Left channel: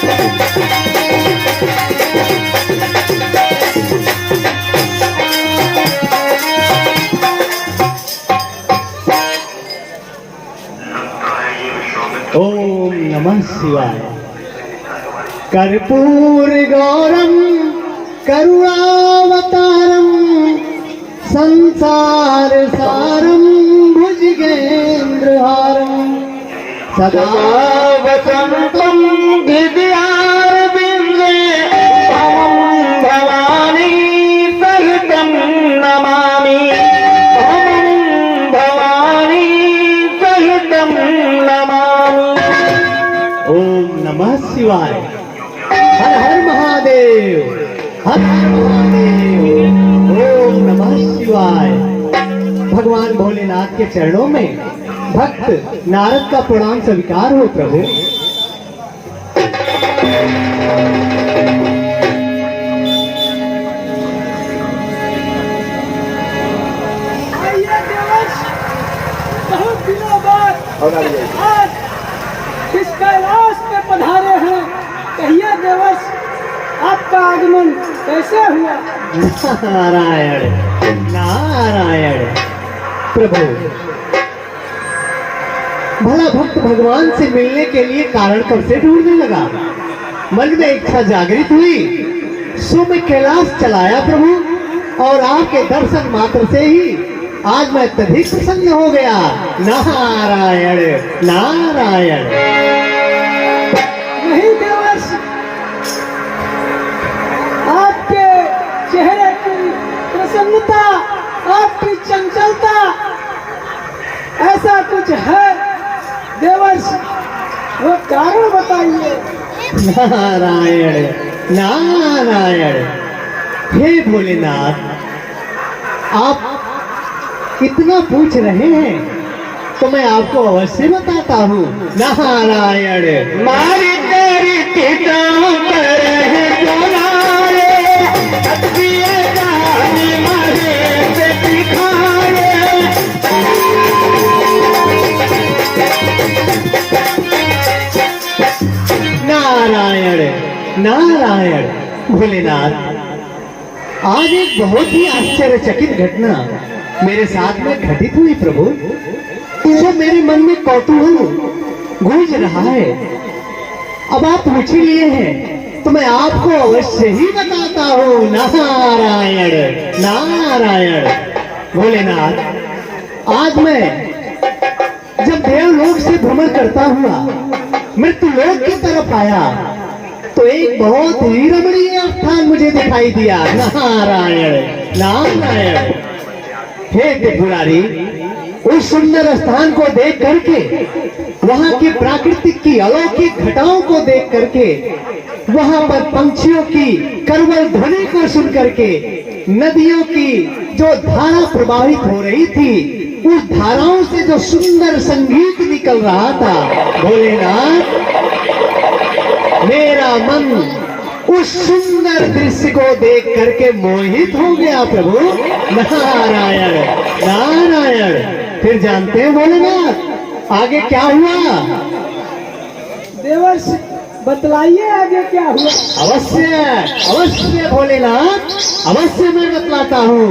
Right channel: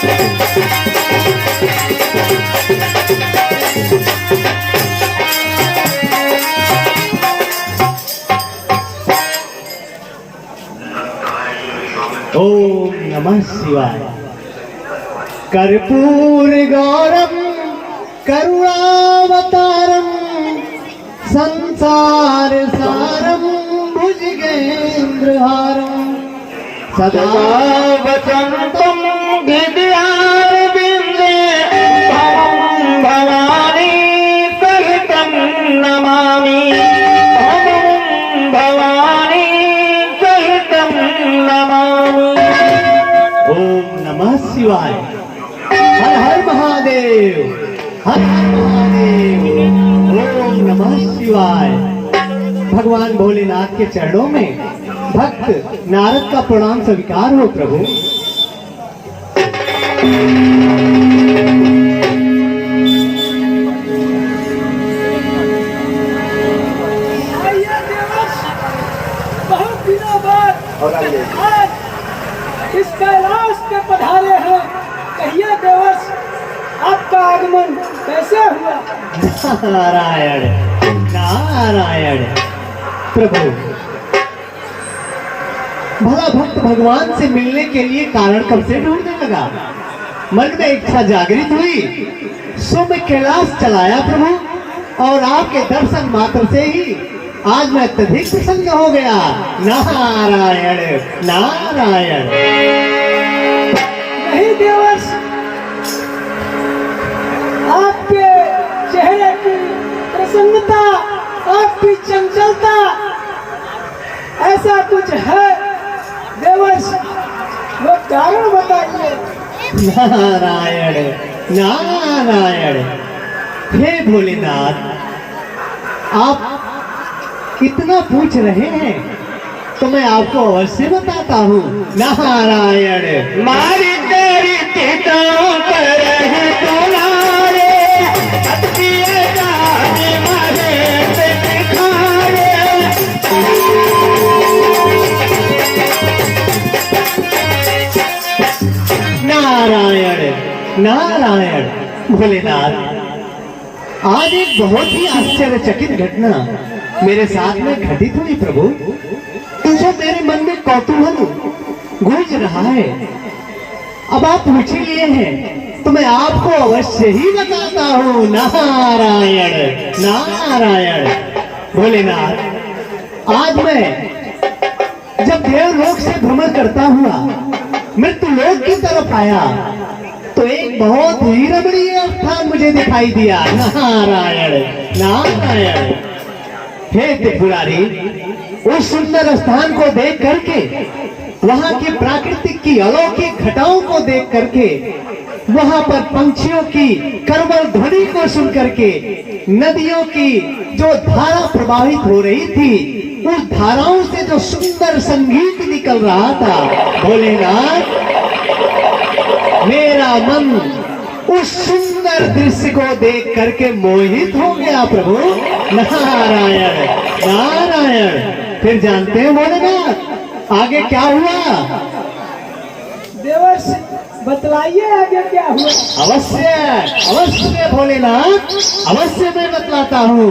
ओम नमः शिवाय। कर्पूर गौरम करुणावतारम संसार सारम भुजगेंद्रहारम सदा वसंतम विद्यारविंदे अहं भवानी सहितं नमामि। अहं भवानी सहितं नमामि। ओम नमः शिवाय। हर हर महादेव, हर हर महादेव। ओम नमः शिवाय। भगवान भोलेनाथ के चरणों में भक्त नारद का प्रणाम स्वीकार हो प्रभु। बहुत दिनों बाद आज इस कैलाश पे पधारे हैं। कहिए देवर्ष, आपका आगमन कैसे हुआ? नारायण नारायण। प्रभु, भला भक्त भगवान से मिलने के लिए कारण कब से ढूंढने लगा। मन में इच्छा जागृत हुई, सो मैं कैलाश चलाया प्रभु, और आपके दर्शन मात्र से ही आज मैं अत्यधिक प्रसन्न हो गया। नारायण नारायण। नहीं देवर्ष, आपके चेहरे की प्रसन्नता, आपकी चंचलता, ऐसा कुछ है देवर्ष, वो कारण बताइए। नारायण नारायण। हे भोलेनाथ, आप इतना पूछ रहे हैं तो मैं आपको अवश्य बताता हूँ। नारायण। मारी तेरी पिताओं पर है दुलारे, नारायण नारायण। भोलेनाथ, आज एक बहुत ही आश्चर्यचकित घटना मेरे साथ में घटित हुई प्रभु, जो मेरे मन में कौतूहल गूंज रहा है। अब आप पूछ ही लिए हैं तो मैं आपको अवश्य ही बताता हूँ। नारायण नारायण। भोलेनाथ, आज मैं जब देवलोक से भ्रमण करता हुआ मृत्युलोक की तरफ आया तो एक बहुत ही रमणीय स्थान मुझे दिखाई दिया। नारायण नारायण। हे त्रिपुरारी, उस सुंदर स्थान को देख करके, वहाँ की प्राकृतिक की अलौकिक घटाओं को देख करके, वहाँ पर पंछियों की करवल ध्वनि को सुन करके, नदियों की जो धारा प्रवाहित हो रही थी, उस धाराओं से जो सुंदर संगीत निकल रहा था, भोलेनाथ, मेरा मन उस सुंदर दृश्य को देख करके मोहित हो गया प्रभु। नारायण नारायण। फिर जानते हैं भोलेनाथ, आगे क्या हुआ? देवर्ष, बतलाइए आगे क्या हुआ। अवश्य अवश्य भोलेनाथ, अवश्य मैं बतलाता हूँ।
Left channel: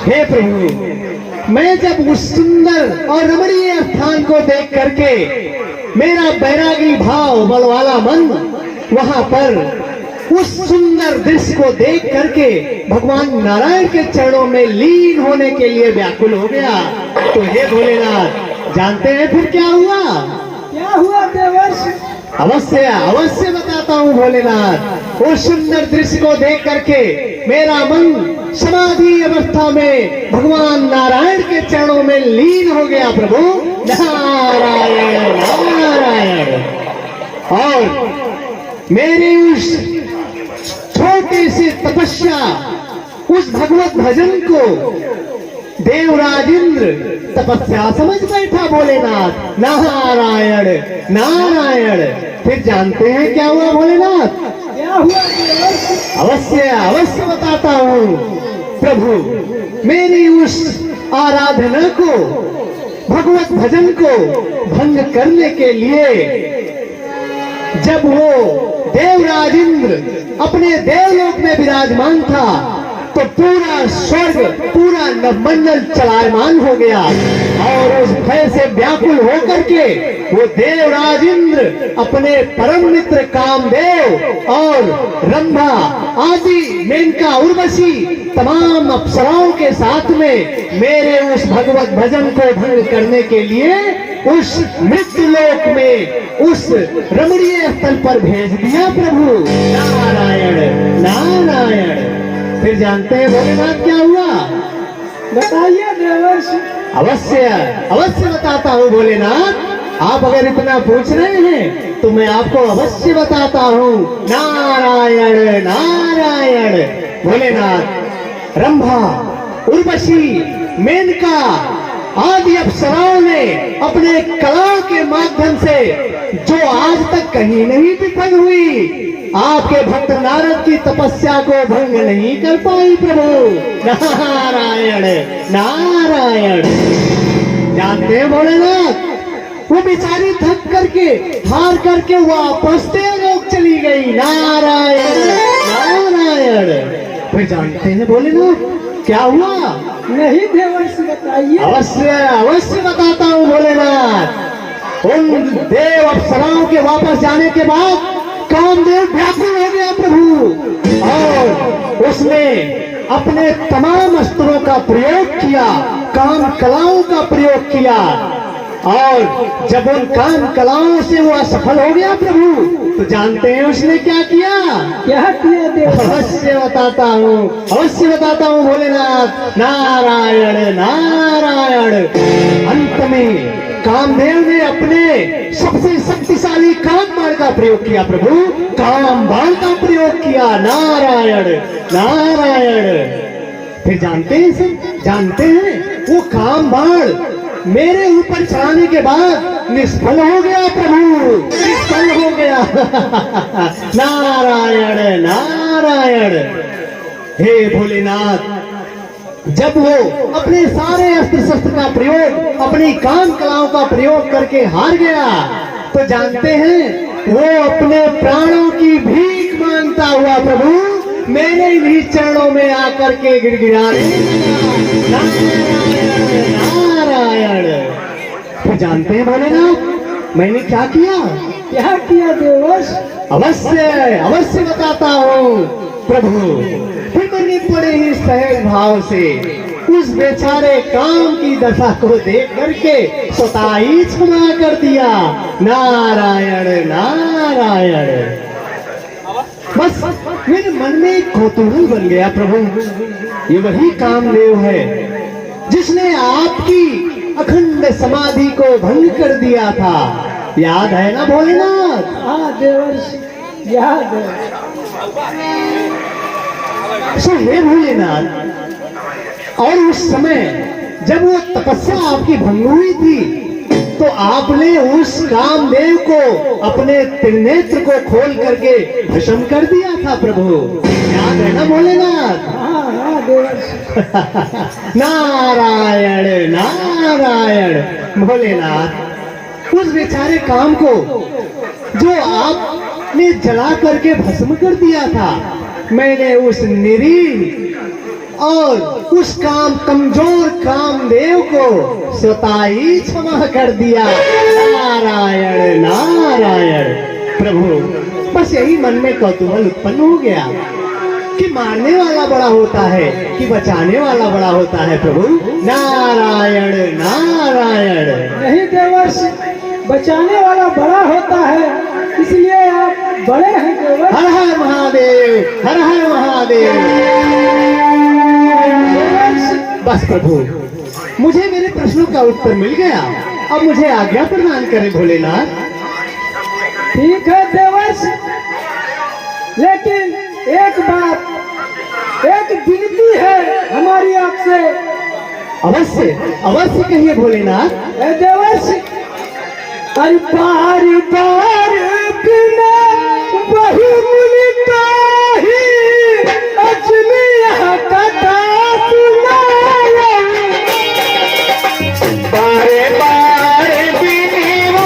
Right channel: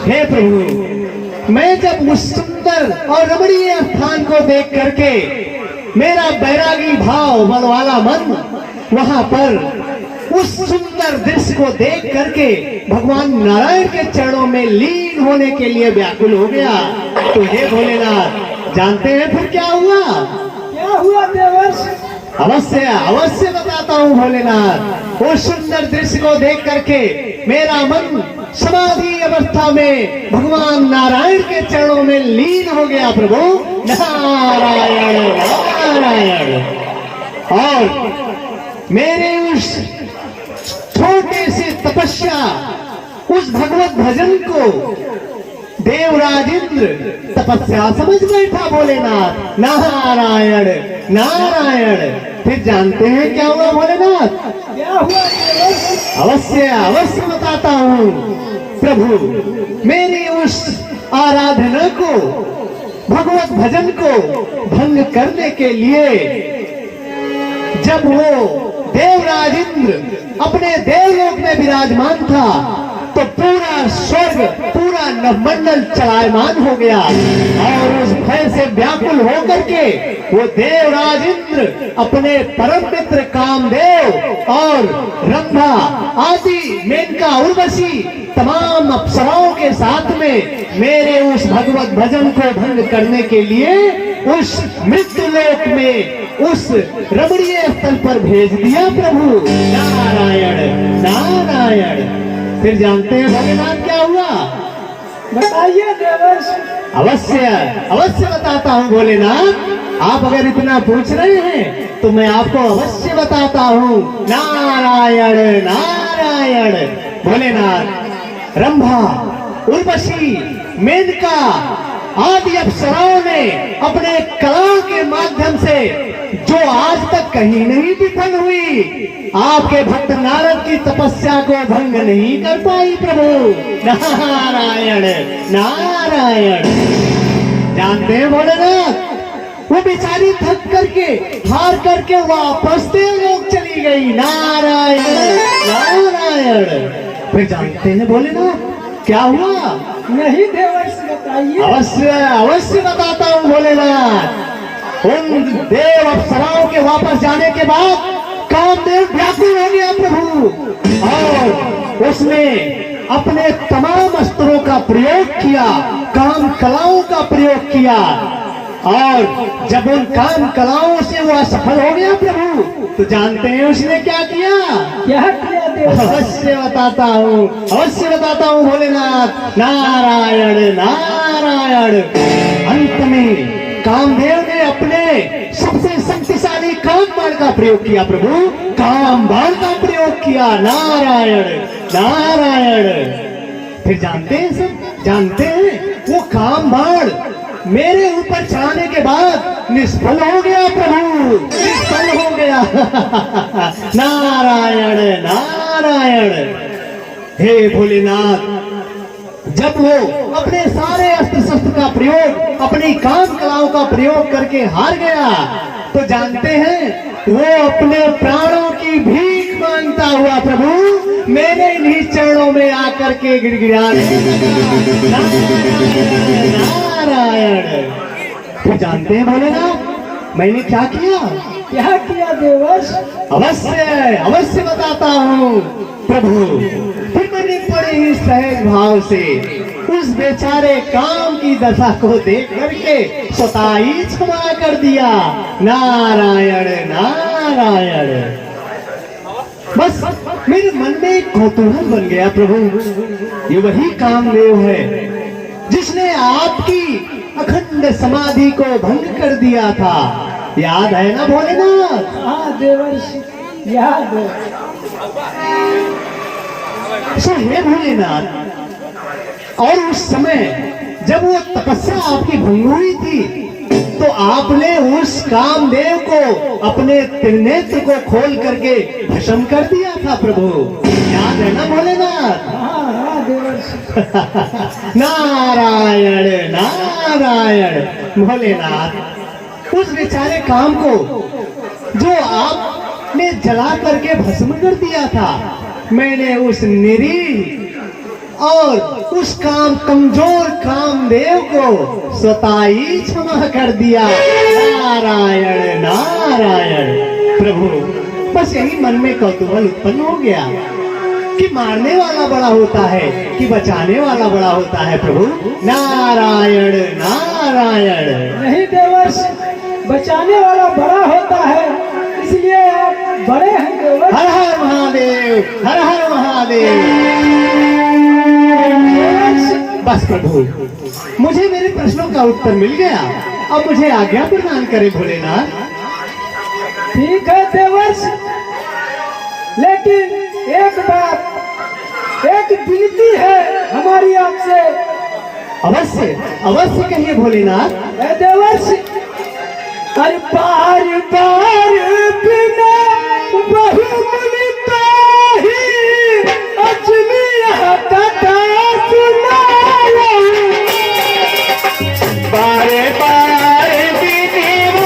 हे प्रभु, मैं जब उस सुंदर और रमणीय स्थान को देख करके मेरा बैरागी भाव वाला मन वहाँ पर उस सुंदर दृश्य को देख करके भगवान नारायण के चरणों में लीन होने के लिए व्याकुल हो गया, तो हे भोलेनाथ, जानते हैं फिर क्या हुआ? क्या हुआ देवर्ष? अवश्य अवश्य बताता हूँ भोलेनाथ। उस सुंदर दृश्य को देख करके मेरा मन समाधि अवस्था में भगवान नारायण के चरणों में लीन हो गया प्रभु। नारायण नारायण। और मेरे उस छोटे से तपस्या, उस भगवत भजन को देवराज इंद्र तपस्या समझ बैठा भोलेनाथ। नारायण नारायण। फिर जानते हैं क्या हुआ भोलेनाथ? क्या हुआ देवर्ष? अवश्य अवश्य बताता हूँ प्रभु। मेरी उस आराधना को, भगवत भजन को भंग करने के लिए जब वो देवराज इंद्र अपने देवलोक में विराजमान था तो पूरा स्वर्ग, पूरा नवमंडल चलायमान हो गया और उस भय से व्याकुल होकर के वो देवराज इंद्र अपने परम मित्र कामदेव और रंभा आदि, मेनका, उर्वशी तमाम अप्सराओं के साथ में मेरे उस भगवत भजन को भंग करने के लिए उस मृत्यु लोक में उस रमणीय स्थल पर भेज दिया प्रभु। नारायण नारायण। फिर जानते हैं भोलेनाथ क्या हुआ? बताइए देवर्षि। अवश्य अवश्य बताता हूँ भोलेनाथ। आप अगर इतना पूछ रहे हैं तो मैं आपको अवश्य बताता हूँ। नारायण नारायण। भोलेनाथ रंभा, उर्वशी, मेनका आदि अप्सराओं ने अपने कलाओं के माध्यम से जो आज तक कहीं नहीं विफल हुई, आपके भक्त नारद की तपस्या को भंग नहीं कर पाई प्रभु। नारायण नारायण। जानते हैं भोलेनाथ, वो बेचारी थक करके, हार करके वापस देवलोक चली गई। नारायण नारायण। फिर जानते हैं भोलेनाथ क्या हुआ? नहीं देवर्षि, बताइए। अवश्य अवश्य बताता हूँ भोलेनाथ। उन देव अप्सराओं के वापस जाने के बाद कामदेव व्याकुल हो गया प्रभु और उसने अपने तमाम अस्त्रों का प्रयोग किया, काम कलाओं का प्रयोग किया और जब उन काम कलाओं से वो असफल हो गया प्रभु तो जानते हैं उसने क्या किया? क्या किया देवर्षि? अवश्य बताता हूँ, अवश्य बताता हूँ भोलेनाथ। नारायण नारायण। अंत में कामदेव ने अपने सबसे शक्तिशाली काम बाण का प्रयोग किया प्रभु, काम बाण का प्रयोग किया। नारायण नारायण। फिर जानते हैं सर, जानते हैं वो काम बाण मेरे ऊपर चढ़ाने के बाद निष्फल हो गया प्रभु, निष्फल हो गया। नारायण नारायण। हे भोलेनाथ, जब वो अपने सारे अस्त्र शस्त्र का प्रयोग, अपनी काम कलाओं का प्रयोग करके हार गया तो जानते हैं वो अपने प्राणों की भीख मांगता हुआ प्रभु मेरे इन्हीं चरणों में आकर के गिड़गिड़ाने लगा। नारायण। फिर जानते हैं भोलेनाथ मैंने क्या किया? क्या किया देवर्षि? अवश्य अवश्य बताता हूँ प्रभु। फिर मैंने बड़े ही सहज भाव से उस बेचारे काम की दशा को देख करके स्वतः ही क्षमा कर दिया। नारायण नारायण। बस मेरे मन में एक कौतूहल बन गया प्रभु, ये वही कामदेव है जिसने आपकी अखंड समाधि को भंग कर दिया था। याद है ना भोलेनाथ? हाँ देवर्षि, याद है। हे भोलेनाथ, और उस समय जब वो तपस्या आपकी भंग हुई थी तो आपने उस कामदेव को अपने त्रिनेत्र को खोल करके भस्म कर दिया था प्रभु। याद है ना भोलेनाथ? हाँ हाँ देवर्षि। नारायण नारायण। भोलेनाथ, उस बेचारे काम को जो आपने जला करके भस्म कर दिया था, मैंने उस निरीह और उस काम कमजोर कामदेव को स्वतः ही क्षमा कर दिया। नारायण नारायण। प्रभु, बस यही मन में कौतूहल उत्पन्न हो गया कि मारने वाला बड़ा होता है कि बचाने वाला बड़ा होता है प्रभु। नारायण नारायण। नहीं देवर्षि, बचाने वाला बड़ा होता है, इसलिए आप बड़े हैं देवर्षि। हर हर महादेव, हर हर महादेव। बस प्रभु, मुझे मेरे प्रश्नों का उत्तर मिल गया, अब मुझे आज्ञा प्रदान करें भोलेनाथ। ठीक है देवर्षि, लेकिन एक बात, एक विनती है हमारी आपसे। अवश्य अवश्य कहिए भोलेनाथ। ए देवर्षि, अरे बार बार बिना वही मिलता ही अजमिया कथा सुना रही। बारे बारे बिना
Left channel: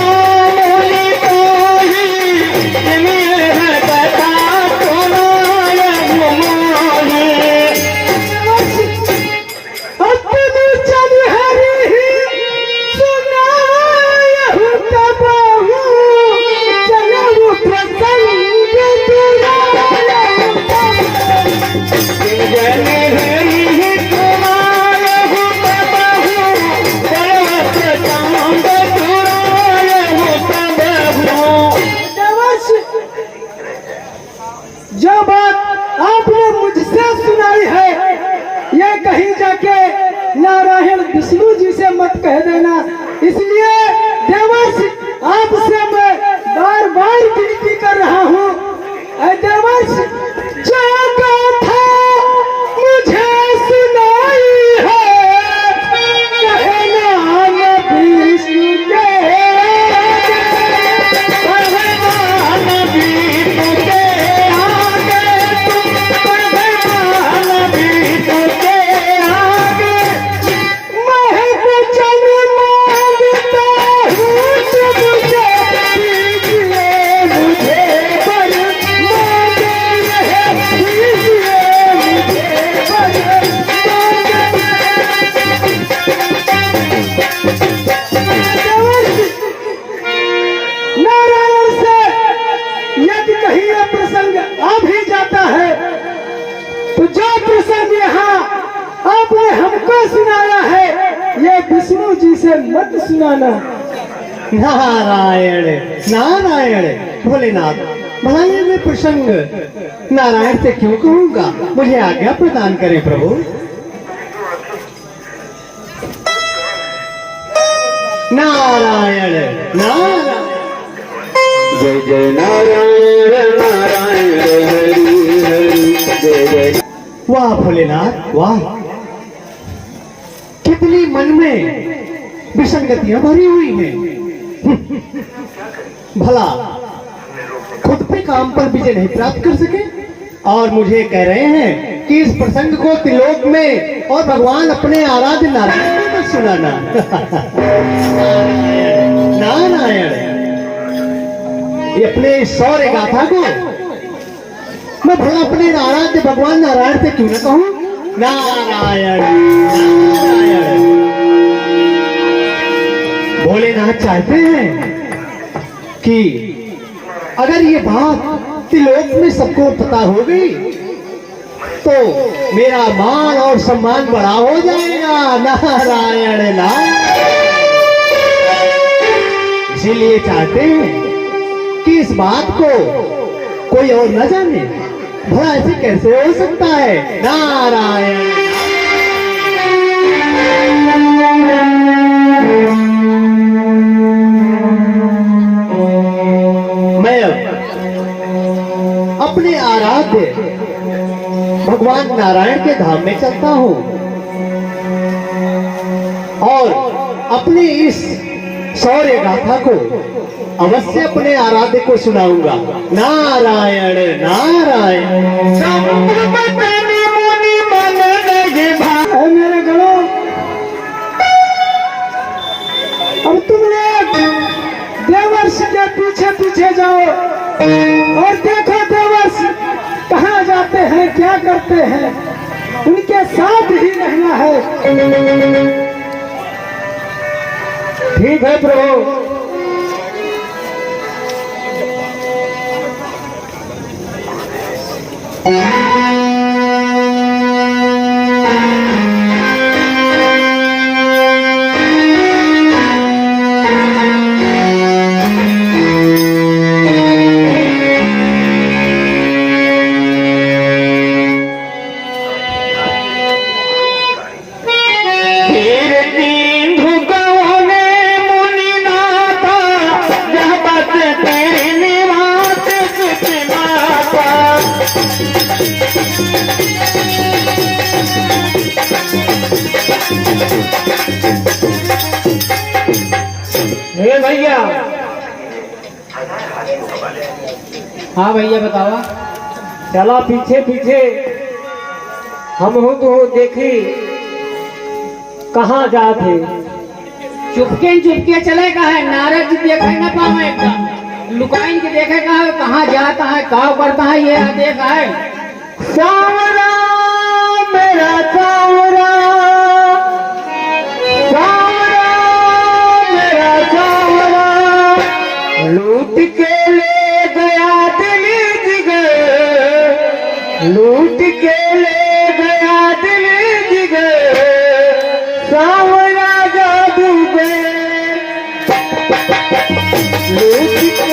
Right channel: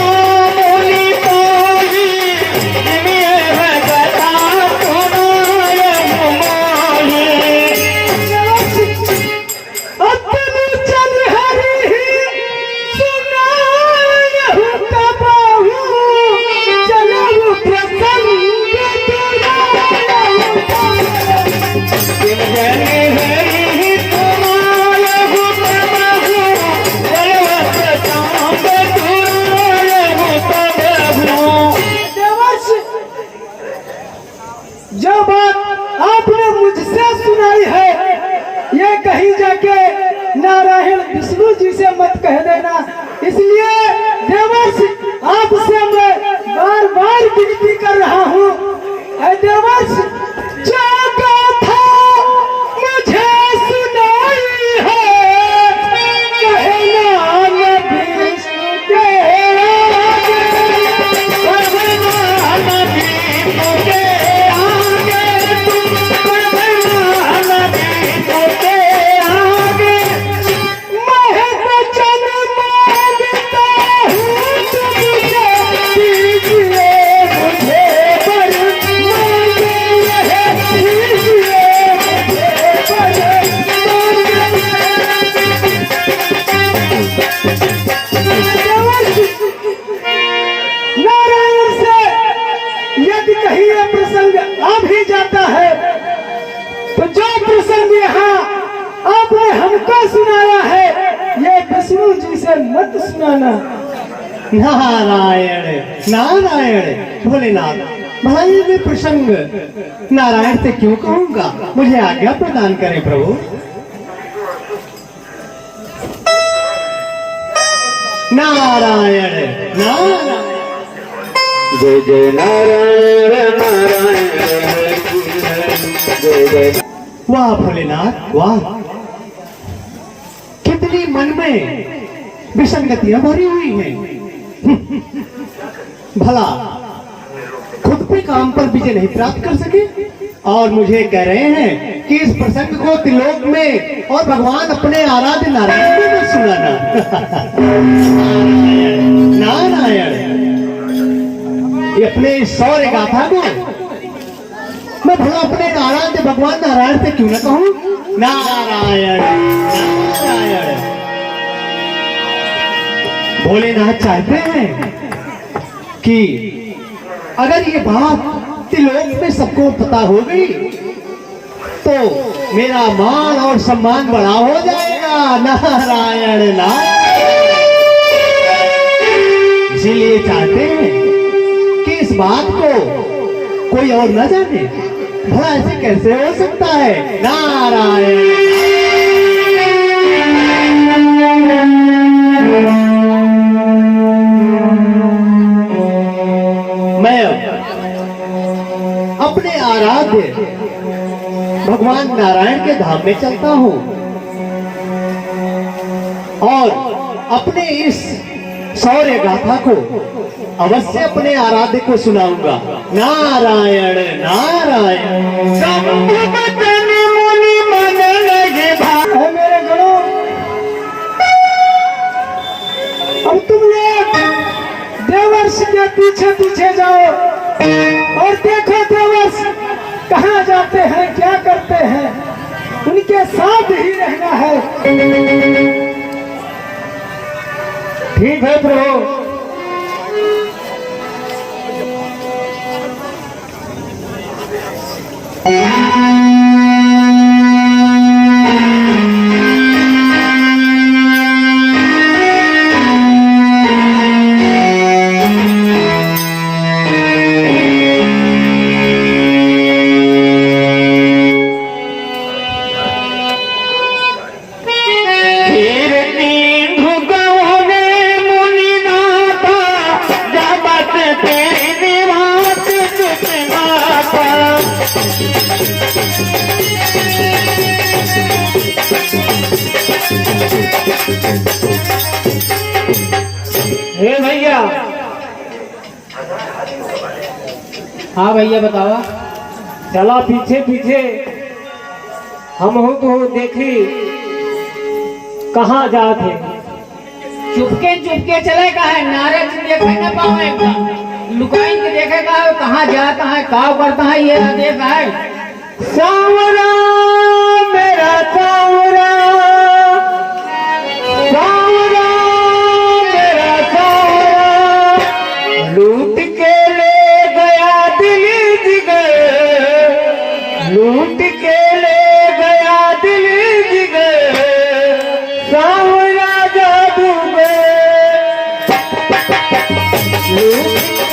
मिलता ही जो बात आपने मुझसे सुनाई है ये कहीं जाके नारायण विष्णु जी से मत कह देना। इसलिए देवर्षि आपसे मैं बार बार विनती कर रहा हूँ। देवर्षि जो गाथा मुझे सुनाई है भगवान विष्णु के नारायण से यदि कहीं यह प्रसंग आ भी जाता है तो जो प्रसंग यहाँ आपने हमको सुनाया है ये विष्णु जी से मत सुनाना। नारायण नारायण भोलेनाथ, भला ये भी प्रसंग नारायण से क्यों कहूंगा? मुझे आज्ञा प्रदान करें प्रभु। नारायण नारायण जय जय नारायण नारायण हरि हरि जय। वाह भोलेनाथ वाह, कितनी मन में विसंगतियां भरी हुई हैं। भला खुद पे काम पर विजय नहीं प्राप्त कर सके और मुझे कह रहे हैं कि इस प्रसंग को त्रिलोक में और भगवान अपने आराध्य नारायण को मत सुनाना। नारायण, ये अपने शौर्य गाथा को मैं भला अपने आराध्य भगवान नारायण से क्यों ना कहूं? नारायण नारायण। भोलेनाथ चाहते हैं कि अगर ये बात त्रिलोक में सबको पता हो गई तो मेरा मान और सम्मान बड़ा हो जाएगा। नारायण नारायण। इसीलिए चाहते हैं कि इस बात को कोई और न जाने। भला ऐसे कैसे हो सकता है? नारायण। अपने आराध्य भगवान नारायण के धाम में चलता हूँ और अपने इस शौर्य गाथा को अवश्य अपने आराध्य को सुनाऊंगा। नारायण नारायण। मेरे गणों, अब तुम लोग देवर्षि के पीछे पीछे जाओ और देखो देवर्षि कहाँ जाते हैं, क्या करते हैं, उनके साथ ही रहना है। ठीक है प्रभु। हे भैया। हाँ भैया बताओ। चलो पीछे पीछे हम हो तो देखी कहाँ जाते। चुपके चुपके चले का है, नारद जी देखे न पावे एकदम लुकाइन के देखे का है, कहाँ जाता है का करता है ये ना देखा है। सावरा मेरा सावरा, सावरा मेरा सावरा, लूट के ले गया दिल जिगर, लूट के ले गया दिल जिगर, सावरा जादूगर, लूट के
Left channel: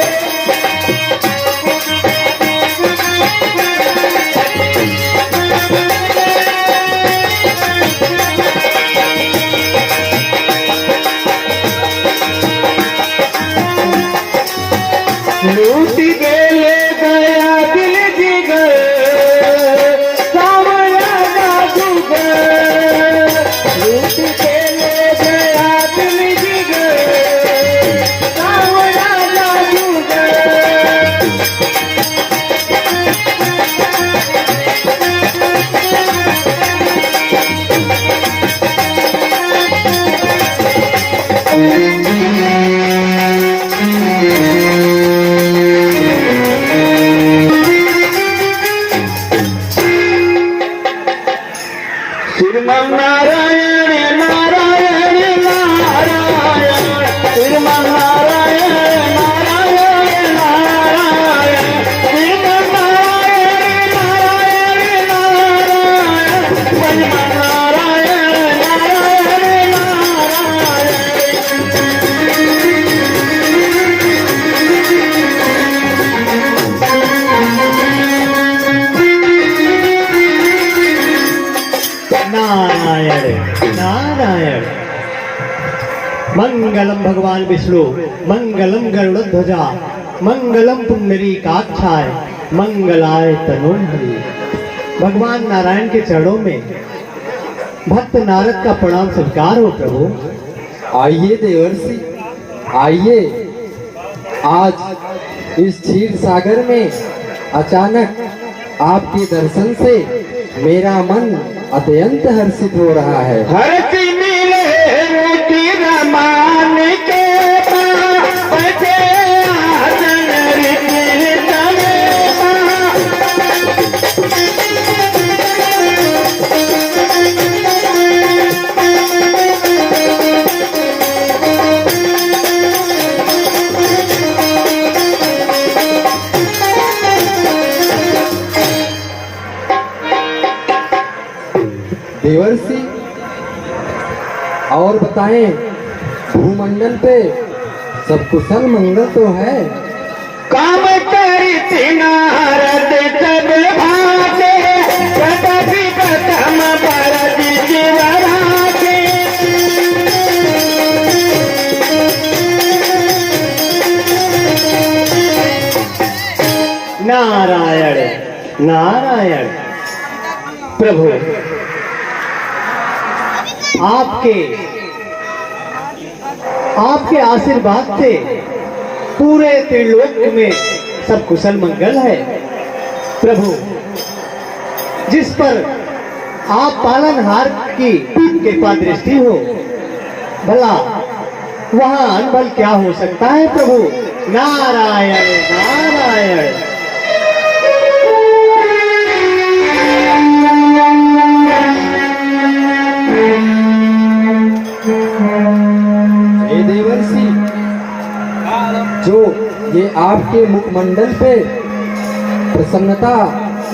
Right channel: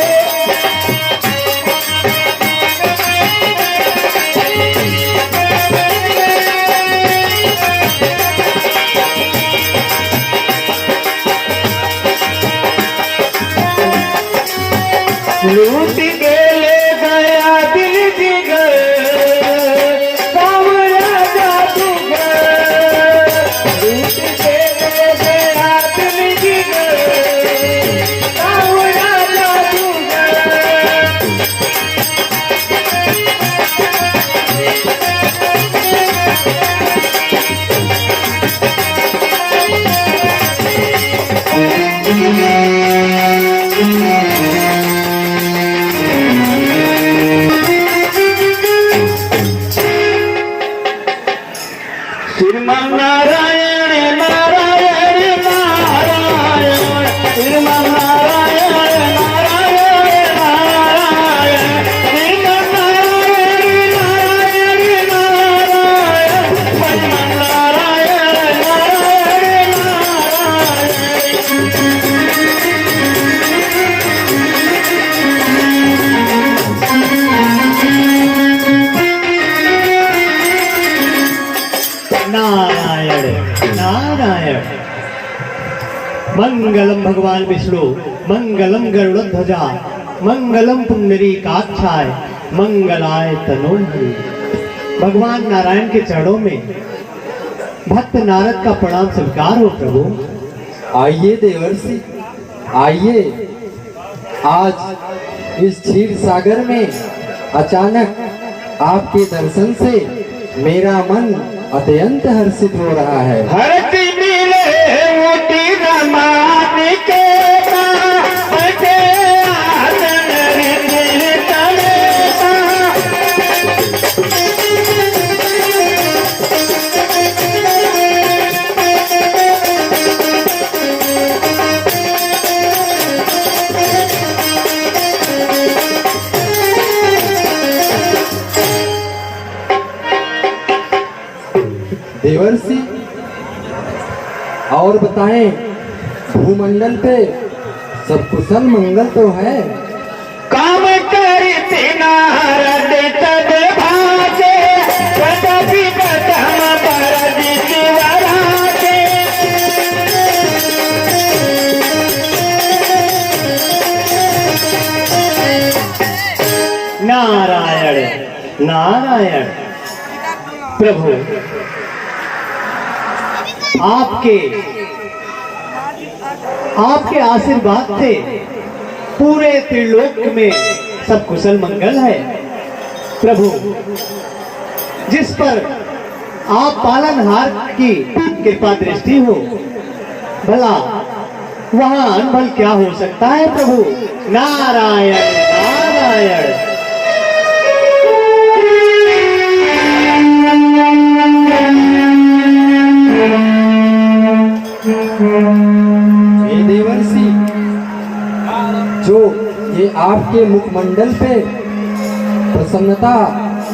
लूट के ले गया दिल जिगर सावरा जादूगर लूट के ले गया दिल जिगर सावरा जादूगर श्रीमन्नारायण नारायण नारायण श्रीमन्नारायण नारायण नारायण श्रीमन्नारायण नारायण नारायण नारायण। मंगलम भगवान विष्णु मंगलम गरुड़ध्वजा मंगलम पुंडरीकाक्षाय मंगलाय तनोहरि। भगवान नारायण के चरणों में भक्त नारद का प्रणाम स्वीकार हो प्रभु। आइए देवर्षि आइए। आज इस क्षीर सागर में अचानक आपके दर्शन से मेरा मन अत्यंत हर्षित हो रहा है। धरती नीले मोती रमान के पास आसन रे देवर्षि और बताएं, भूमंडल पे सब कुशल मंगल तो है? काम करते नारद तब भागे कभी कदम बरद जीवनाके नारायण नारायण। प्रभु आपके आशीर्वाद से पूरे त्रिलोक में सब कुशल मंगल है। प्रभु जिस पर आप पालनहार की कृपा दृष्टि हो, भला वहां अनबल क्या हो सकता है प्रभु। नारायण नारायण। हे देवर्षि, जो ये आपके मुखमंडल पे प्रसन्नता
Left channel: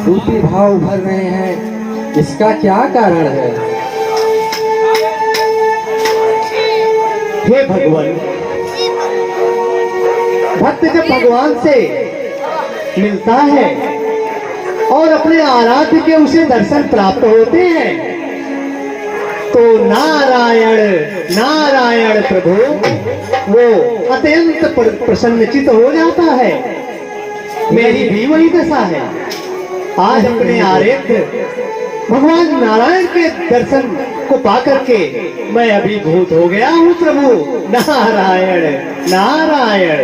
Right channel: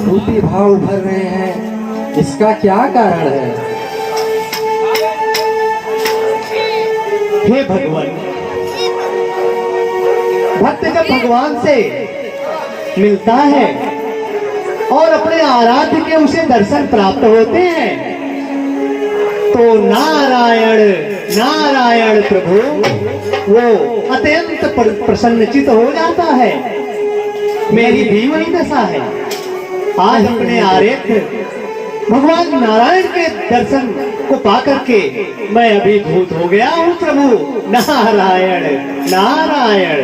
रूपी भाव उभर रहे हैं, इसका क्या कारण है? हे भगवान, भक्त जब भगवान से मिलता है और अपने आराध्य के उसे दर्शन प्राप्त होते हैं तो नारायण नारायण प्रभु वो अत्यंत प्रसन्नचित हो जाता है। मेरी भी वही दशा है। आज अपने आराध्य भगवान नारायण के दर्शन को पाकर के मैं अभिभूत हो गया हूँ प्रभु। नारायण नारायण।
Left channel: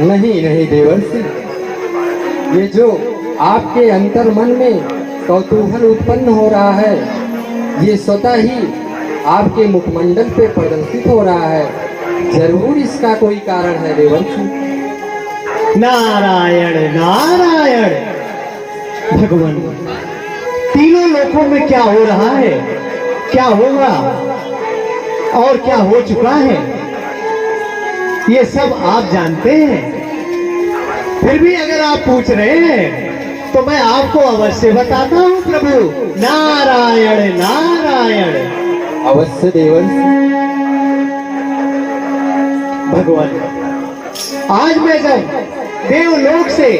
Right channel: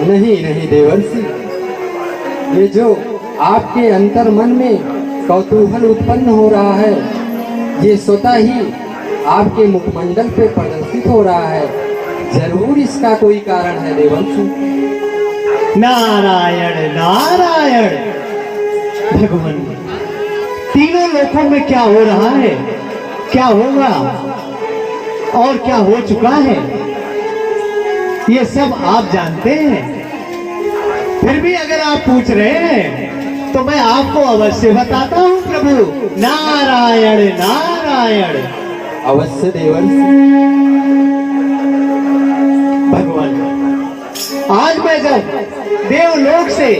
नहीं नहीं देवर्षि, ये जो आपके अंतर मन में कौतूहल उत्पन्न हो रहा है, ये स्वतः ही आपके मुखमंडल पे प्रदर्शित हो रहा है। जरूर इसका कोई कारण है देवर्षि। नारायण नारायण। भगवान, तीनों लोकों में क्या हो रहा है, क्या होगा और क्या हो चुका है, ये सब आप जानते हैं। फिर भी अगर आप पूछ रहे हैं तो मैं आपको अवश्य बताता हूँ प्रभु। नारायण नारायण। अवश्य देवर्षि। भगवान, आज मैं जब देवलोक से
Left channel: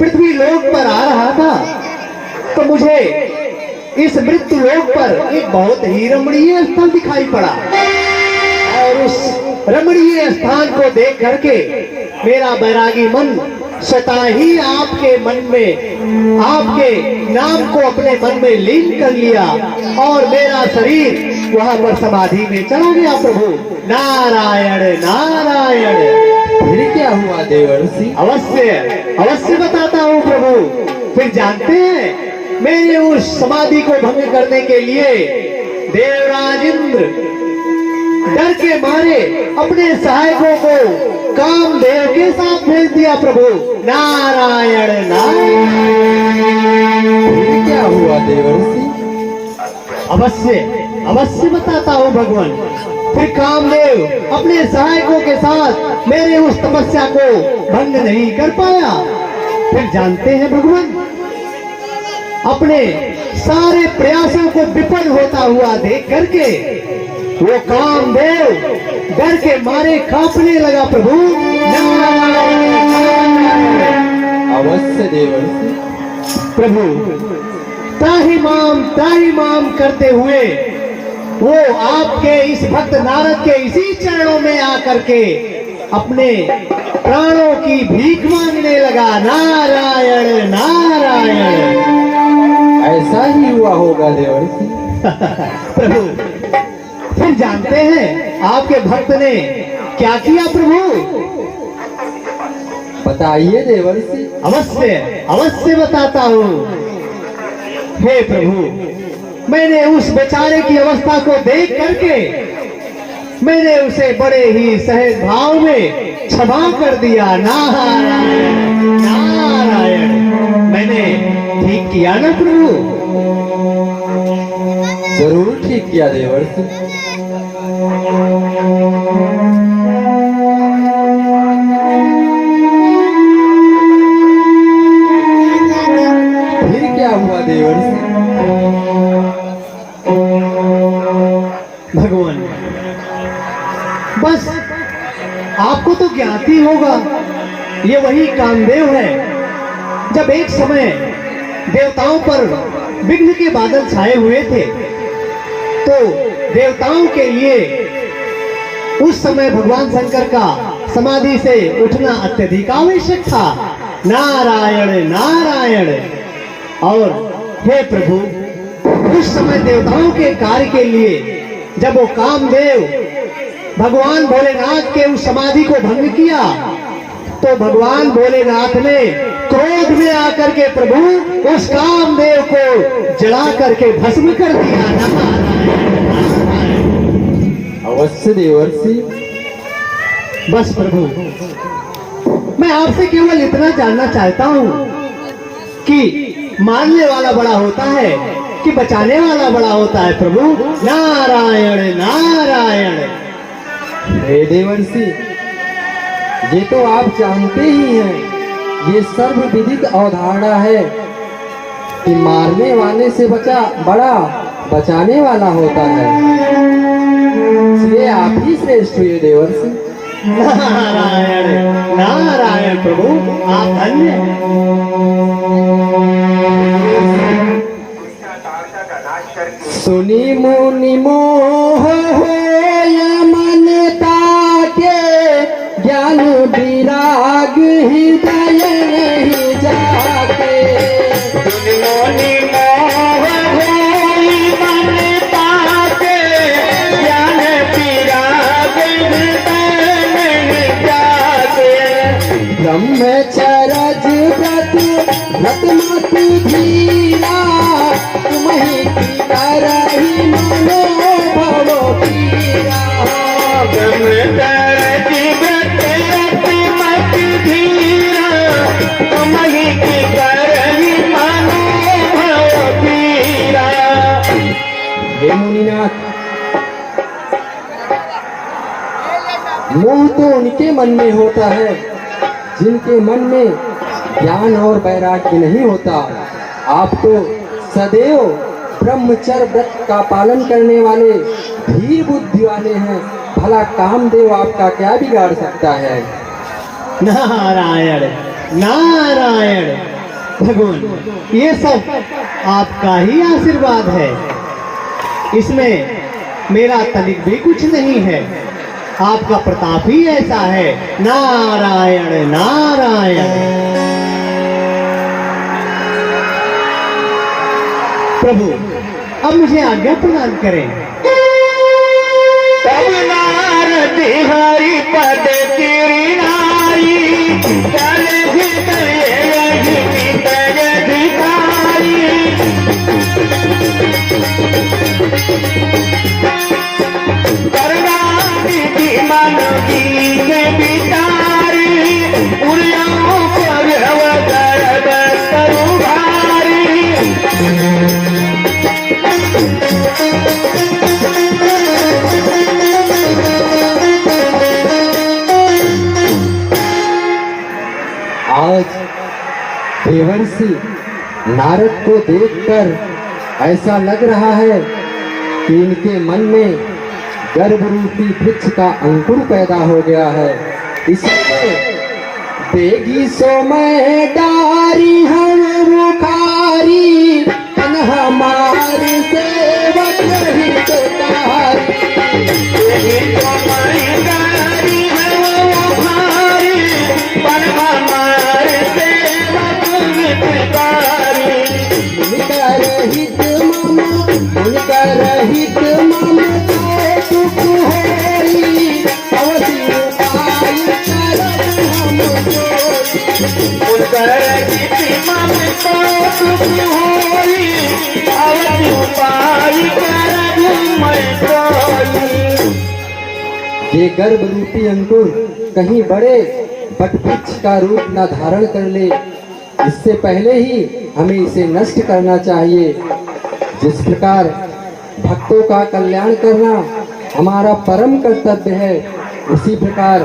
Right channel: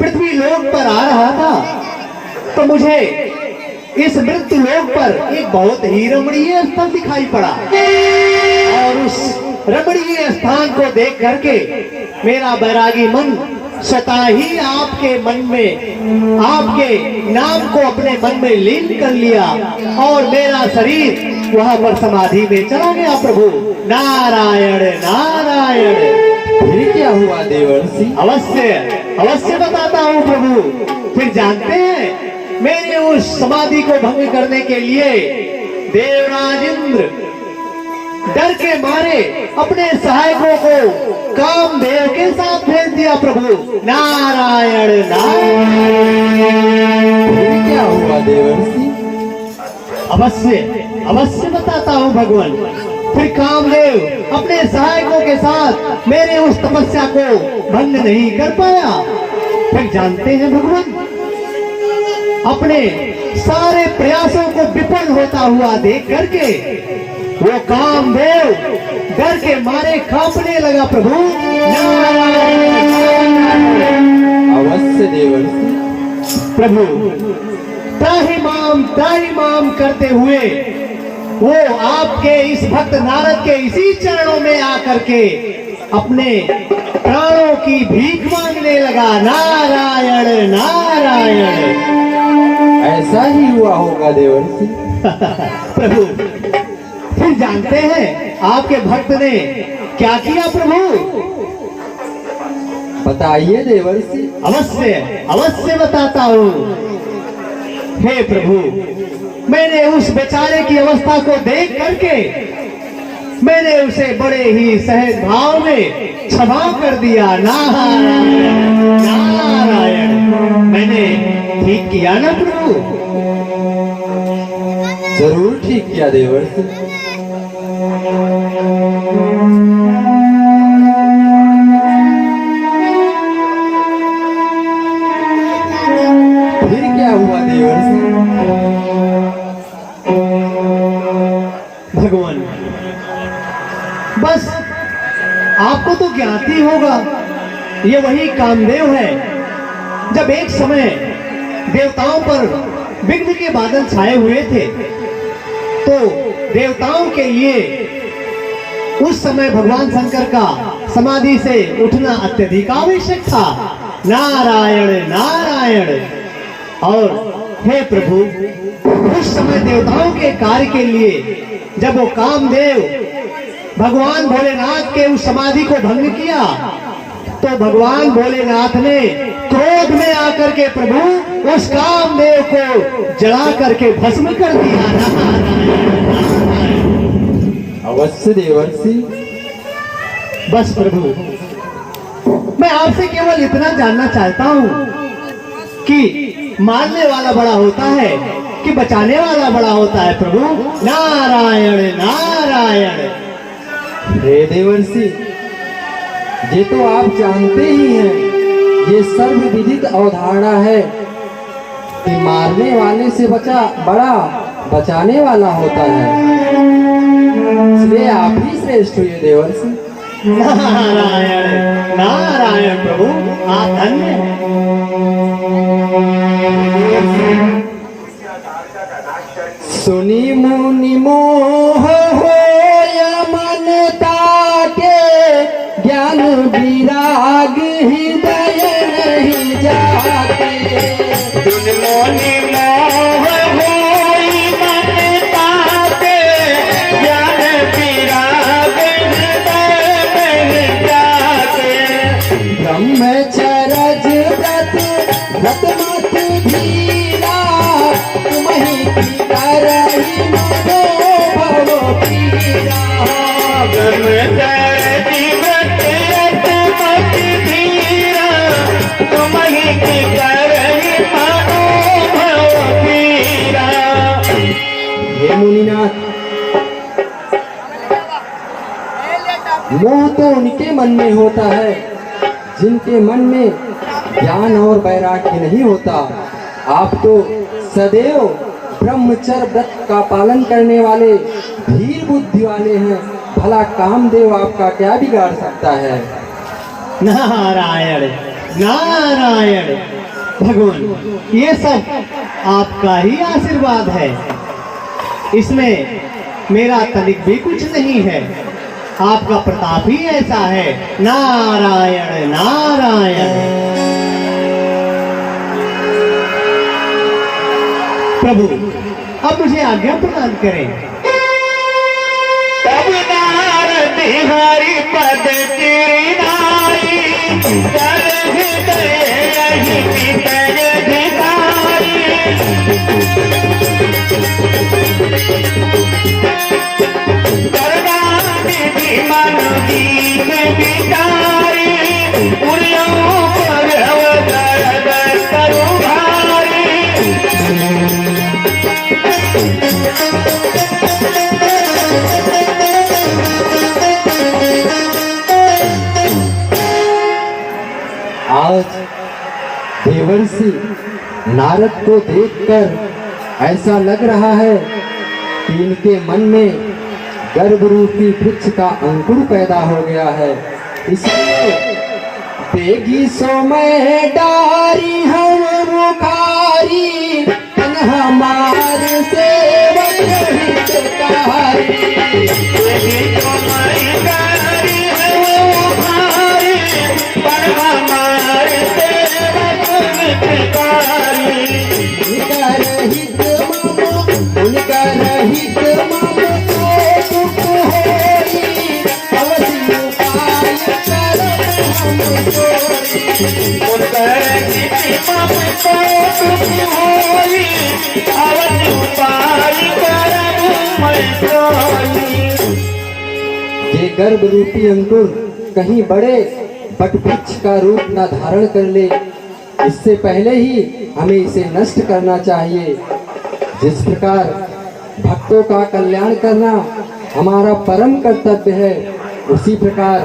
पृथ्वी लोक पर आ रहा था तो मुझे इस मृत्यु लोक पर एक बहुत ही रमणीय स्थल दिखाई पड़ा और उस रमणीय स्थान को देख करके मेरा बैरागी मन स्वतः ही आपके मन में आपके नाम को अपने मन में लीन कर लिया और मेरा शरीर वहां पर समाधि में चला गया प्रभु। नारायण नारायण। फिर क्या हुआ देवर्षि? अवश्य अवश्य बताता हूँ प्रभु। फिर जानते हैं मेरे उस समाधि को भंग करने के लिए देवराज इंद्र डर के मारे अपने सहायकों को कामदेव के साथ भेज दिया प्रभु। नारायण नारायण। फिर क्या हुआ देवर्षि? अवश्य अवश्य बताता हूँ भगवान। फिर कामदेव अपने सहायकों के साथ मेरे उस तपस्या को भंग नहीं कर पाया। फिर जानते हैं भगवान, अपने सारे प्रयासों को विफल होता हुआ देख करके वो कामदेव डर के मारे कांपने लगा प्रभु। नारायण नारायण। अवश्य देवर्षि। प्रभु त्राहि माम करते हुए वो आपके इस भक्त नारद के इसी चरणों में आकर के अपने प्राणों की भीख मांगने लगा। नारायण नारायण। ऐसा ही हुआ होगा देवर्षि। प्रभु फिर जानते हैं आपके भक्त ने क्या किया प्रभु? बताइए देवर्षि। अवश्य अवश्य बताता हूँ। हे प्रभु, मैंने उस बेचारे की अवस्था को देख करके मैंने उसे बड़े ही सहज भाव में क्षमा कर दिया। नारायण नारायण। मैंने ठीक किया ना प्रभु? जरूर ठीक किया देवर्षि। फिर क्या हुआ देवर्षि? भगवान बस आपको तो ज्ञात ही होगा, ये वही कामदेव है। जब एक समय देवताओं पर विघ्न के बादल छाए हुए थे तो देवताओं के लिए उस समय भगवान शंकर का समाधि से उठना अत्यधिक आवश्यक था। नारायण नारायण। और हे प्रभु, उस समय देवताओं के कार्य के लिए जब वो कामदेव भगवान भोलेनाथ के उस समाधि को भंग किया तो भगवान भोलेनाथ ने क्रोध में आकर के प्रभु उस कामदेव को जला करके भस्म कर दिया। अवश्य देवर्षि। बस प्रभु, मैं आपसे केवल इतना जानना चाहता हूँ कि मारने वाला बड़ा होता है कि बचाने वाला बड़ा होता है प्रभु? नारायण नारायण। हे देवर्षि, ये तो आप जानते ही हैं, ये सर्वविदित अवधारणा है कि मारने वाले से बड़ा बचाने वाला होता है। इसलिए आप ही श्रेष्ठ हुए देवर्षि। नारायण नारायण। प्रभु आप धन्य हैं। सुनी मुनि मोह होया मन ताके, ज्ञान विराग हृदय नहीं जाके। ब्रह्मचरज व्रत व्रत मत धीरा, तुम्हीं की करहि मनो भव पीरा। हे मुनिनाथ, मोह तो उनके मन में होता है जिनके मन में ज्ञान और वैराग्य नहीं होता। आप तो सदैव ब्रह्मचर्य व्रत का पालन करने वाले धीर बुद्धि वाले हैं। भला कामदेव आपका क्या बिगाड़ सकता है? नारायण नारायण। भगवान, ये सब आपका ही आशीर्वाद है, इसमें मेरा तनिक भी कुछ नहीं है। आपका प्रताप ही ऐसा है। नारायण नारायण। प्रभु अब मुझे आज्ञा प्रदान करें। तब नारद हरि पद तेरी नारी, कर हृदय भीतर भिखारी। करना विधि मन दीन विचारी, पुर्यों पर अवतार करो भारी। आज देवर्षि नारद को देखकर ऐसा लग रहा है कि इनके मन में गर्भ रूपी वृक्ष का अंकुर पैदा हो गया है। इसलिए बेगी सो मैं डारी हम रुखारी, तन हमारे सेवक हितकारी। उनकर हित मम के दुख होई, अवधि उपाय ये गर्भ रूपी अंकुर कहीं बड़े वटवृक्ष का रूप न धारण कर ले, इससे पहले ही हमें इसे नष्ट करना चाहिए। जिस प्रकार भक्तों का कल्याण करना हमारा परम कर्तव्य है, उसी प्रकार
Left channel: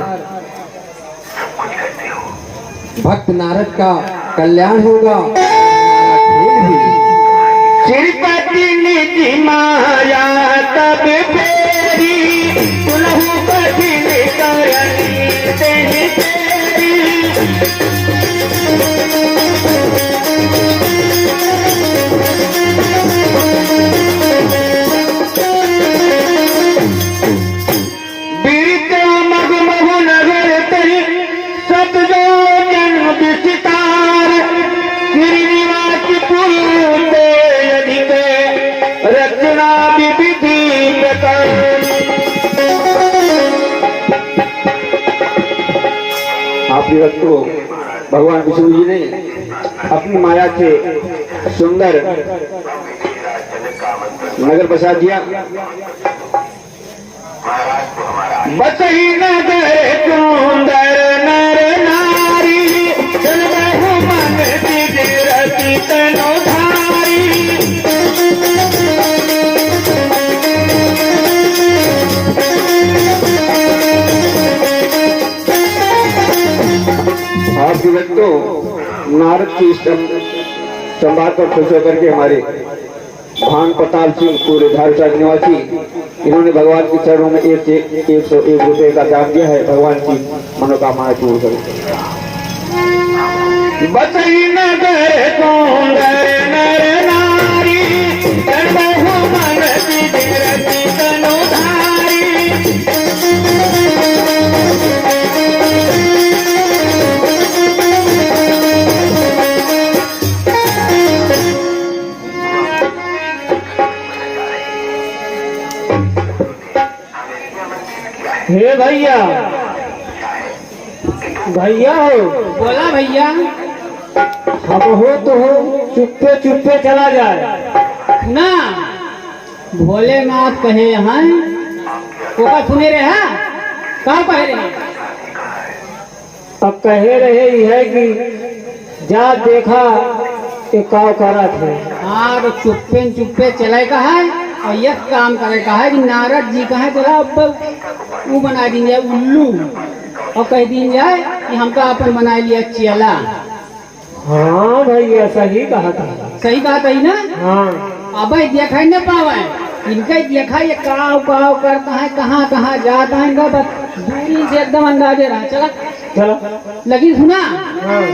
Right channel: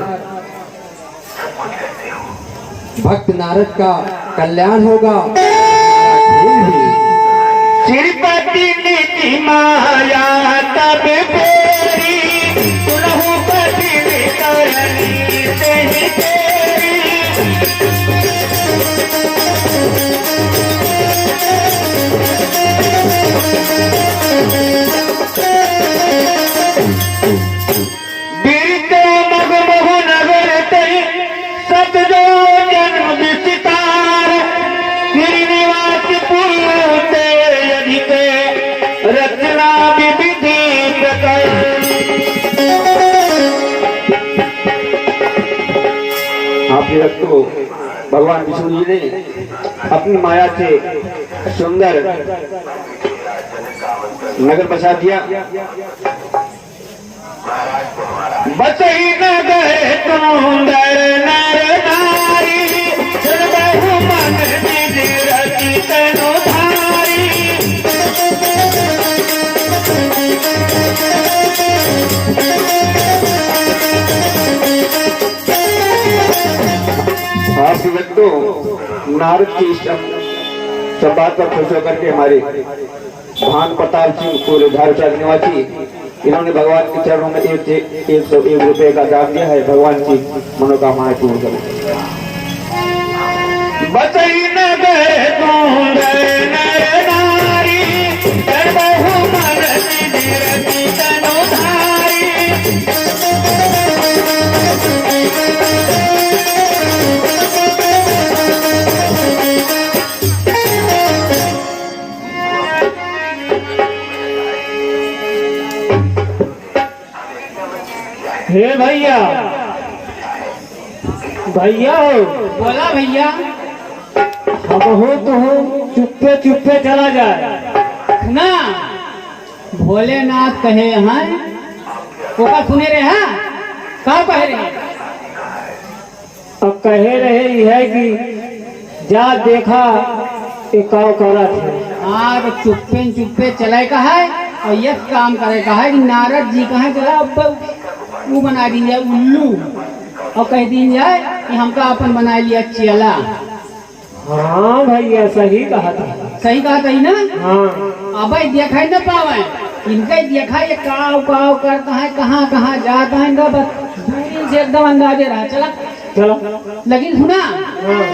भक्त नारद का कल्याण होगा। श्रीपति निधि माया तब फेरी, सुनहु प्रति करनी तेहि तेरी। बीरते मगमहु नगर तई, सतजो जन्म विस्तार। गिरिनिवास पूर्व ते अधिके, रचना विधि प्रकार। आपकी तो भगवान विष्णु जी ने अपनी माया से सुंदर नगर बसा दिया। बसही नगर सुंदर नर नारी, चलबहु मन सिद्ध रति तनु धारी। आप तो नारद की संवाद पर खुश होकर के हमारे भान प्रताप सिंह पूरे झारखंड निवासी, इन्होंने भगवान के चरणों में 101 रुपये का दान दिया है। भगवान की मनोकामना पूर्ण करें। बसई नगर सुंदर नर नारी, करबहु मन सिद्ध रति तनु धारी। हे भैया, भैया हो, बोला भैया। हम हो तो हो, चुपके चुपके चला जाए ना भोलेनाथ कहे हैं, ओका सुने रहे हैं, कहाँ कहे रहे हैं? अब कहे रहे ही है कि जा देखा एक काव करा था। हाँ, तो चुप्पे चुप्पे चले का है और यह काम करे का है कि नारद जी कहे जरा वो बना दीजिए उल्लू, और कह दीजिए जाए कि हमका अपन बना लिया चेला। हाँ भैया, सही कहा था। सही कहा था ना? हाँ। अब देखा न पावे, इनका देखा ये काव काव करता है, कहाँ कहाँ जाता है, इनका बस दूरी से एकदम अंदाजे रहा। चला चला लेकिन सुना, हाँ।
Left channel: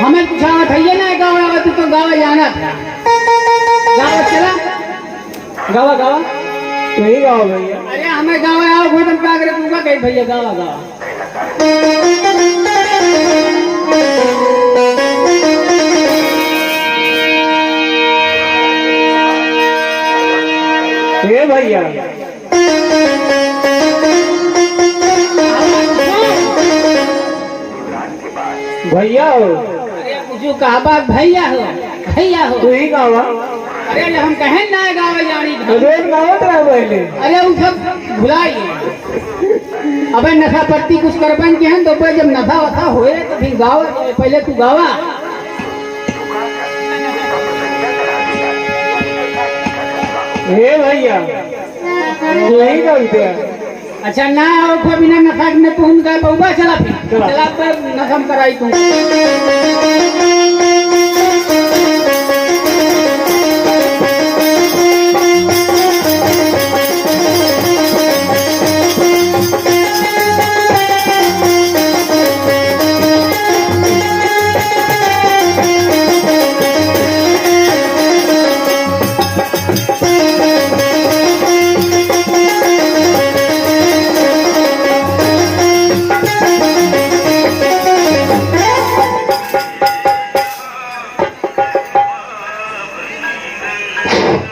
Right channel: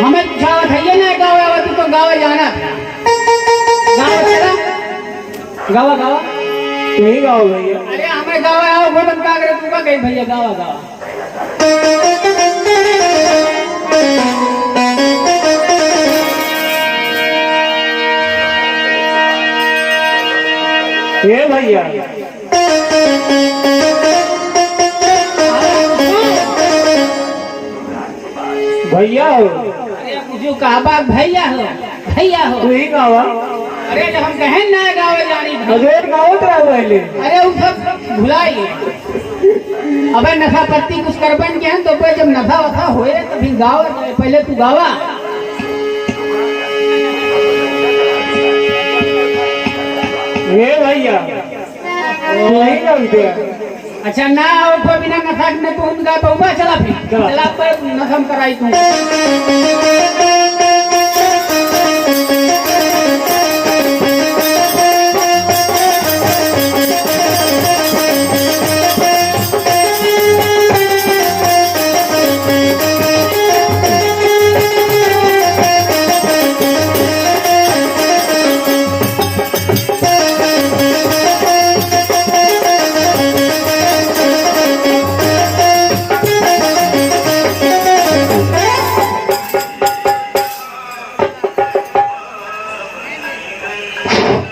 हमें पूछावत है ये ना गाँव, तो गाँव जाना था। गाँव चला, गाँव गाँव तू ही गाओ भैया। अरे हमें गाँव आओ गोदन का अगर तू कहीं भैया गाँव गा हे भैया भैया हो, अरे जो कहा बात भैया हो तू ही गावा। अरे जब हम कहें ना गाँव जानी हजूर गावत रहा पहले। अरे वो सब भुलाई अबे नशा पत्ती कुछ कर बन गए हैं तो फिर जब नशा वशा हुए तो फिर गावा पहले तू गावा हे भैया तू ही गाते हैं। अच्छा ना और कोई बिना नशा में तू उनका बहुआ चला फिर चला पर नशम कराई तू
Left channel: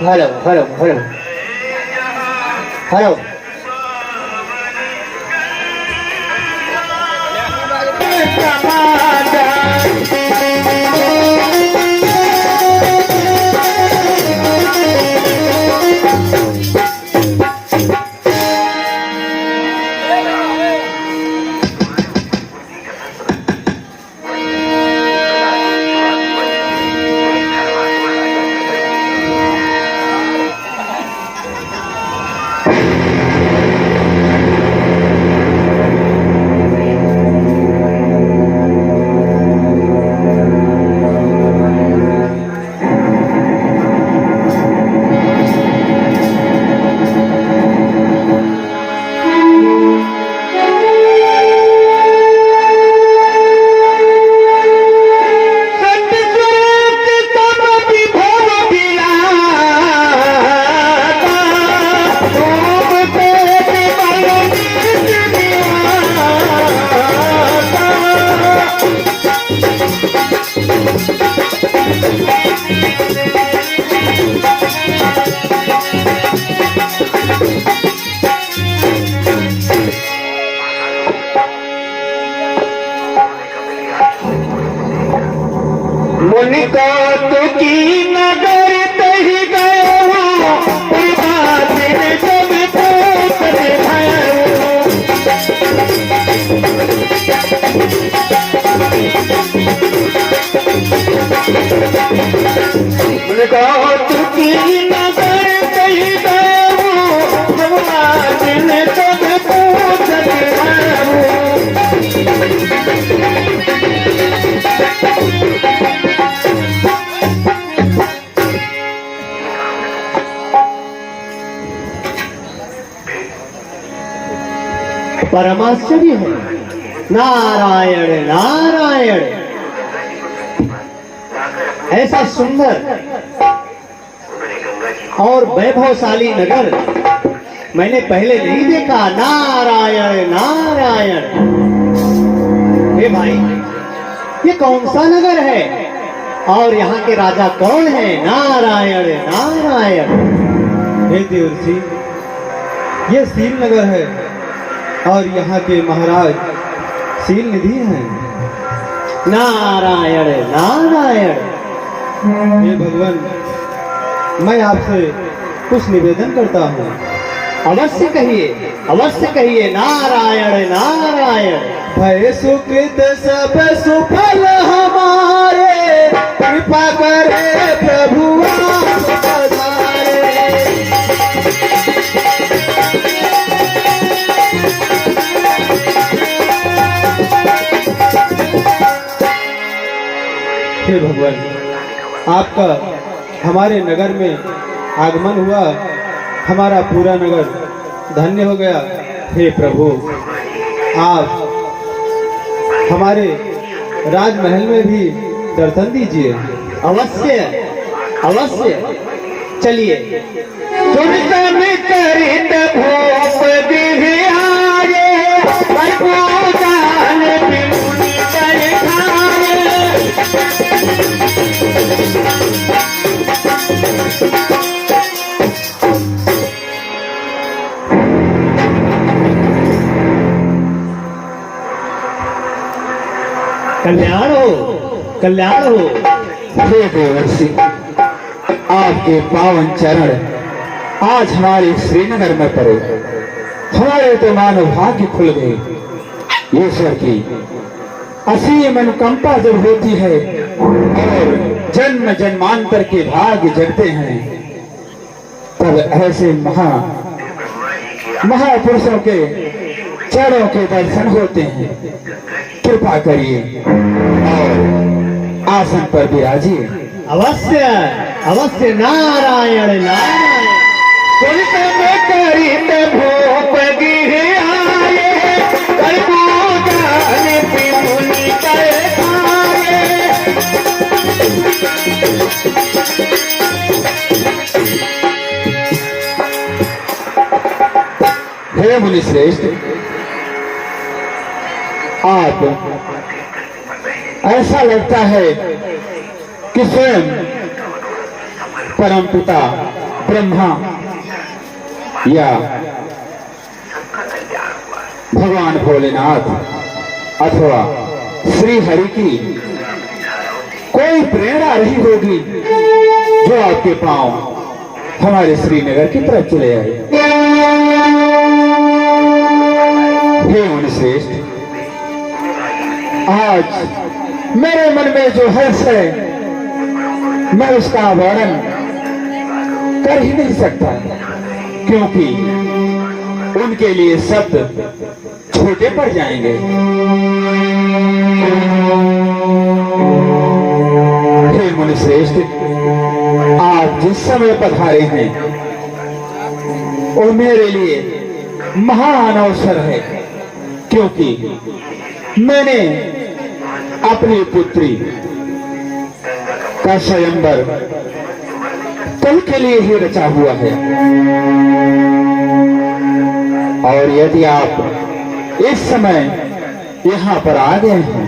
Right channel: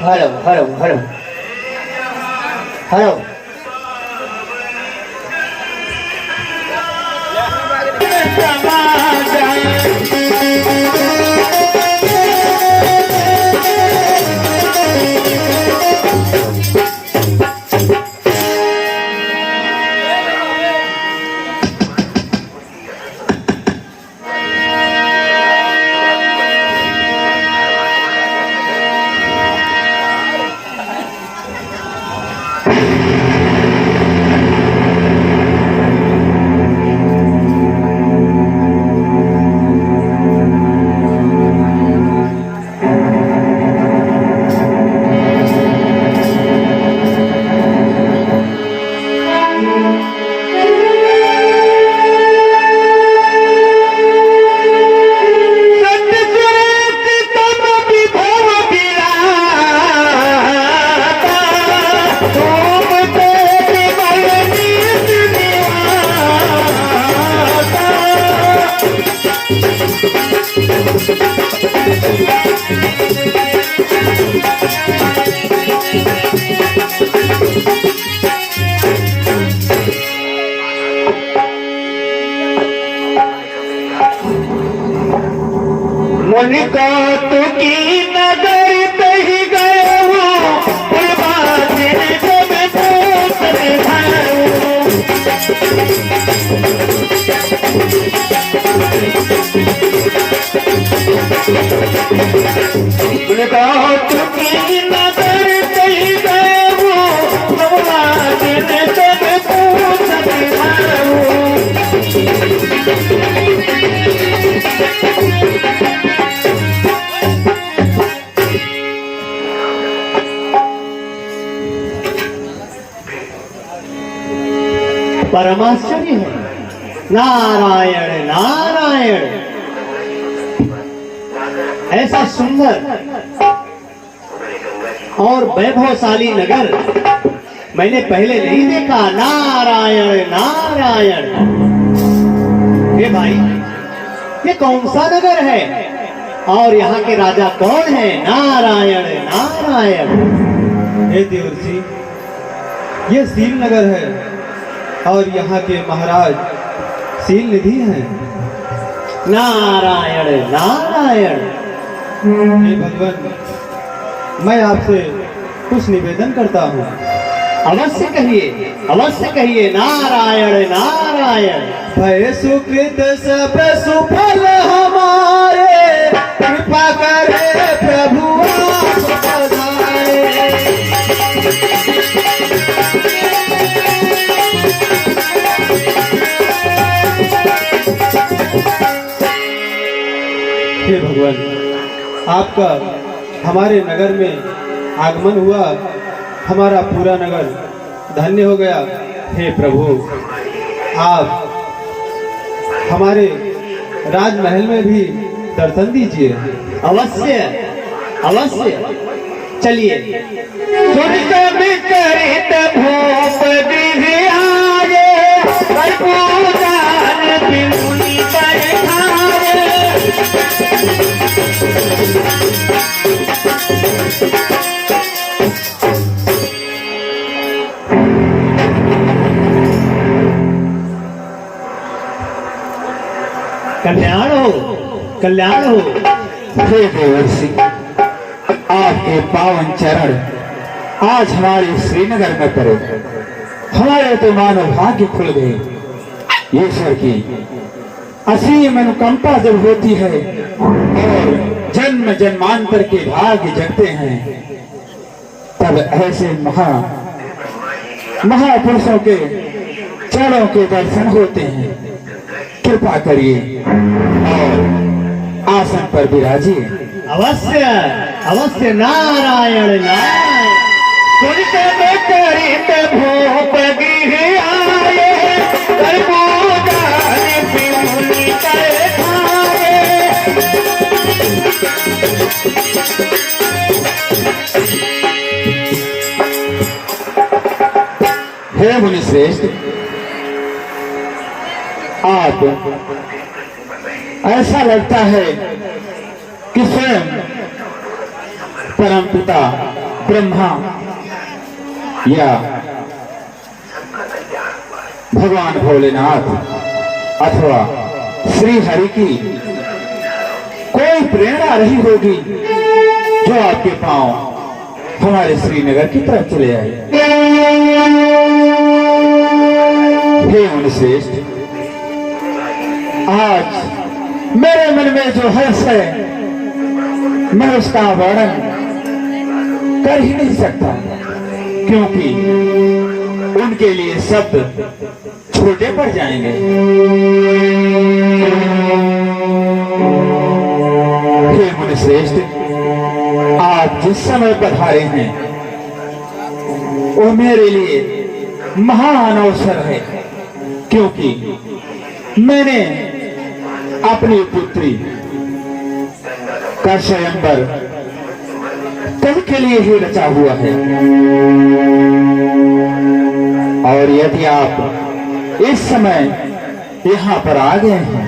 हेलो हेलो हेलो हेलो परमाश्चर्य है। नारायण नारायण, ऐसा सुंदर और वैभवशाली नगर मैंने पहले नहीं देखा। नारायण नारायण। हे भाई, ये कौन सा नगर है और यहाँ के राजा कौन है? नारायण नारायण। हे देव जी, ये सील नगर है और यहाँ के महाराज सील निधि हैं। नारायण नारायण। हे भगवान, मैं आपसे कुछ निवेदन करता हूँ। अवश्य कहिए, अवश्य कहिए। नारायण नारायण। भय सुकृत सब सुफल हमारे, कृपा करे प्रभु आप पधारे। हे भगवान, आपका हमारे नगर में आगमन हुआ, हमारा पूरा नगर धन्य हो गया। हे प्रभु, आप हमारे राजमहल में भी दर्शन दीजिए। अवश्य अवश्य। चलिए। सुन सुन कर कल्याण हो, कल्याण हो। हे देवर्षि, आपके पावन चरण आज हमारे श्रीनगर में पड़े, हमारे तो मानव भाग्य खुल गई। ईश्वर की असीम अनुकंपा जब होती है और जन्म जन्मांतर के भाग्य जगते हैं, तब ऐसे महापुरुषों के चरणों के दर्शन होते हैं। कृपा करिए और आसन पर विराजिए। अवश्य अवश्य, नारायण नारायण। हे मुनि श्रेष्ठ, आप ऐसा लगता है कि स्वयं परम पिता ब्रह्मा या भगवान भोलेनाथ अथवा श्री हरि की कोई प्रेरणा रही होगी जो आपके पांव हमारे श्रीनगर की तरफ चले आए। हे मुनि श्रेष्ठ, आज मेरे मन में जो हर्ष है मैं उसका वर्णन कर ही नहीं सकता, क्योंकि उनके लिए शब्द छोटे पड़ जाएंगे। हे मुनि श्रेष्ठ, आप जिस समय पधारे हैं वो मेरे लिए महान अवसर है, क्योंकि मैंने अपनी पुत्री का स्वयंवर कल के लिए ही रचा हुआ है। और यदि आप इस समय यहाँ पर आ गए हैं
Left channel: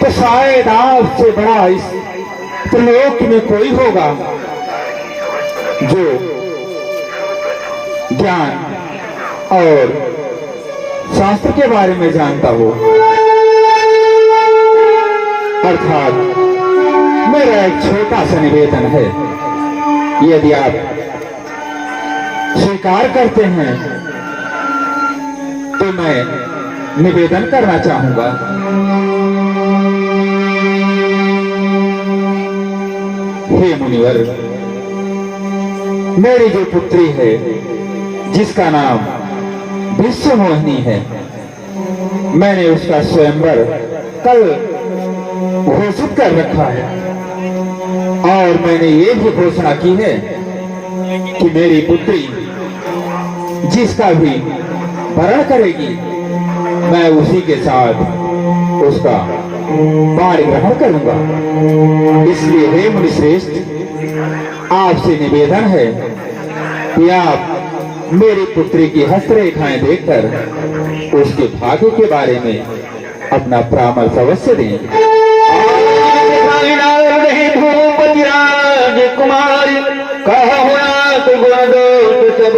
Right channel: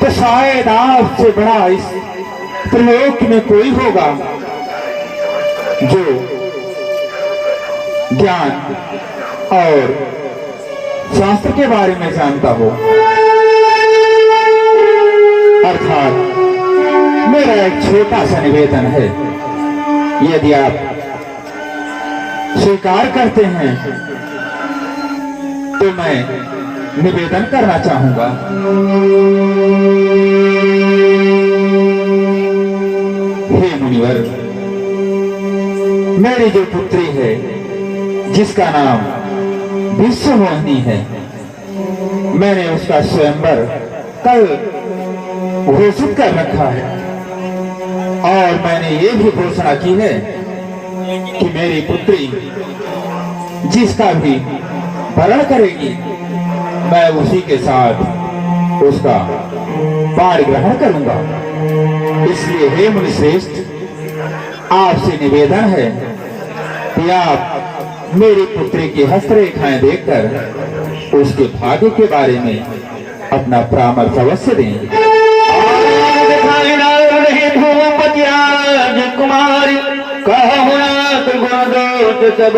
तो शायद आपसे बड़ा इस त्रिलोक में कोई होगा जो ज्ञान और शास्त्र के बारे में जानता हो। अर्थात मेरा एक छोटा सा निवेदन है, यदि आप स्वीकार करते हैं तो मैं निवेदन करना चाहूंगा। हे मुनिवर, मेरी जो पुत्री है जिसका नाम विश्व मोहिनी है, मैंने उसका स्वयंवर कल घोषित कर रखा है और मैंने ये भी घोषणा की है कि मेरी पुत्री जिसका भी भरण करेगी मैं उसी के साथ उसका बाढ़ ग्रहण करूंगा। इसलिए हे मुनि श्रेष्ठ, आपसे निवेदन है कि आप मेरी पुत्री की हस्तरेखाएं देखकर उसके भाग्य के बारे में अपना परामर्श अवश्य दें। कुमार कहा हुआ तो गुणदोष सब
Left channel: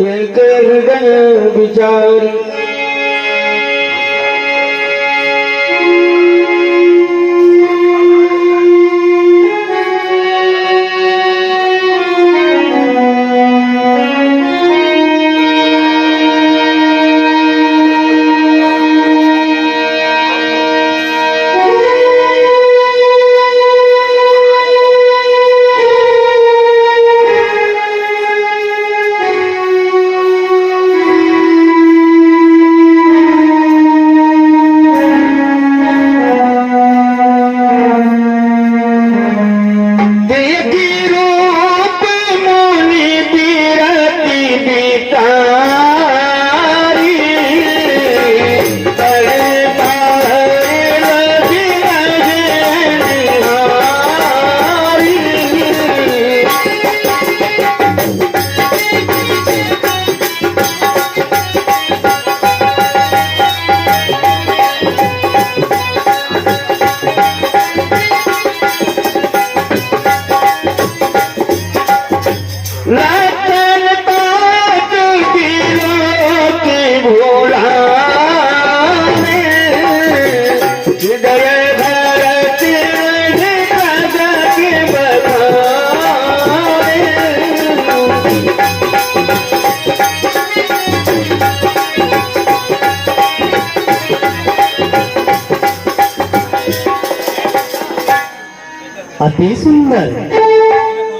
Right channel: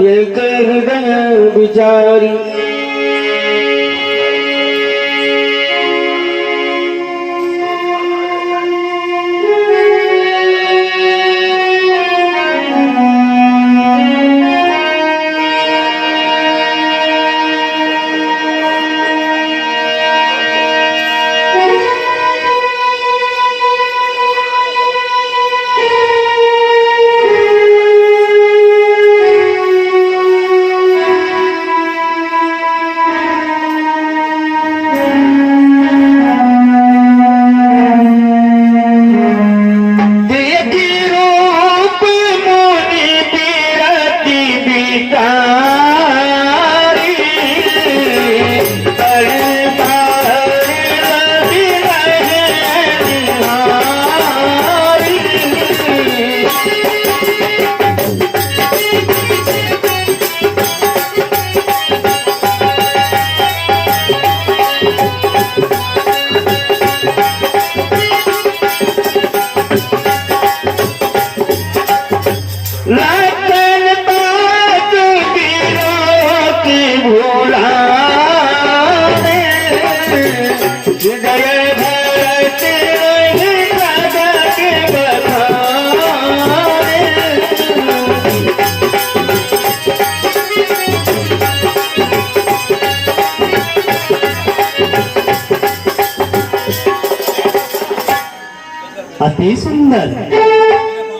ये कह गए बिचारी।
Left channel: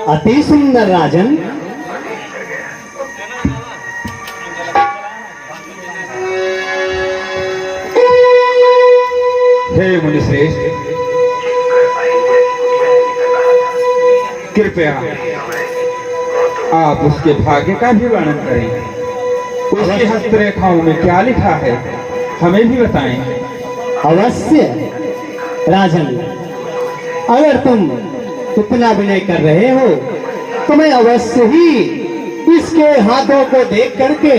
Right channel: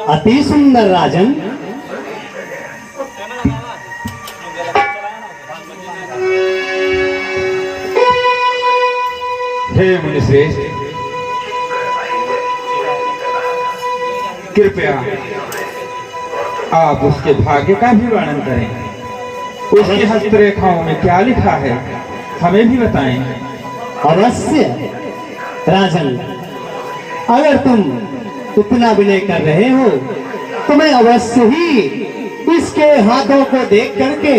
अति सुंदर राजन। हे मुनिश्रेष्ठ, कृपया आप उसके भाग्य का भी वर्णन करें। उसकी हस्तरेखाओं में क्या लिखा है, हमें भी बताएं। अवश्य राजन, अगर तुम इतना विनय कर रहे हो तो मैं अवश्य ही इसके हाथों को देख करके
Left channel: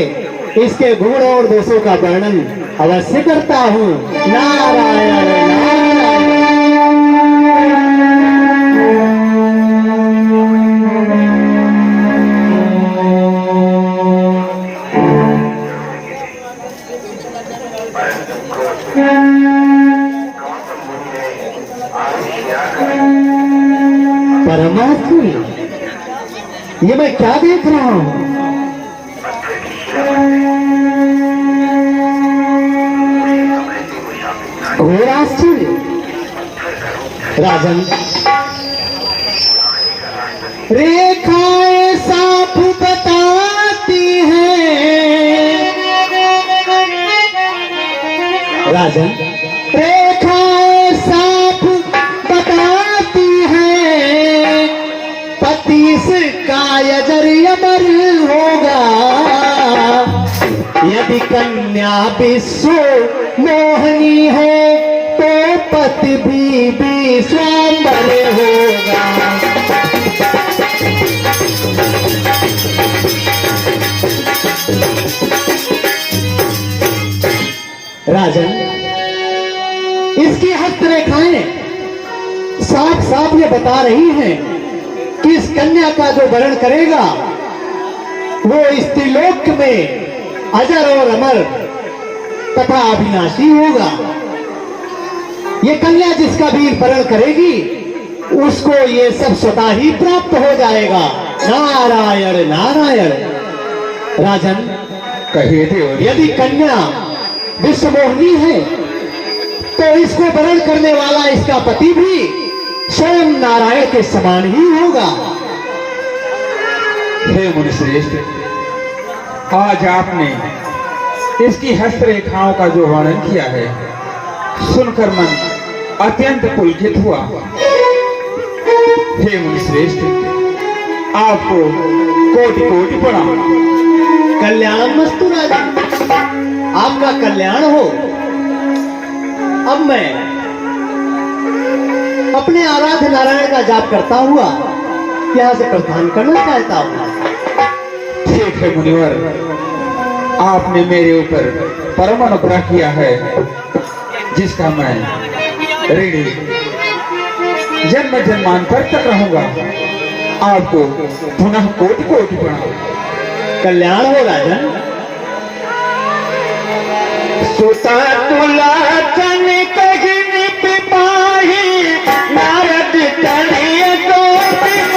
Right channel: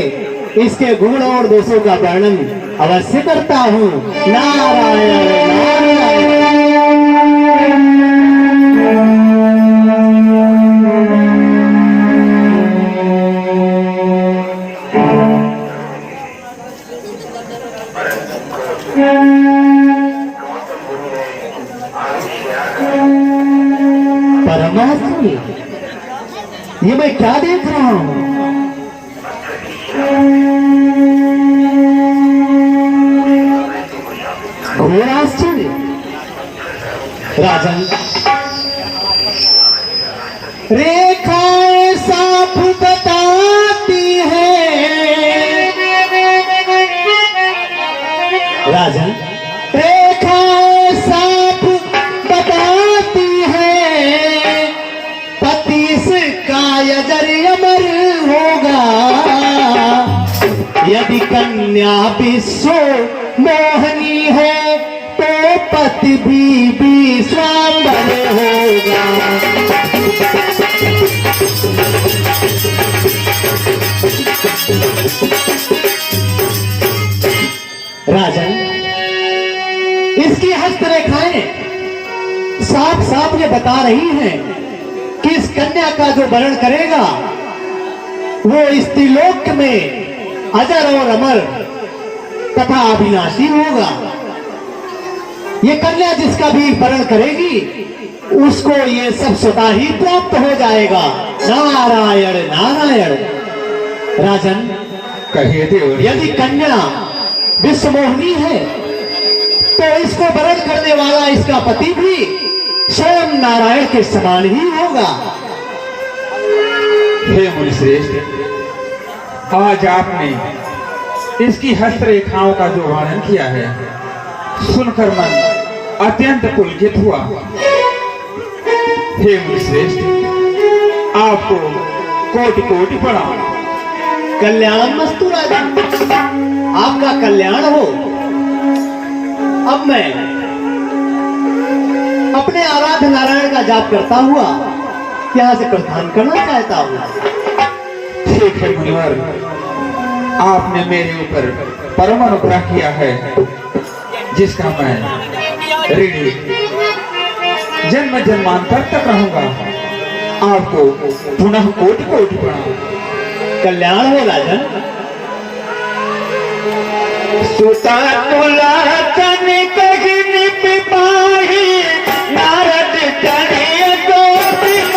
इसके गुण और दोषों का वर्णन अवश्य करता हूँ। नारायण नारायण। परमात्मा, ये मैं क्या देख रहा हूँ? घोर आश्चर्य। राजन, रेखाएं साफ बताती है। राजन, रेखाएं साफ बताती है, पति का यजर अमर होगा। यदि कन्या विश्व मोहनी है तो पति भी विश्वाम्बर होगा। राजन, इसकी हस्तरेखाएं साफ साफ ने बता रही हैं कि इस कन्या का जो वर्ण करेगा वो स्त्रीलोक में अजर और अमर तथा अविनाशी होगा। ये कन्या जिसका भी वर्ण करेगी उसको ये सब स्वतः ही प्राप्त हो जाएगा। नारायण नारायण। राजन, कहिए देव। यदि कन्या विश्वमोहिनी है तो इसको वर्ण करने वाला इसका पति भी स्वयं नारायण के समान ही होगा। हे मुनिश्रेष्ठ, आज आपने इसकी हस्तरेखाओं का जो वर्णन किया है सुनकर मन अत्यंत पुलकित हुआ। हे मुनिश्रेष्ठ, आपको कोटि कोटि प्रणाम। कल्याण मस्तु राजन, आपका कल्याण हो। अब मैं अपने आराध्य नारायण का जाप करता हुआ यहाँ से प्रस्थान करना चाहता हूँ। ठीक है मुनिवर, आपने मेरे ऊपर परम अनुग्रह किया है जिसका मैं ऋणी जन्म जन्मांतर तक रहूंगा। आपको पुनः कोटि कोटि प्रणाम। कल्याण हो राजन। सुता तुला कनिक गिन पिपाही, नारद चढ़ी दो दिन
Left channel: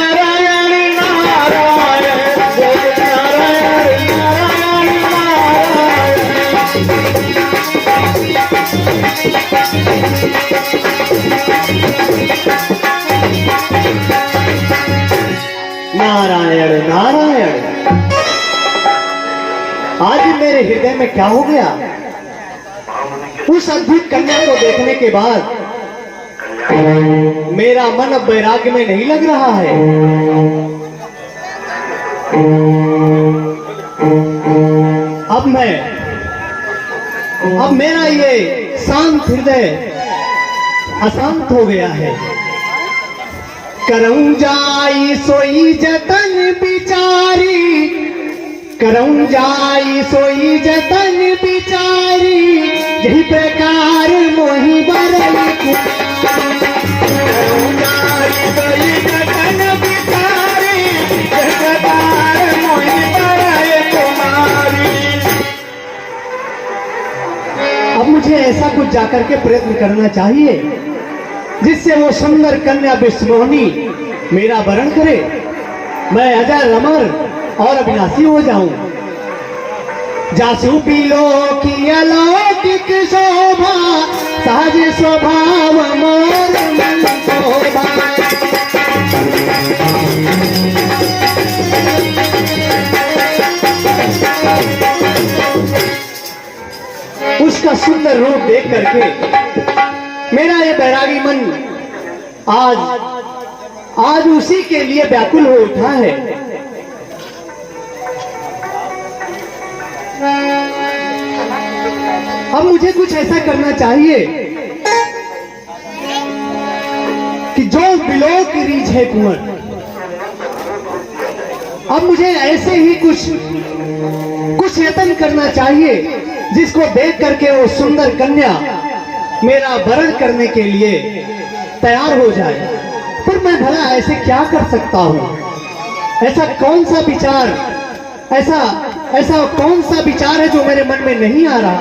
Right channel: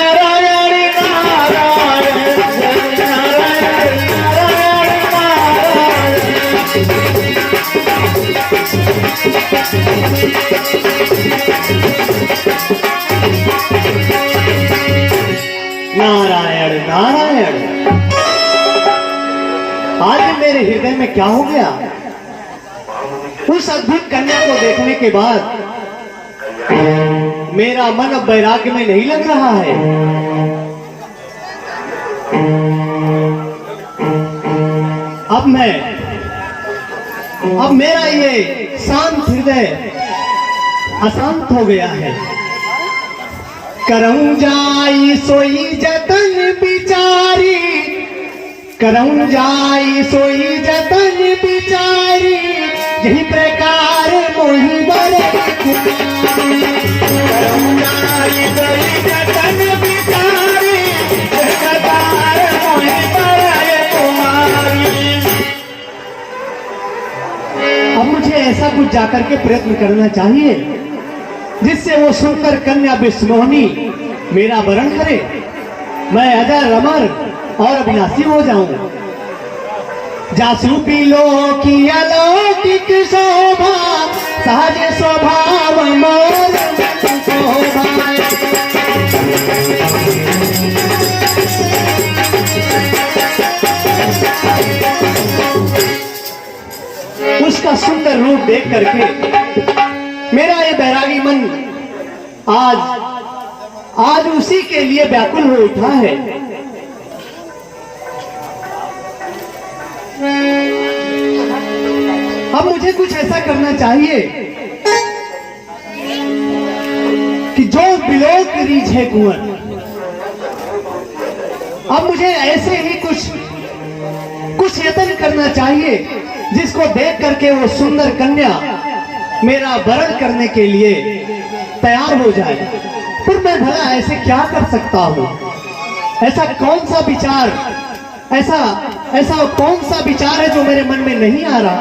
नारायण नारायण नारायण नारायण। आज मेरे हृदय में क्या हो गया? उस अद्भुत कन्या को देखने के बाद मेरा मन अब वैराग्य में नहीं लग रहा है। अब मेरा ये शांत हृदय अशांत हो गया है। करऊं जाई सोई जतन बिचारी, करऊं जाई सोई जतन बिचारी, यही प्रकार मोही बर करऊं जाई सोई जतन बिचारी, यही प्रकार मोही बर तुम्हारी। अब मुझे ऐसा कुछ जाकर के प्रयत्न करना चाहिए जिससे वो सुंदर कन्या विश्वमोहिनी मेरा वरण करे, मैं अजर अमर और अविनाशी हो जाऊं। जासू पीलो की अलौकिक शोभा, उसका सुंदर रूप देख करके मेरा ये बैरागी मन आज उसी के लिए व्याकुल हो उठा है। अब मुझे कुछ ऐसा करना चाहिए कि जो बिलो की रीझ है कुंवर, अब मुझे ऐसे ही कुछ यत्न करना चाहिए जिसको देख करके वो सुंदर कन्या मेरा वरण करने के लिए तैयार हो जाए। फिर मैं भला ऐसे क्या कर सकता हूँ? ऐसा कौन सा विचार, ऐसा कौन सा विचार है जो मेरे मन में नहीं आ रहा?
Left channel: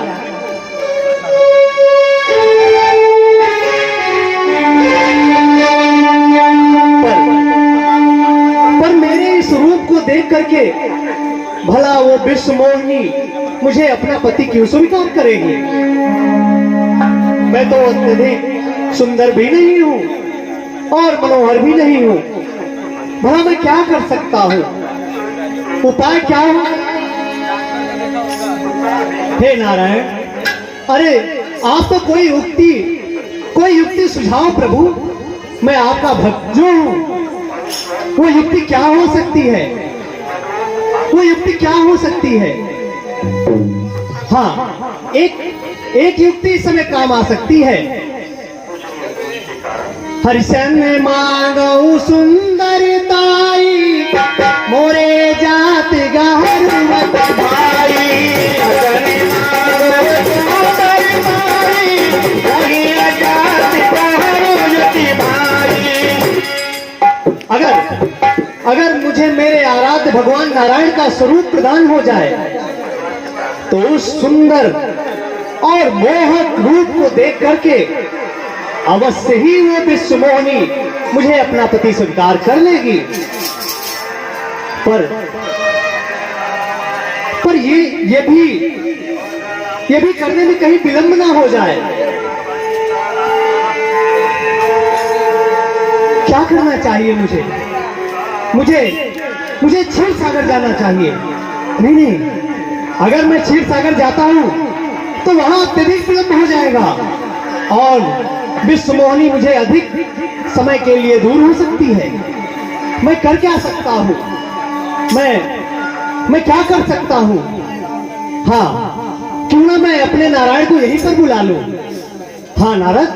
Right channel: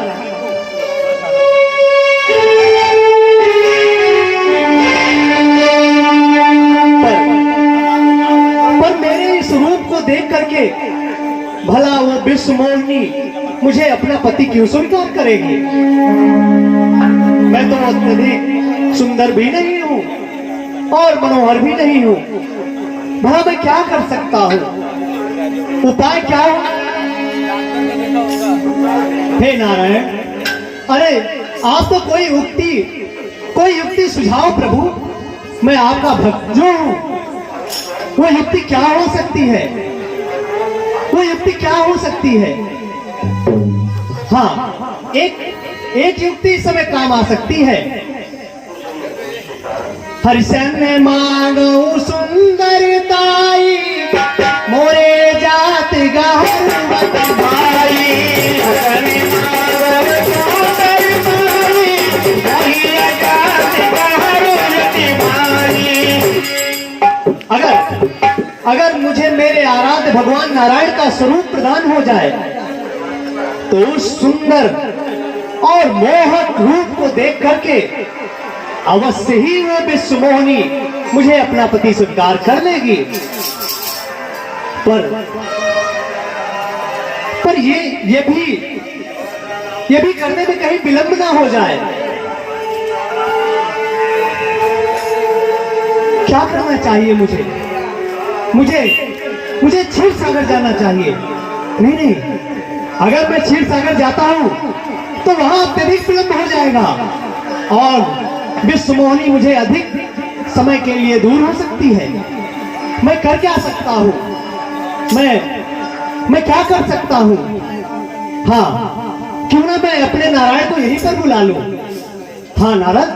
पर मेरे इस रूप को देख करके भला वो विश्व मोहिनी मुझे अपना पति क्यों स्वीकार करेगी? मैं तो अत्यधिक सुंदर भी नहीं हूँ और मनोहर भी नहीं हूँ। भला मैं क्या कर सकता हूँ? उपाय क्या हो? हे नारायण, अरे आप तो कोई युक्ति सुझाओ प्रभु। मैं आपका भक्त जो हूँ, वो युक्ति क्या हो सकती है? वो युक्ति क्या हो सकती है? हाँ, एक युक्ति इस समय काम आ सकती है। हरिशन मांगो सुंदरताई, मोरे जात गहरुवत भाई। अगर मुझे मेरे आराध्य भगवान नारायण का स्वरूप प्रदान हो जाए तो उस सुंदर और मोहक रूप को देख करके अवश्य ही वो विश्व मोहिनी मुझे अपना पति स्वीकार कर लेगी। पर ये भी करने में कहीं विलंब ना हो जाए। क्या करना चाहिए मुझे क्षीर सागर जाना चाहिए। नहीं, अगर मैं क्षीर सागर जाता हूं तो वहां अत्यधिक विलंब हो जाएगा और विश्व मोहिनी मुझे अधिक समय के लिए दूर हो सकती है। मैं कर क्या सकता हूं? मैं क्या कर सकता हूं? हाँ, क्यों ना मैं अपने नारायण को यहीं पर बुला लूं। हाँ नारद,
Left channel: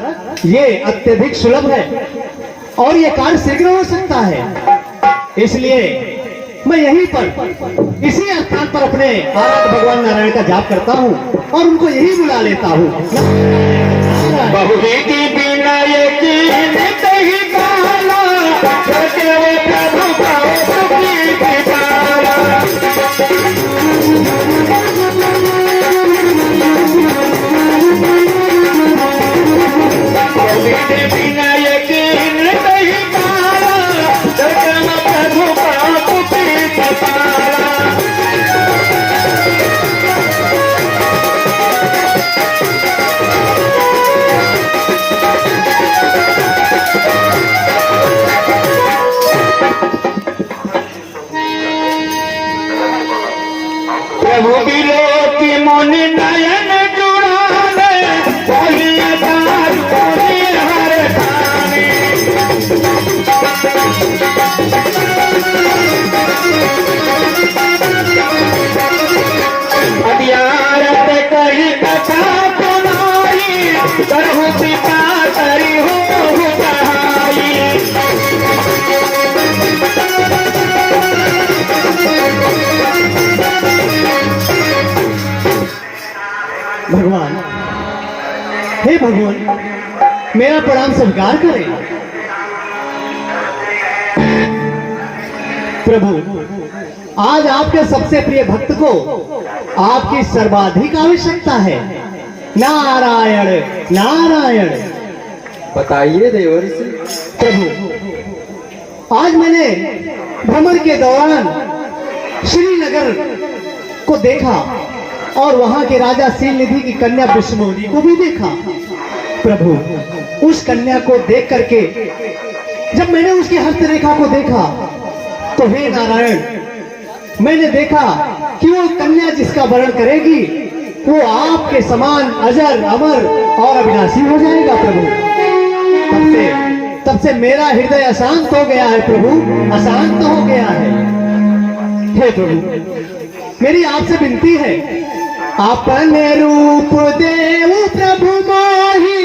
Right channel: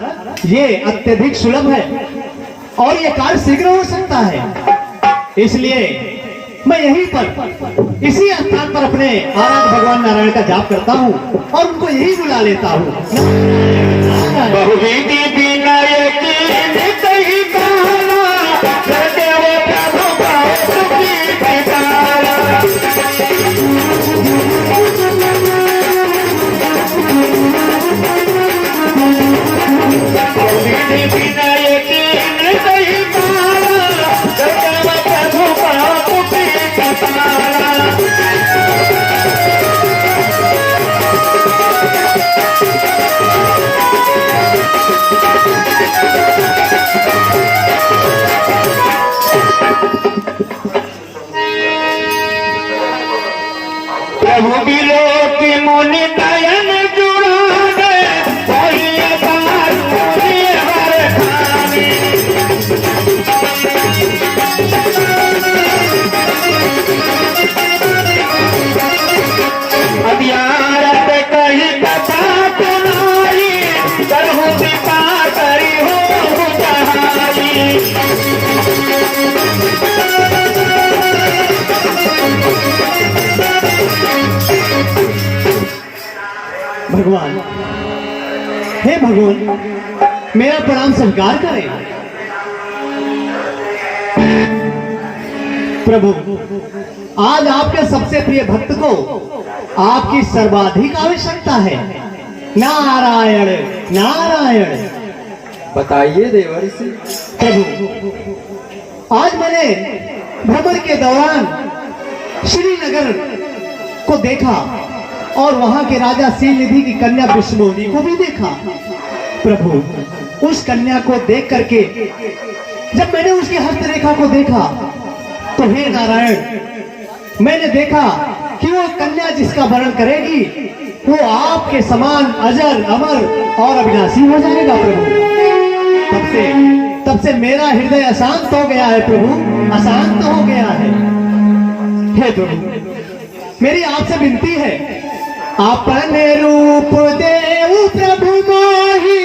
ये अत्यधिक सुलभ है और ये कार्य शीघ्र हो सकता है। इसलिए मैं यहीं पर इसी स्थान पर अपने आराध्य भगवान नारायण का जाप करता हूँ और उनको यही बुला लेता हूँ। भगवान, हे भगवान, मेरा प्रणाम स्वीकार करें। प्रभु, आज आपके सबसे प्रिय भक्त को आपकी सर्वाधिक आवश्यकता है। नारायण नारायण। बताइए देवर्षि। प्रभु, आज मैंने भ्रमण के दौरान श्रीनगर को देखा और वहां के राजा शीलनिधि की कन्या विष्णुमोहिनी को भी देखा। प्रभु, उस कन्या को देख करके जब मैंने उसकी हस्तरेखा को देखा तो हे नारायण, मैंने देखा कि वो कन्या जिसका वरण करेगी वो आपके समान अजर अमर और अविनाशी हो जाएगा प्रभु। तब से मेरा हृदय अशांत हो गया है प्रभु, अशांत हो गया है। हे प्रभु, मेरी आपसे विनती है, अपने रूप देव प्रभु मोहि,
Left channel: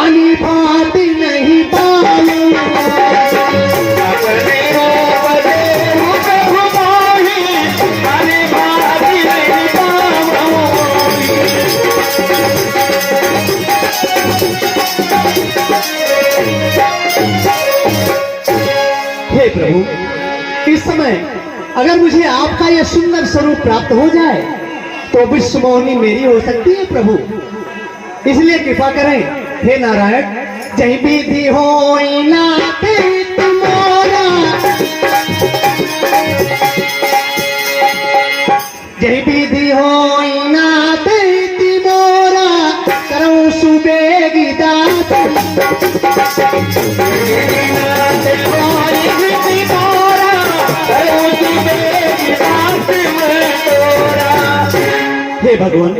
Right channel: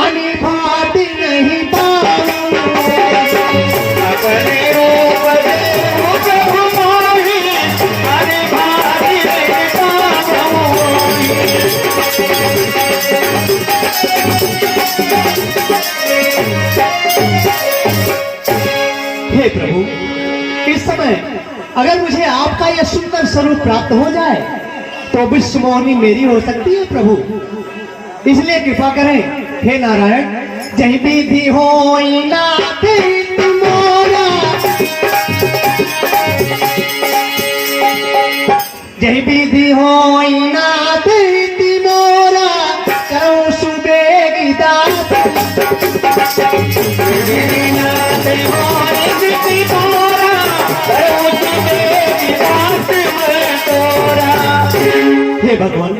आनी भांति नहीं पाऊं। अपने रूप देव प्रभु मोहि, आनी भांति नहीं हे प्रभु, इस समय अगर मुझे आपका यह सुंदर स्वरूप प्राप्त हो जाए तो विश्व मोहिनी मेरी हो सकती है प्रभु। इसलिए कृपा करें हे नारायण, जही विधि हो ना तेरी तुम्हारा, जही विधि हो ना तेरी तुम्हारा, करो सुबेगी दात। हे भगवान,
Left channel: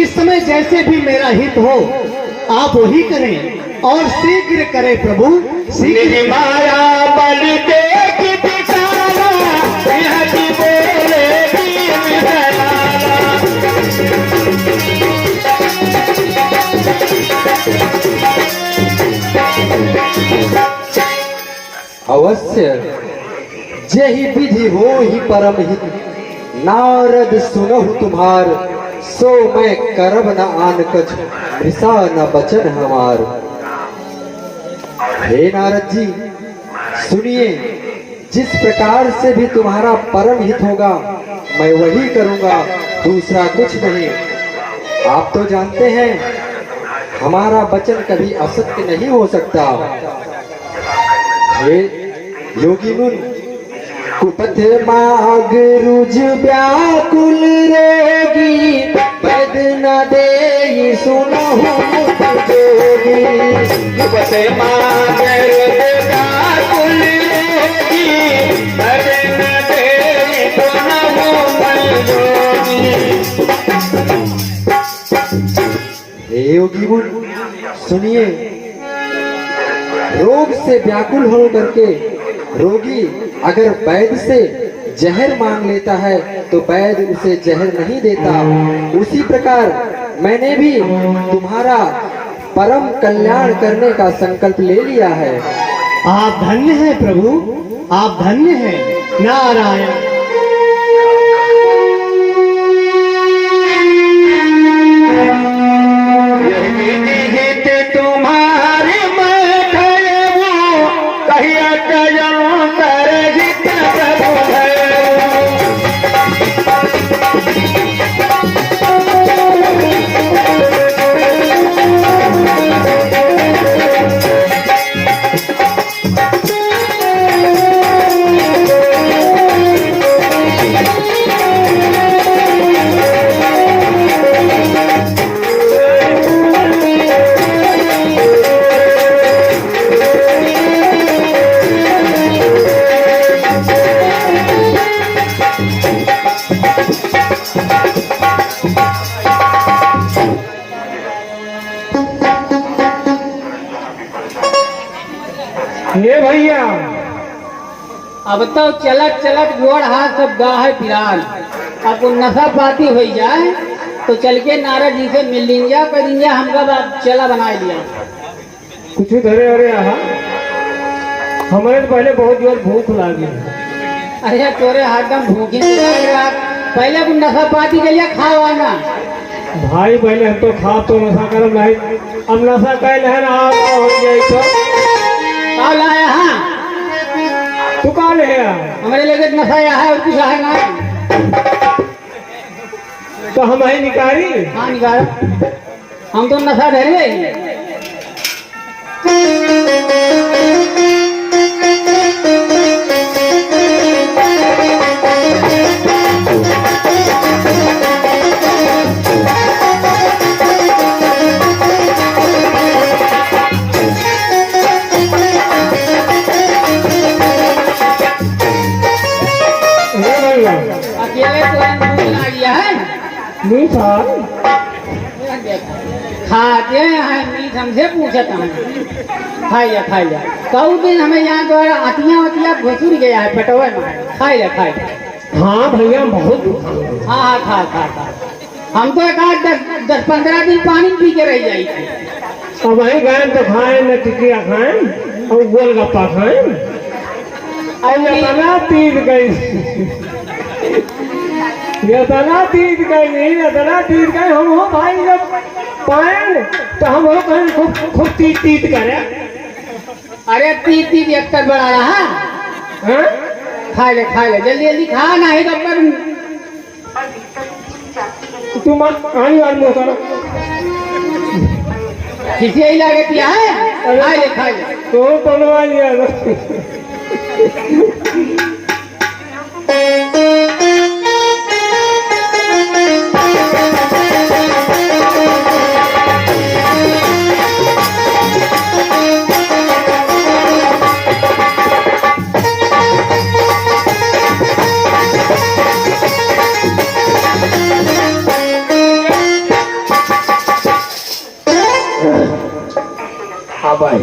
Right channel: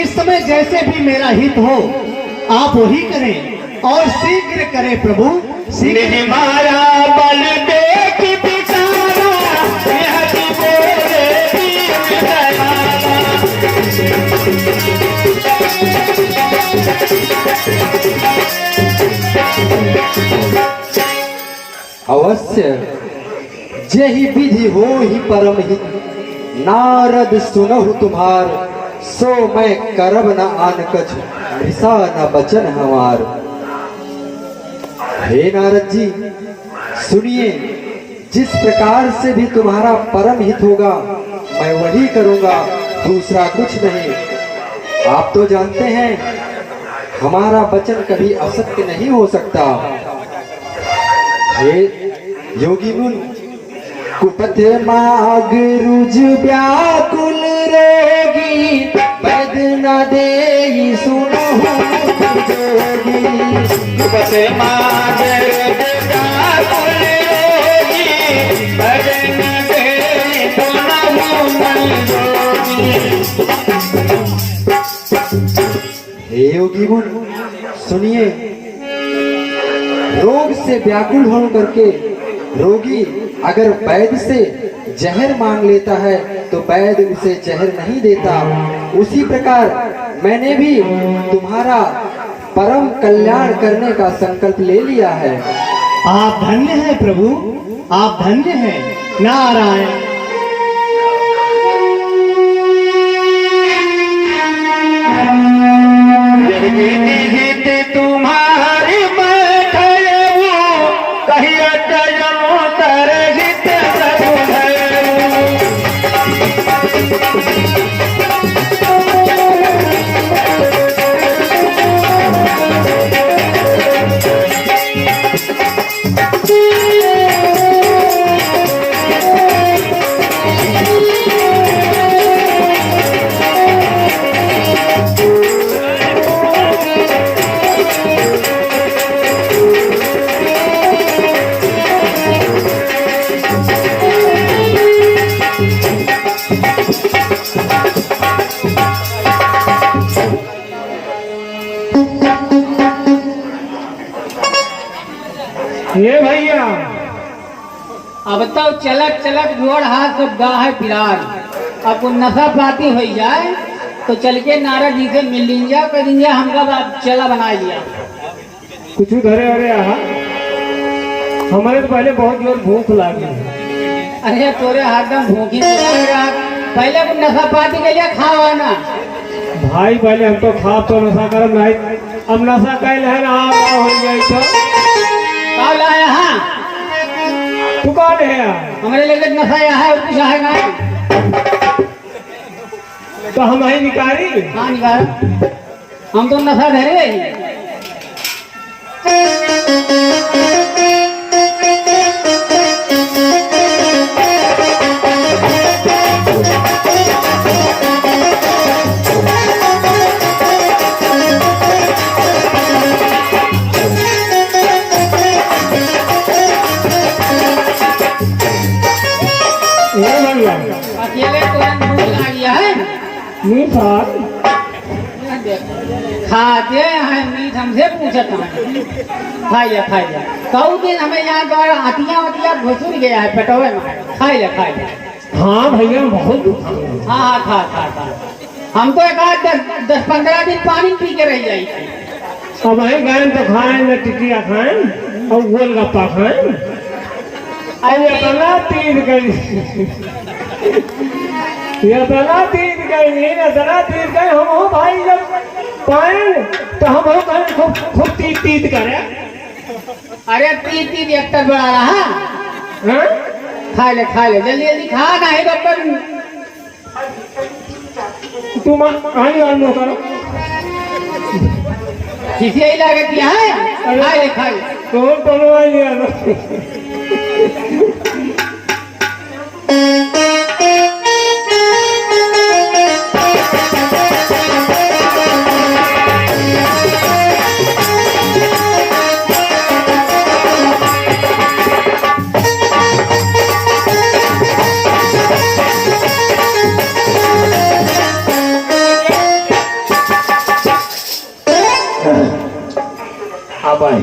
इस समय जैसे भी मेरा हित हो आप वही करें और शीघ्र करें प्रभु, शीघ्र। माया बल देख बिचारा, यह कि मेरे दीन अवश्य जेहि विधि हो ही परम हित, नारद सुनहु तुम्हार, सो मैं करब न आन कछ, भिसा न बचन हमार। हे नारद जी, सुनिए, जिस प्रकार से भी तुम्हारा परम हित होगा मैं वही करूंगा, दूसरा कुछ नहीं। आप तो जानते हैं हमारा वचन कभी असत्य नहीं हो सकता। हे योगी मुन, कुपथ माग रुज व्याकुल रेगी, पद न दे सुनहु जोगी। कुपथ माग रुज व्याकुल रेगी, पद न दे सुनहु जोगी। हे योगी मुन, सुनिए, रोग से व्याकुल हो करके रोगी अगर वैद्य से जहर मांग लेता है तो वैद्य उसे जहर नहीं देता। उसी प्रकार मैंने भी तुम्हारा परम कल्याण करने का संकल्प ले लिया है। आप धन्य हैं प्रभु, आप धन्य हैं। नारायण। हित तुम्हारी कहिया तर हित हे भैया, अब बताओ, चलत चलत जोड़ हाथ सब दा है फिरान। अब तो नशा पाती हो जाए तो चल के नारद जी से मिल लीजिए, कर लीजिए, हमका बात चला बना लिया। कुछ घरे अरे आहा, हमारे तो पहले बहुत जोर भूख लगी। अरे तोरे हरदम भूखी पहले कुछ नशा पाती कहिए खाओ ना भाई पहले हम तो खा तो नशा कर नहीं, अब नशा कैल है ना, आप ना होंगे तो काल है। हाँ, तू कौन है? हमारे लगे नशा है और कुछ है ना, तो हम ही निकारी। कहाँ निकाल, हम तो नशा धरी है। हे भैया, अकेले तो मीठा खाते हैं मीठ हमसे पूछे कहाँ खाइए खाइए कऊ दिन हमें याद आ आतिया वतिया घुसुर गया है पटोवे में खाइए हाँ भैया बहुत दुखा है। हाँ हाँ खा खा हम तो एक आध 10-15 दिन पानी पी के रह जाई थी। अब वहीं गए तो खाएं न टिकिया खाएं और गोलगप्पा खाएं। अरे तना तीर गई ये तना तीर गई हम हो भाई जब पाए तो हम हो कहीं खूब तीत करे। अरे तीन एक्टर बड़ा रहा हाँ खा ले जल्दी खा ना है डॉक्टर तुम कहीं और मुँह करो किसी ही लागत क्या है खा ले तो टोलवा लिया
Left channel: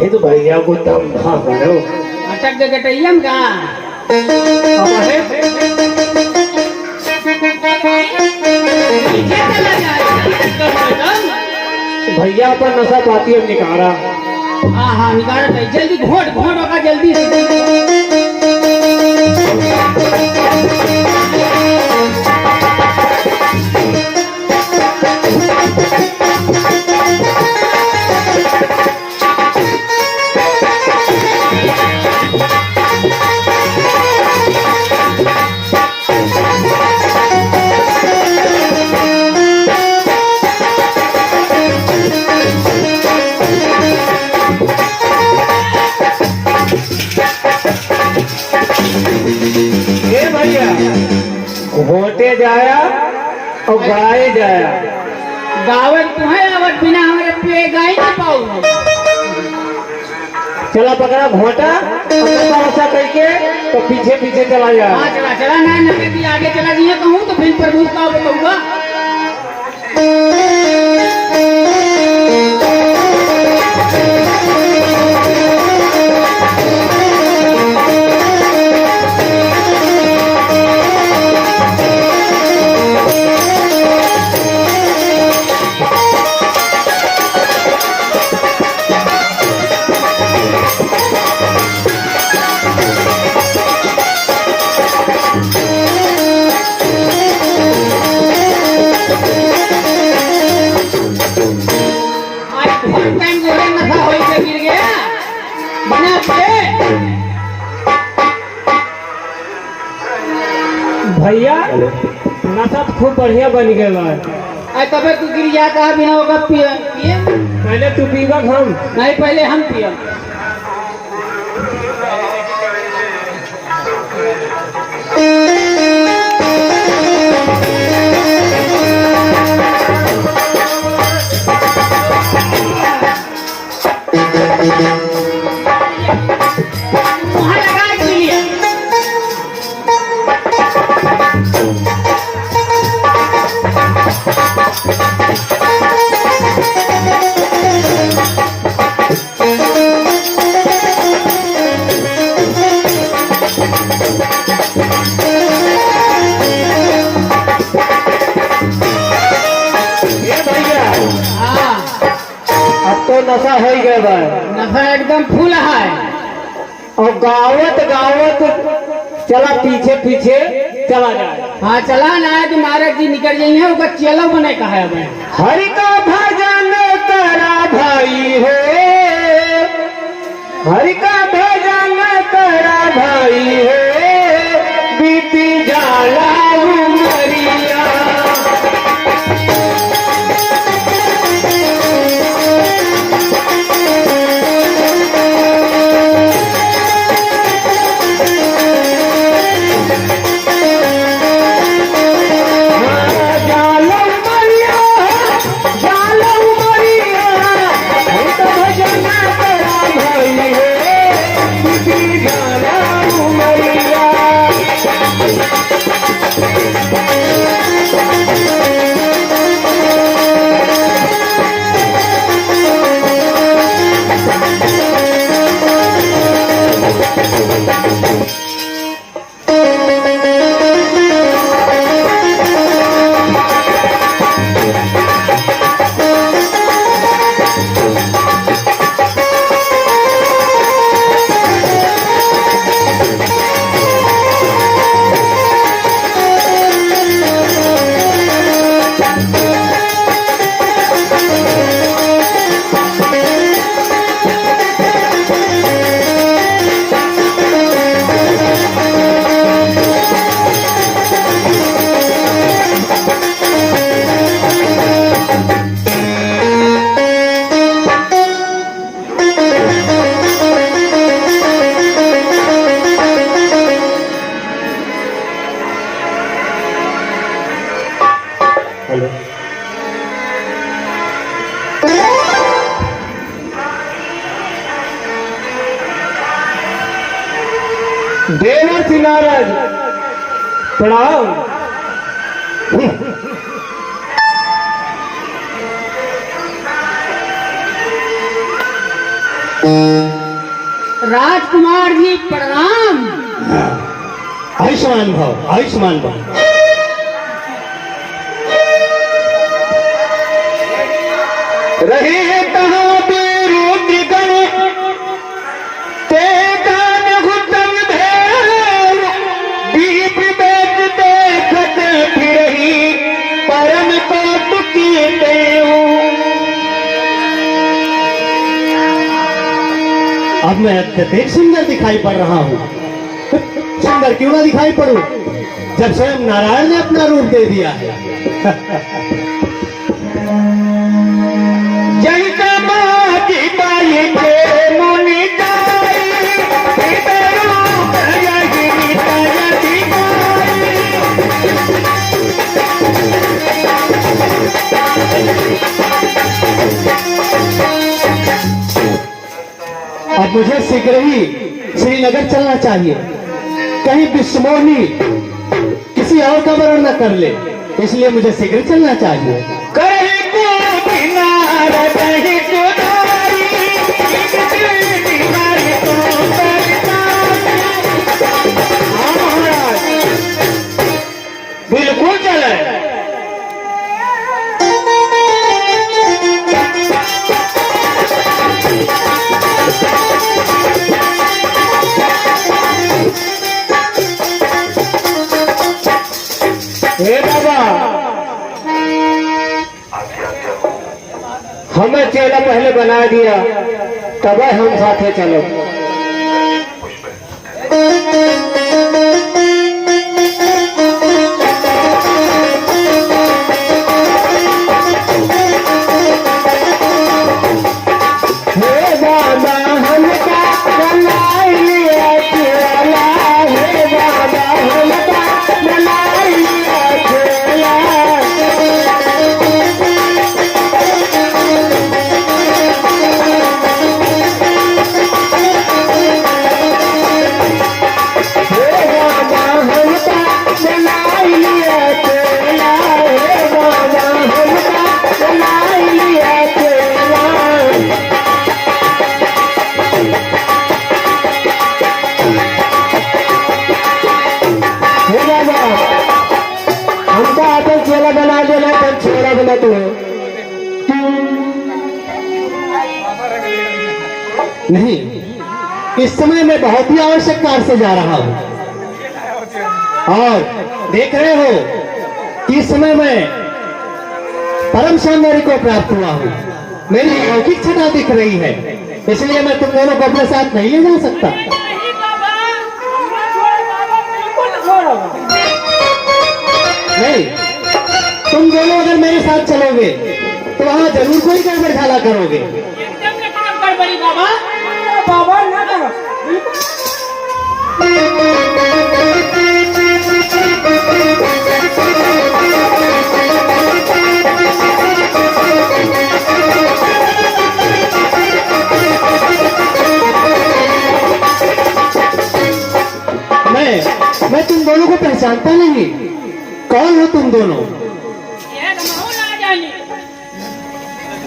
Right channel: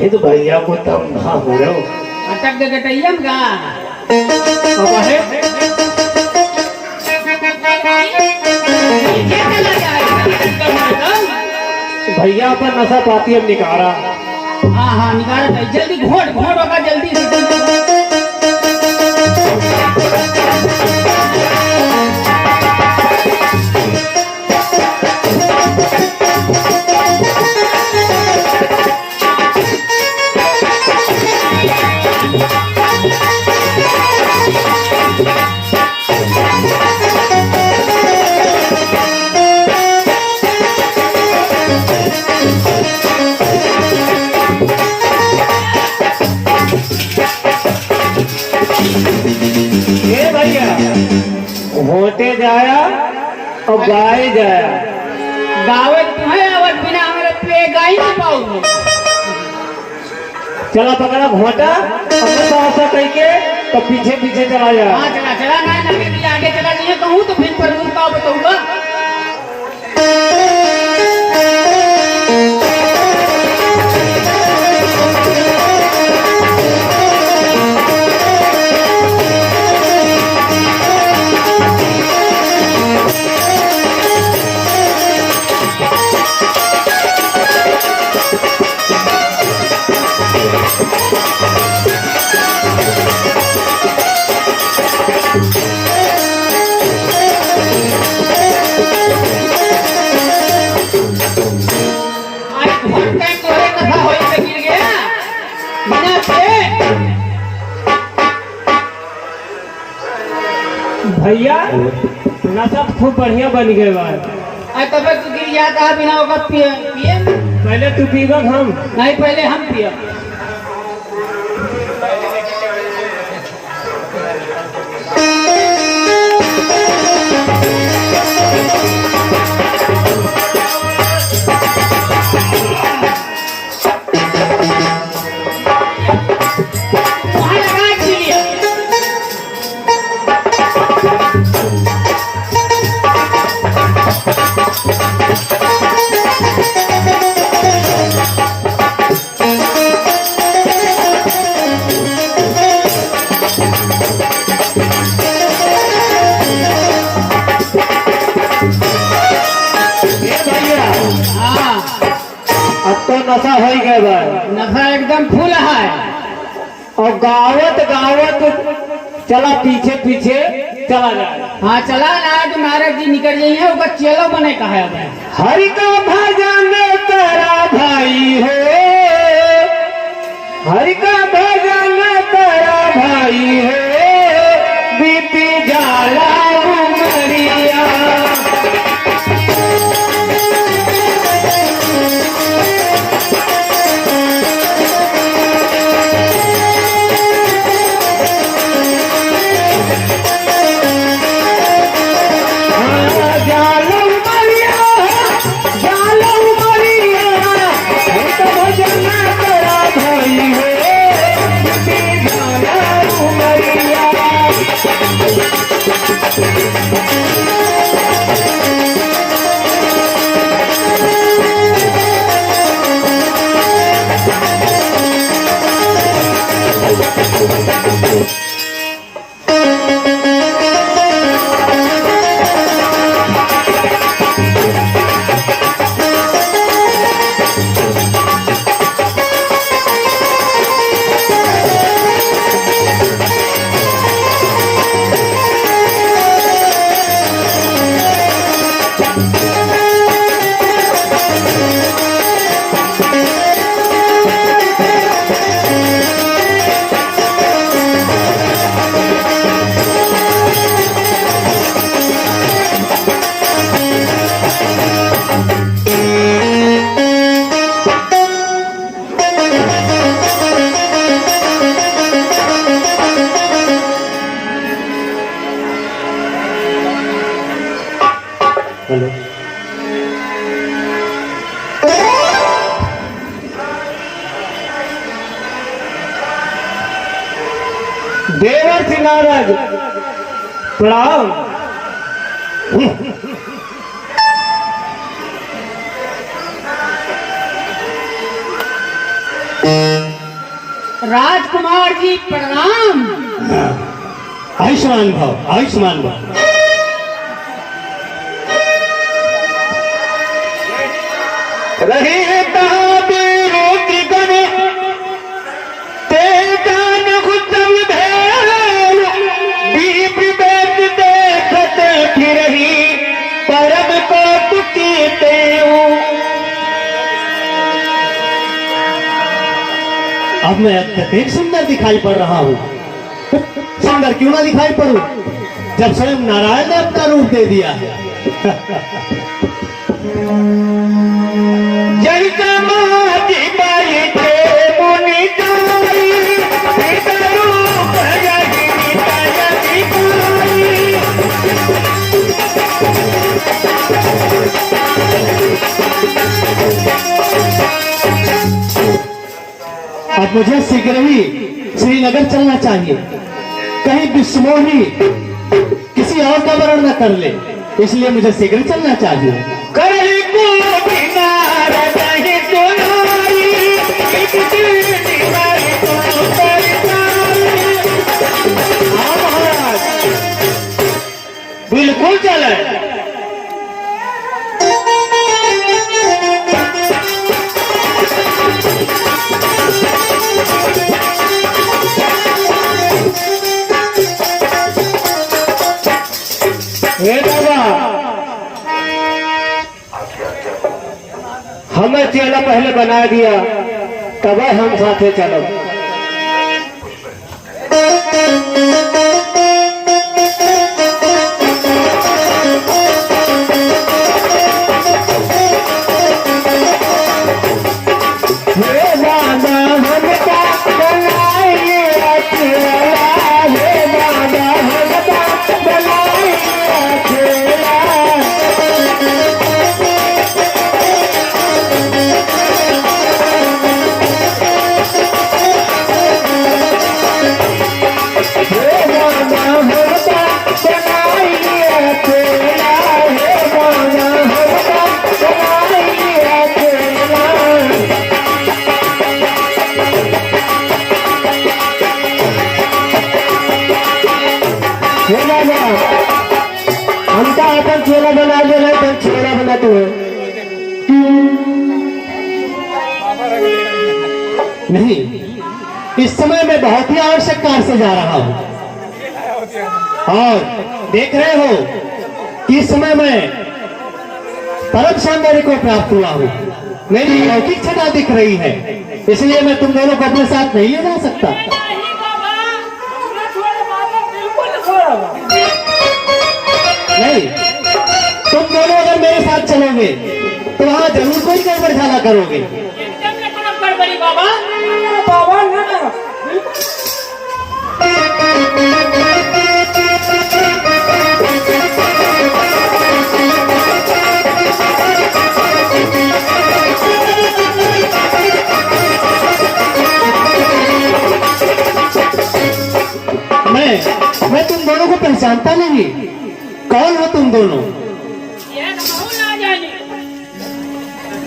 तो भैया को तब खा हो रहे हो अटक के गटैयम का अब है भैया पर नशा पाती हम निकारा। हाँ निकाल जल्दी घोट होगा जल्दी से भैया होते जाया और गाय जाया गावत तुम्हें आवत बिना हमारे पे गाई नहीं पाऊंगे। चला पकड़ा घोटा ऐसा कह के तो पीछे चला जा। हाँ चला नहीं आगे चला दिए कहूँ तो फिर पर रूप का बताऊंगा। भैया नशा खूब बढ़िया बन गया तब तू गिरिया का बिना होगा पिए पहले तू पीवा हम नहीं पहले हम पिए अब तो नशा हो गया नशा एकदम फूल है और गावत चला पीछे चला जाए। हाँ चला ना तो महाराज जी निकल जाइए होगा चलो बने कहा है हरि का भजन करा भाई है हरि का भजन करा भाई है बीती जाला उमरिया जालम बढ़िया महाराज प्रणाम। राजकुमार जी प्रणाम। आयुष्मान भव, आयुष्मान भव। रही कहाँ तेरो बिगड़ी, ते जान घुटम भेल, दीप बेचते सजे फिरही, परम कौतुकी तेरू। अब मैं अत्यधिक सुंदर दिखाई पड़ रहा हूँ। सुंदर क्यों ना दिखाई पड़ूं, जब स्वयं नारायण ने अपना रूप दे दिया है। जय समाधि पाई थे मुनि जाई, विदरो जय गिरिधर अब मुझे शीघ्र ही श्रीनगर चलना चाहिए, कहीं विश्वमोही किसी और का वर्ण न कर ले, इसलिए मुझे शीघ्र चलना चाहिए। करे को बिनार दही जोनाई, एक दिल दिहाई बिल्कुल चले। हमें चेला पहले बना दिया, तब हम साथे चलो। नहीं, इस समय मैं बहुत ही आवश्यक कार्य से जा रहा हूँ, और देख रहे हो कि इस समय मैं परम सौंदर्य को प्राप्त हुआ हूँ, मेरी लौकिक छटा दिख रही है, इसलिए मैं तुम दोनों को अपने साथ नहीं ले जा सकता। नहीं, तुम दोनों अगर मेरे साथ चलोगे तो वहां जरूर कोई गड़बड़ करोगे। मैं तुम दोनों को पहचानता नहीं, कौन हो तुम दोनों? ये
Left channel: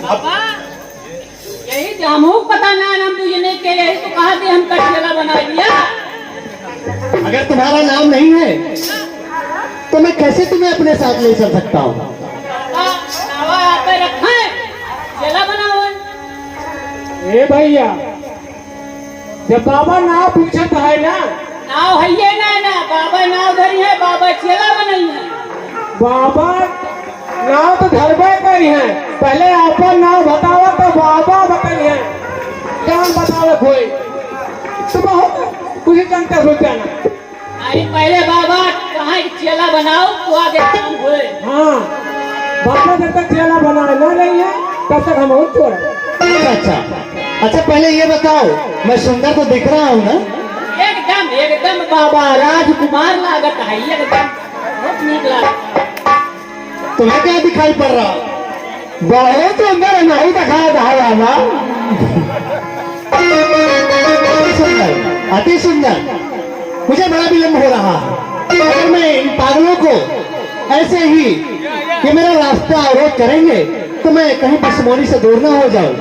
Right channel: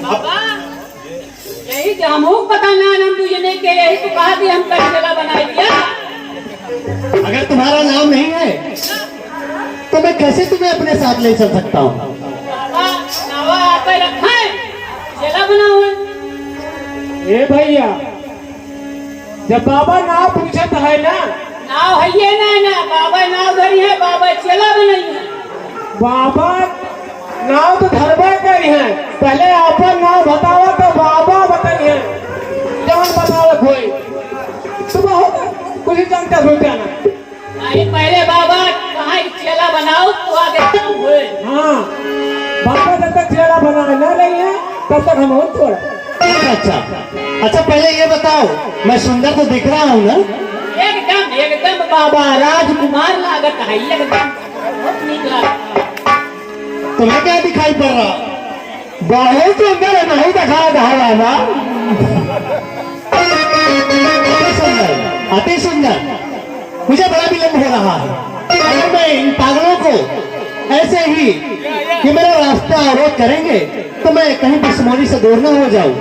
बाबा, यही जामू पता ना हम तुझे नहीं के, यही तो कहा कि हम कई जगह बना दिया। अगर तुम्हारा नाम नहीं है तो मैं कैसे तुम्हें अपने साथ ले चल सकता हूँ? बाबा नावा आप पे रखा है, जगह बना हुआ है। ए भैया, जब बाबा ना पूछा तो है ना, नाव है ये ना बाबा नाव धरी है, बाबा चला बनाई है। बाबा नाम तो धरबे करी है, पहले अपन नाम बताओ तो बाबा बताइए, जब बताओ कोई तो बहुत कुछ जानते हो क्या? अरे पहले बाबा कहाँ चला बनाओ तो आ देखता हूँ। हाँ, बाबा जब तक चेहरा बनाना नहीं है तब तक हम और छोड़। अच्छा पहले ये बताओ, मैं सुंदर तो दिख रहा हूँ ना? एकदम बाबा राजकुमार लागत है, एकदम ठीक लागत है। तुम्हें क्या दिखाई पड़ रहा? बहुत सुंदर नहीं दिखा बाबा, अति सुंदर। मुझे बड़ा विलम्ब हो रहा है। अगर मैं इन पागलों को ऐसे ही ये मेरा रास्ता अवरोध करेंगे तो मैं कहीं बिस्मोरी से दूर ना हो जाऊं।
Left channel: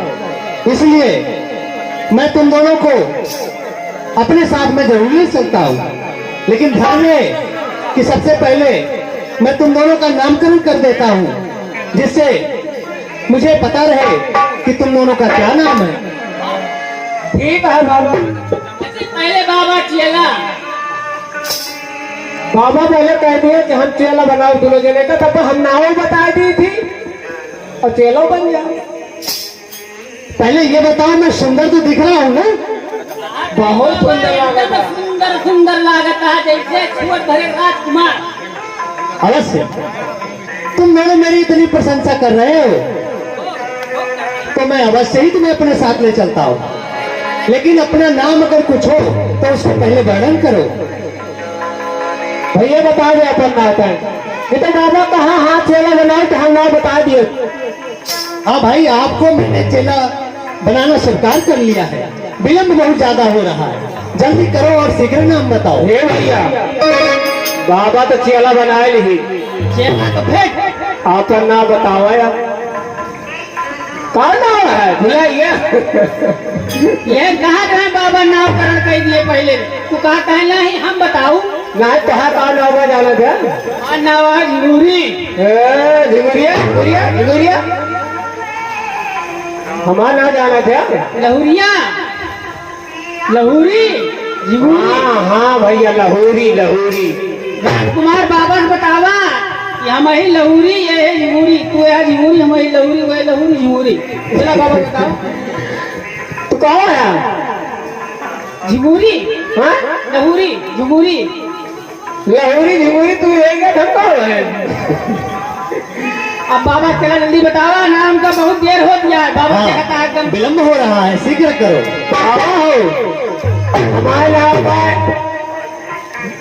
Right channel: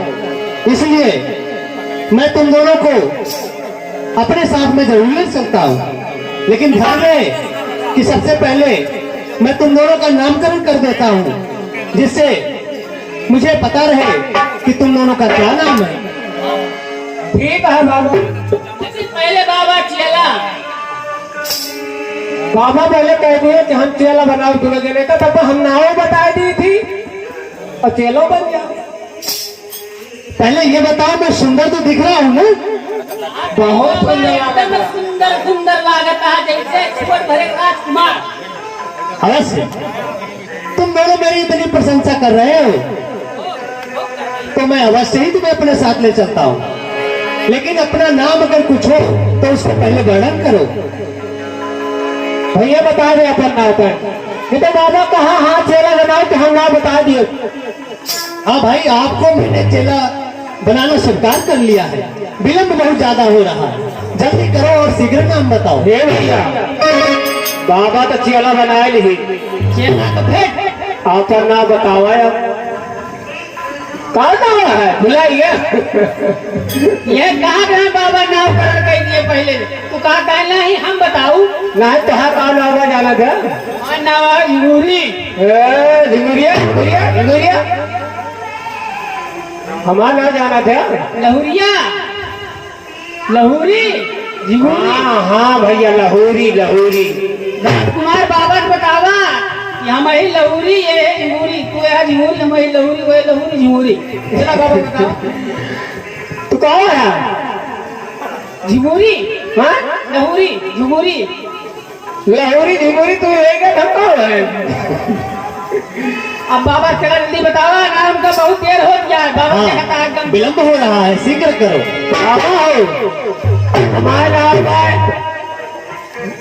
इसलिए मैं तुम दोनों को अपने साथ में जरूर ले सकता हूं, लेकिन ध्यान रहे कि सबसे पहले मैं तुम दोनों का नामकरण कर देता हूं, जिससे मुझे पता रहे कि तुम दोनों का क्या नाम है। ठीक है बाबू। पहले बाबा चेला। बाबा पहले कह दिए कि हम चेला बनाओ दोनों जने का, तब तो हम नाव बता दी थी और चेला बन जाओ। पहले ये बताओ मैं सुंदर तो दिख रहा हूँ ना? बहुत सुंदर एकदम लागत। सुंदर सुंदर लागत है, जैसे छुअट भरे राजकुमार। अवश्य तुम दोनों मेरी इतनी प्रशंसा कर रहे हो तो मैं अवश्य ही तुम्हें अपने साथ ले चलता हूँ, लेकिन अपना नाम अगर कुछ हो तो उसको पहले वर्णन करो। भैया बता दे अपन नाव पर। ये तो बाबा कहा हाँ चेला बनाओ तो हम नाव बता दिए। हाँ भाई, आपको मैंने चेला बनाना स्वीकार कर लिया है। विलम्ब बहुत ज्यादा हो रहा है, जल्दी करो और शीघ्र नाम बताओ। हे भैया, बाबा तो चेला बनाए नहीं, चेला तो फेंक। आप नाम बताओ यार। कहाँ नाम है भैया ये? ये कहाँ कहाँ बाबा नाम कर कह दिए पहले। तू कहा कहना ही हम बताऊ। नहीं तो है कहाँ नाम जाना था? और नाम है जरूरी। झुगुरिया झुगुरिया झुगुरिया हमारा नाम जाना था। लहुरिया लहुरी झिगुरी। हाँ हाँ भैया, लहूरी लहूरी। राजकुमार बाबा ने बतावा कि हम ही लहुरी ये है झिगुरी। तू है झिगुरी, हम ही लहुरी, वो है लहुरी झिगुरी। बोला बाबा बता। तू कहाँ है? झिगुरी हाँ? लहुरी झिगुरी। लहूरी झुगुरी तू यही का धक्का रहे। अब बाबा चला जल्दी बतावा, नाम का बहुत देर हो गया है। बाबा हाँ, कहता है एकदम विलम्ब हो रहा है, शीघ्र करो। हमारा नाम है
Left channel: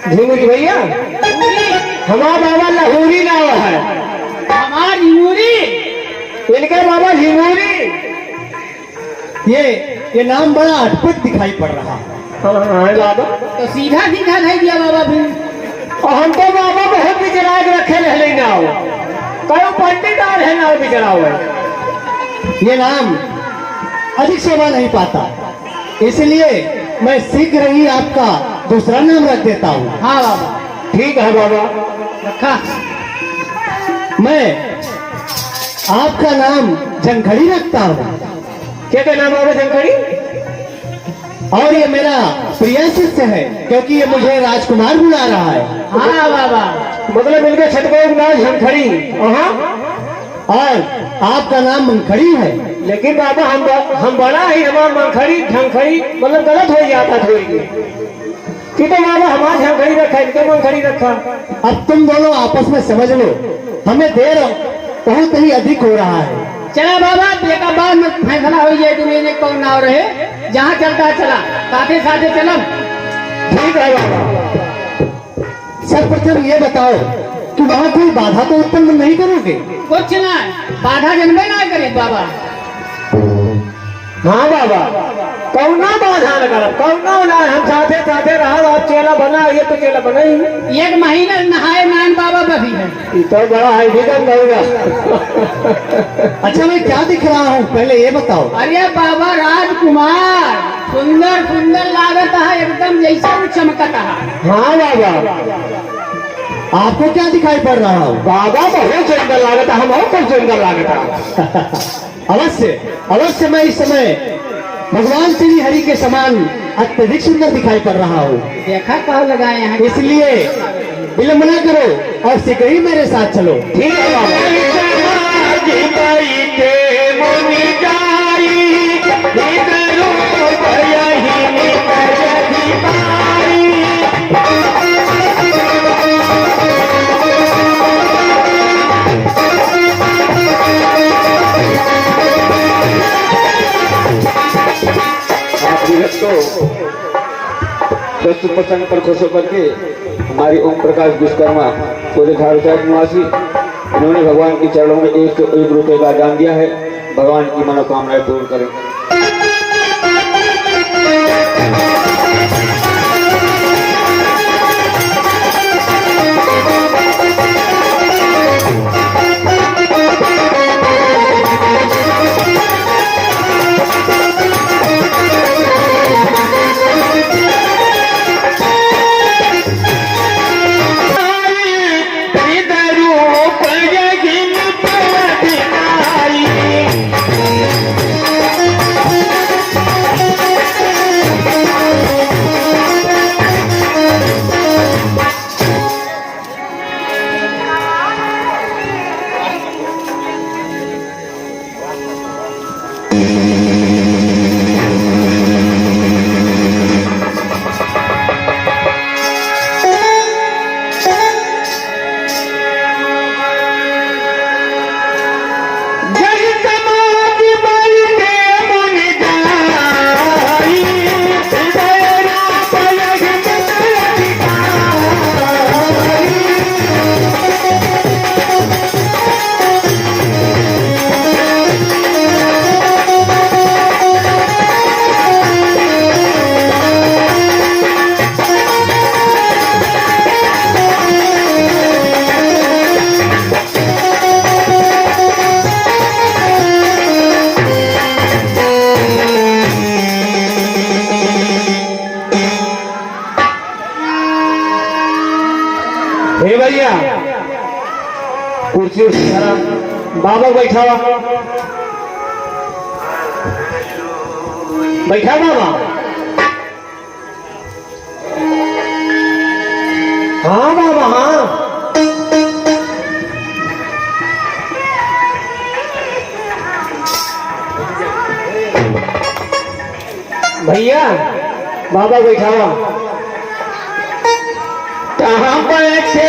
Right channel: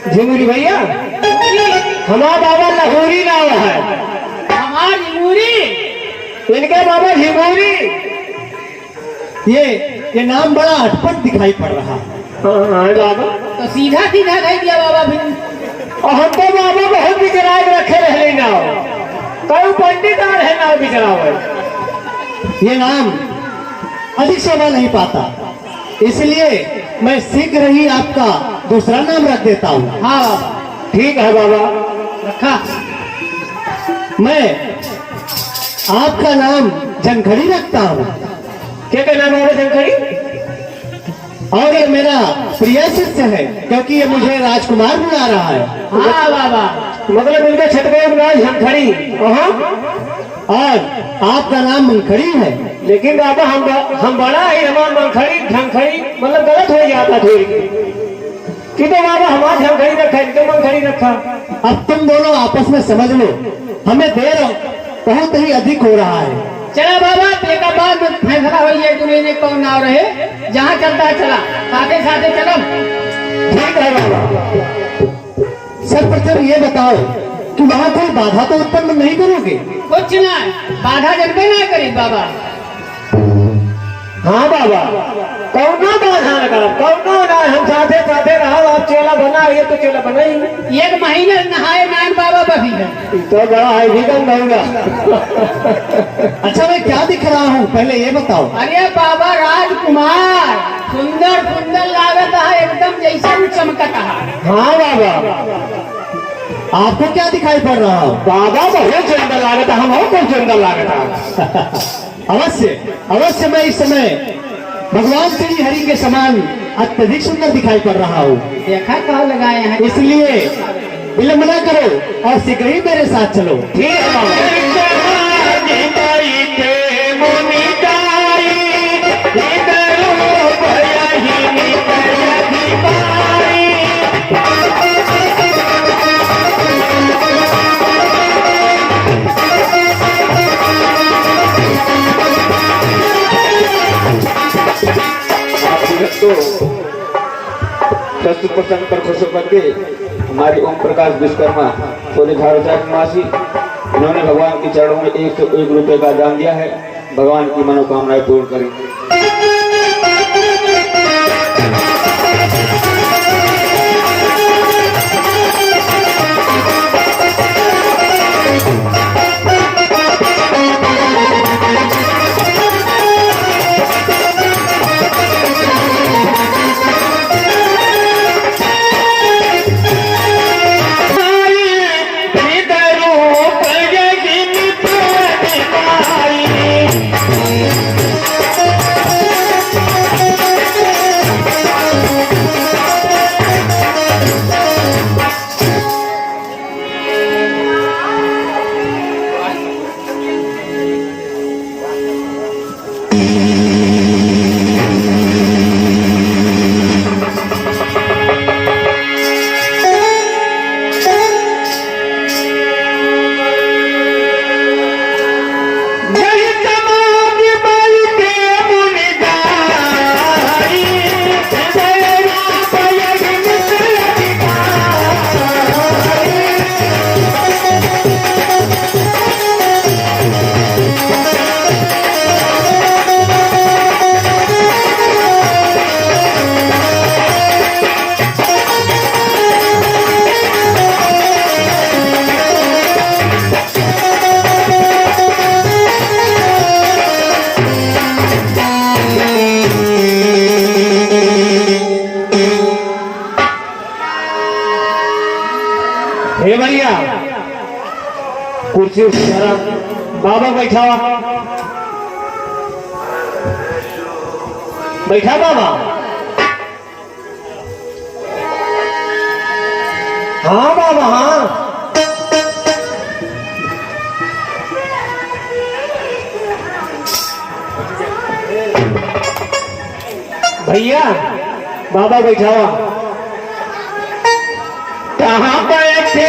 झिंगुरी भैया। हमारा बाबा लहूरी नाम है, हमार झिगुरी। इनके बाबा झिंगुरी। ये नाम बड़ा अटपट दिखाई पड़ रहा है। हाँ बाबा, तो सीधा सीधा नहीं दिया बाबा फिर। और हमके बाबा बहुत बिचरा के रखे रहली नाव। कई पंडित और है नाव बिचरा हुआ। ये नाम अधिक शोभा नहीं पाता, इसलिए मैं शीघ्र ही आपका दूसरा नाम रख देता हूँ। हाँ ठीक है बाबा। रखा। मैं आपका नाम जंखड़ी रखता हूँ, क्या कहना बाबा शंकरी? और ये मेरा प्रिय शिष्य है क्योंकि ये मुझे राजकुमार बुला रहा है। हाँ बाबा। मतलब इनका छठ गया नाम शंकरी। और आपका नाम मुनखड़ी है। लेकिन बाबा हम बड़ा ही हमारा मनखड़ी झंखड़ी मतलब गलत हो जाता थोड़ी। ठीक है बाबा, हमारा झंखड़ी रखा, इनके मनखड़ी रखा। अब तुम दोनों आपस में समझ लो, हमें देर बहुत ही अधिक हो रहा है। चला बाबा, देखा बाद में फैसला हो जाए तुम्हें कौन नाव रहे। जहाँ चलता है चला, साथे साथे चलम। ठीक है बाबा। सर्वप्रथम ये बताओ कि वहाँ कोई बाधा तो उत्पन्न नहीं करोगे? कुछ ना, बाधा जनबे ना करे बाबा। हाँ बाबा, कौना बाधा लगा, कौना ना, हम साथे साथे रहा। आप चेला बना, ये तो चेला बना ही। एक महीना नहाए नैन बाबा बभी है। ये तो बड़ा है, निगम होगा। अच्छा, मैं क्या दिख रहा हूँ पहले ये बताओ। अरे बाबा राजकुमार, सुंदर सुंदर लागत है, एकदम जैसा वो चमकता है। हाँ बाबा। आपको क्या दिखाई पड़ रहा हूँ? बाबा बहुत सुंदर लागत है, हम और खूब सुंदर लागत है। अवश्य अवश्य, मैं इस समय भगवान श्री हरि के समान अत्यधिक सुंदर दिखाई पड़ रहा हूँ। देखा कहाँ लगाए हैं। इसलिए विलम्ब न करो और शीघ्र ही मेरे साथ चलो। ठीक है। प्रस्तुत प्रसंग पर खुश होकर के हमारे ओम प्रकाश विश्वकर्मा पूरे झाड़ू निवासी, उन्होंने भगवान के चरणों में 101 रुपए का दान दिया है। भगवान की मनोकामनाएं पूर्ण करें। हे भैया कुर्सी जरा बाबा बैठा बैठा बाबा। हाँ बाबा हाँ। भैया बाबा बैठा कहाँ बैठे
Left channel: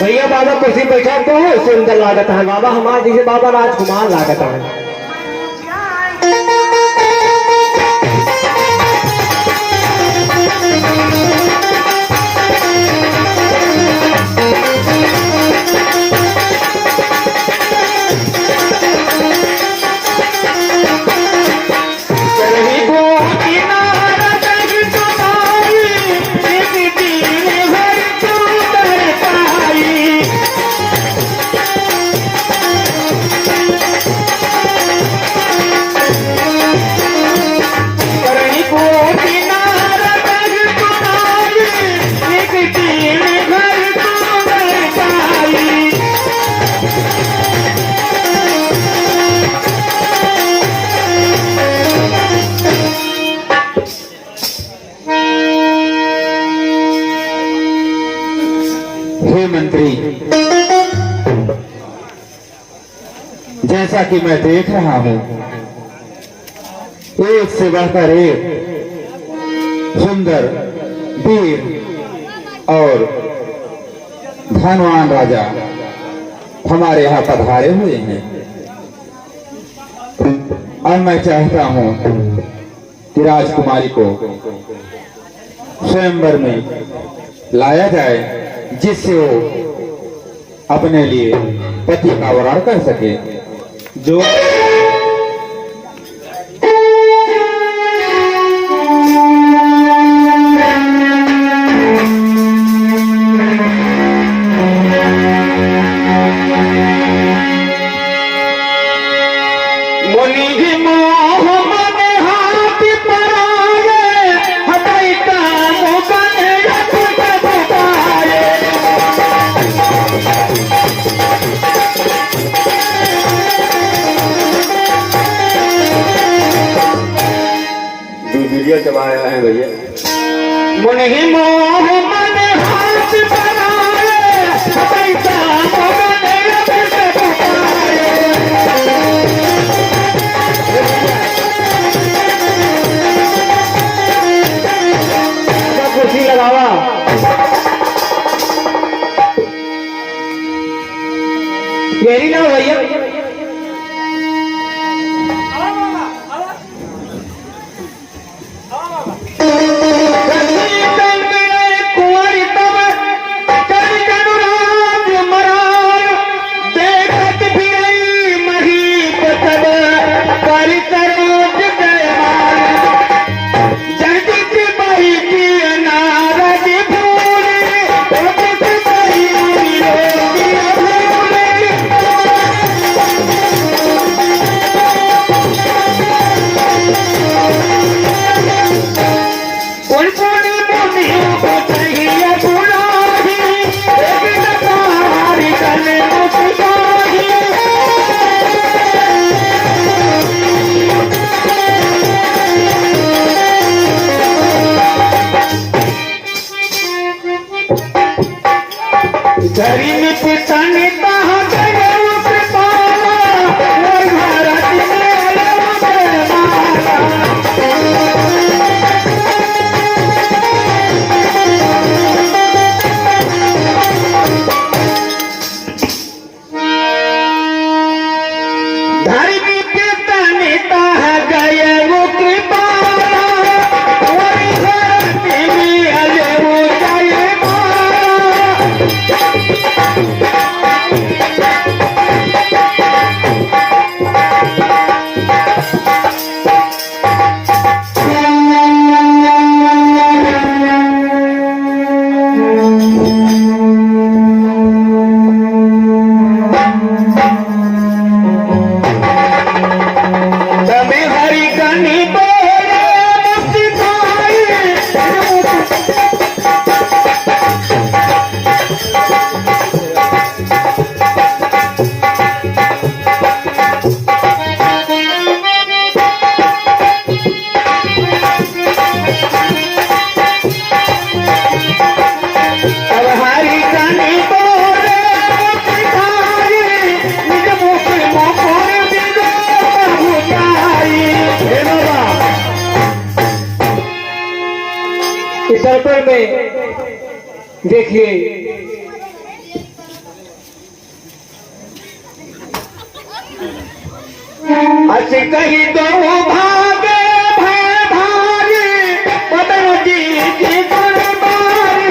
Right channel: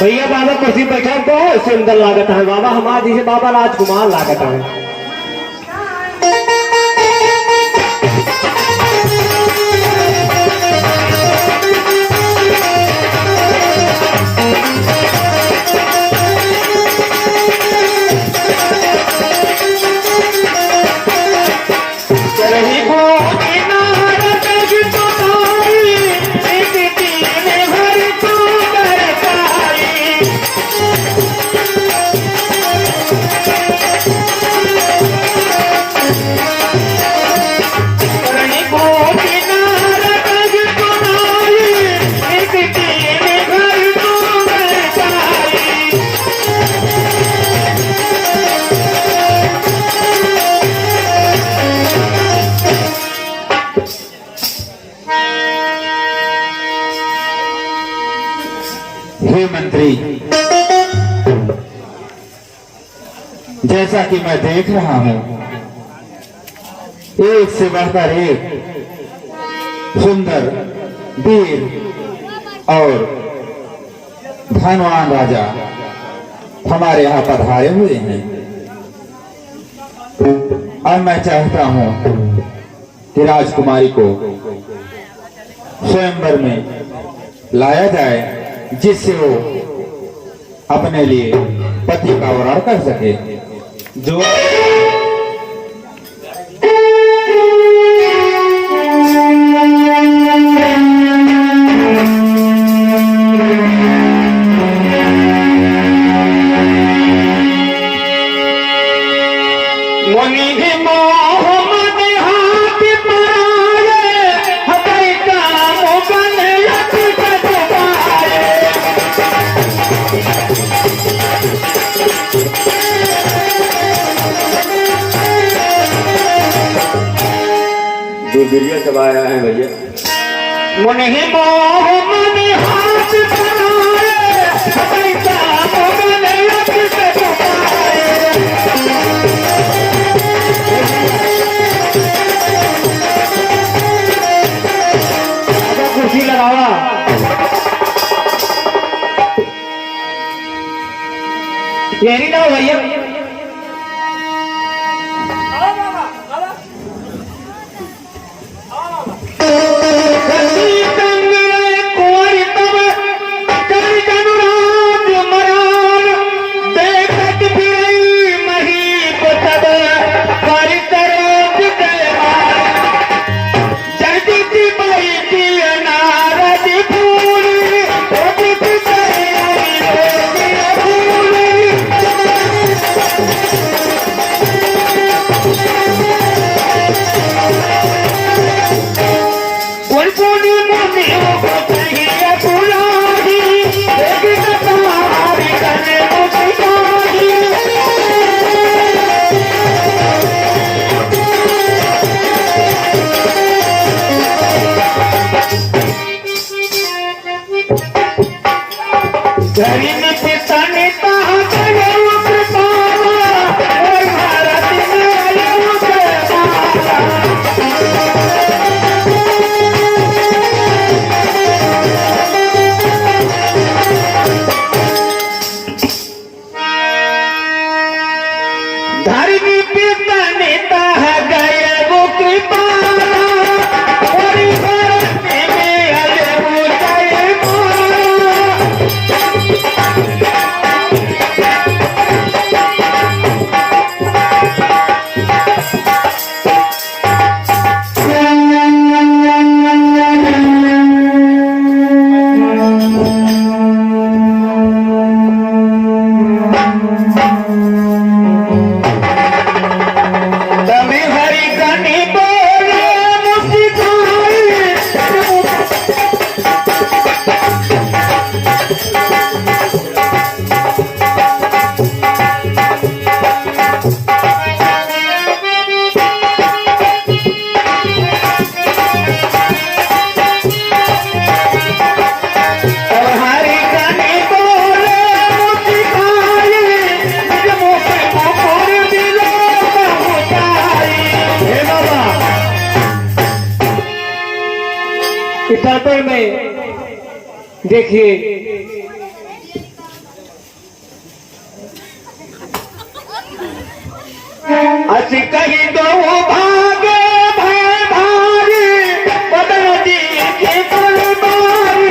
भैया बाबा कुर्सी बैठा तो सुंदर लागत है बाबा हमारे जैसे बाबा राजकुमार लागत है। हे मंत्री, जैसा कि मैं देख रहा हूं एक से बढ़कर एक सुंदर वीर और धनवान राजा हमारे यहाँ पधारे हुए हैं। अब मैं चाहता हूं कि राजकुमारी को स्वयंवर में लाया जाए जिससे वो अपने लिए पति का वरण कर सके। जो दूरदुरिया सब आया है भैया। कुर्सी लगावा मेरी ना भैया। कुंवारी तब कई कनुराज मरा इस दर्पण में देखिए ऐसे कहीं तो भागे भागे कदर जी की कुर्बानी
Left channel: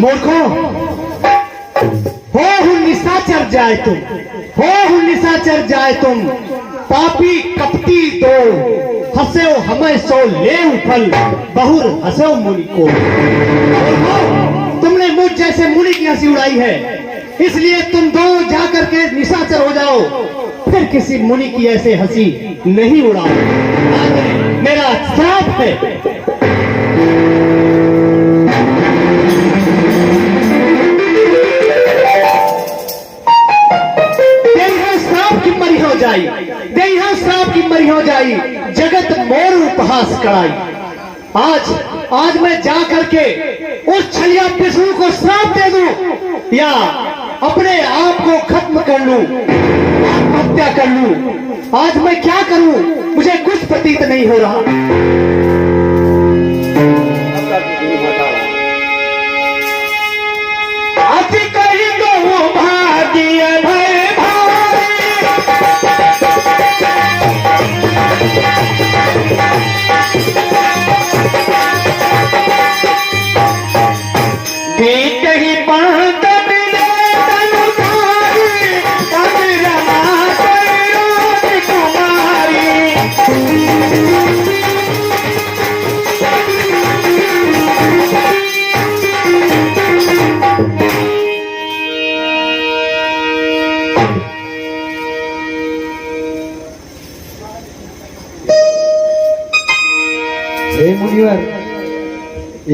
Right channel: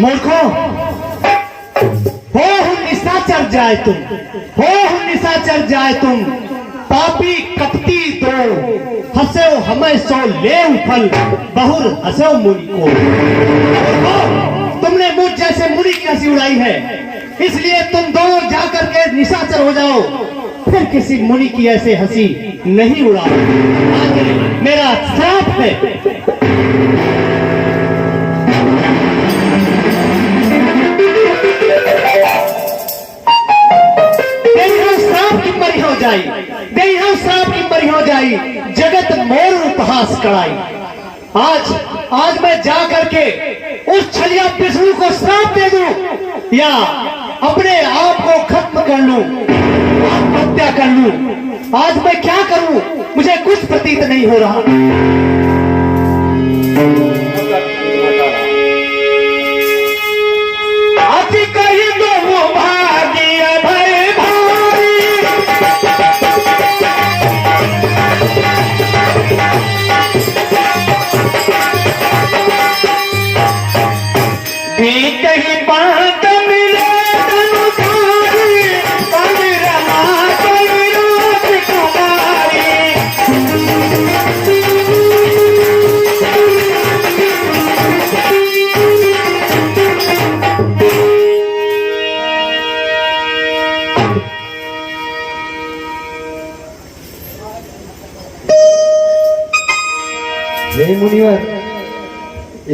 मूर्खों, हो निशाचर जाए तुम, हो निशाचर जाए तुम, पापी कपटी द्रोह, हंसे हमें सो ले फल, बहुर हंसो मुनि को। तुमने मुझ जैसे मुनि की हंसी उड़ाई है, इसलिए तुम दोनों जाकर के निशाचर हो जाओ, फिर किसी मुनि की ऐसे हंसी नहीं उड़ाओ। मेरा श्राप है। श्राप की मरी हो जाई, जगत मोर उपहास कराई। आज मैं जा करके उस छलिया विष्णु को श्राप दे दूं या अपने आप को खत्म कर लूं, आत्महत्या कर लूं। आज मैं क्या करूं, मुझे कुछ प्रतीत नहीं हो रहा। हे मुनिवर,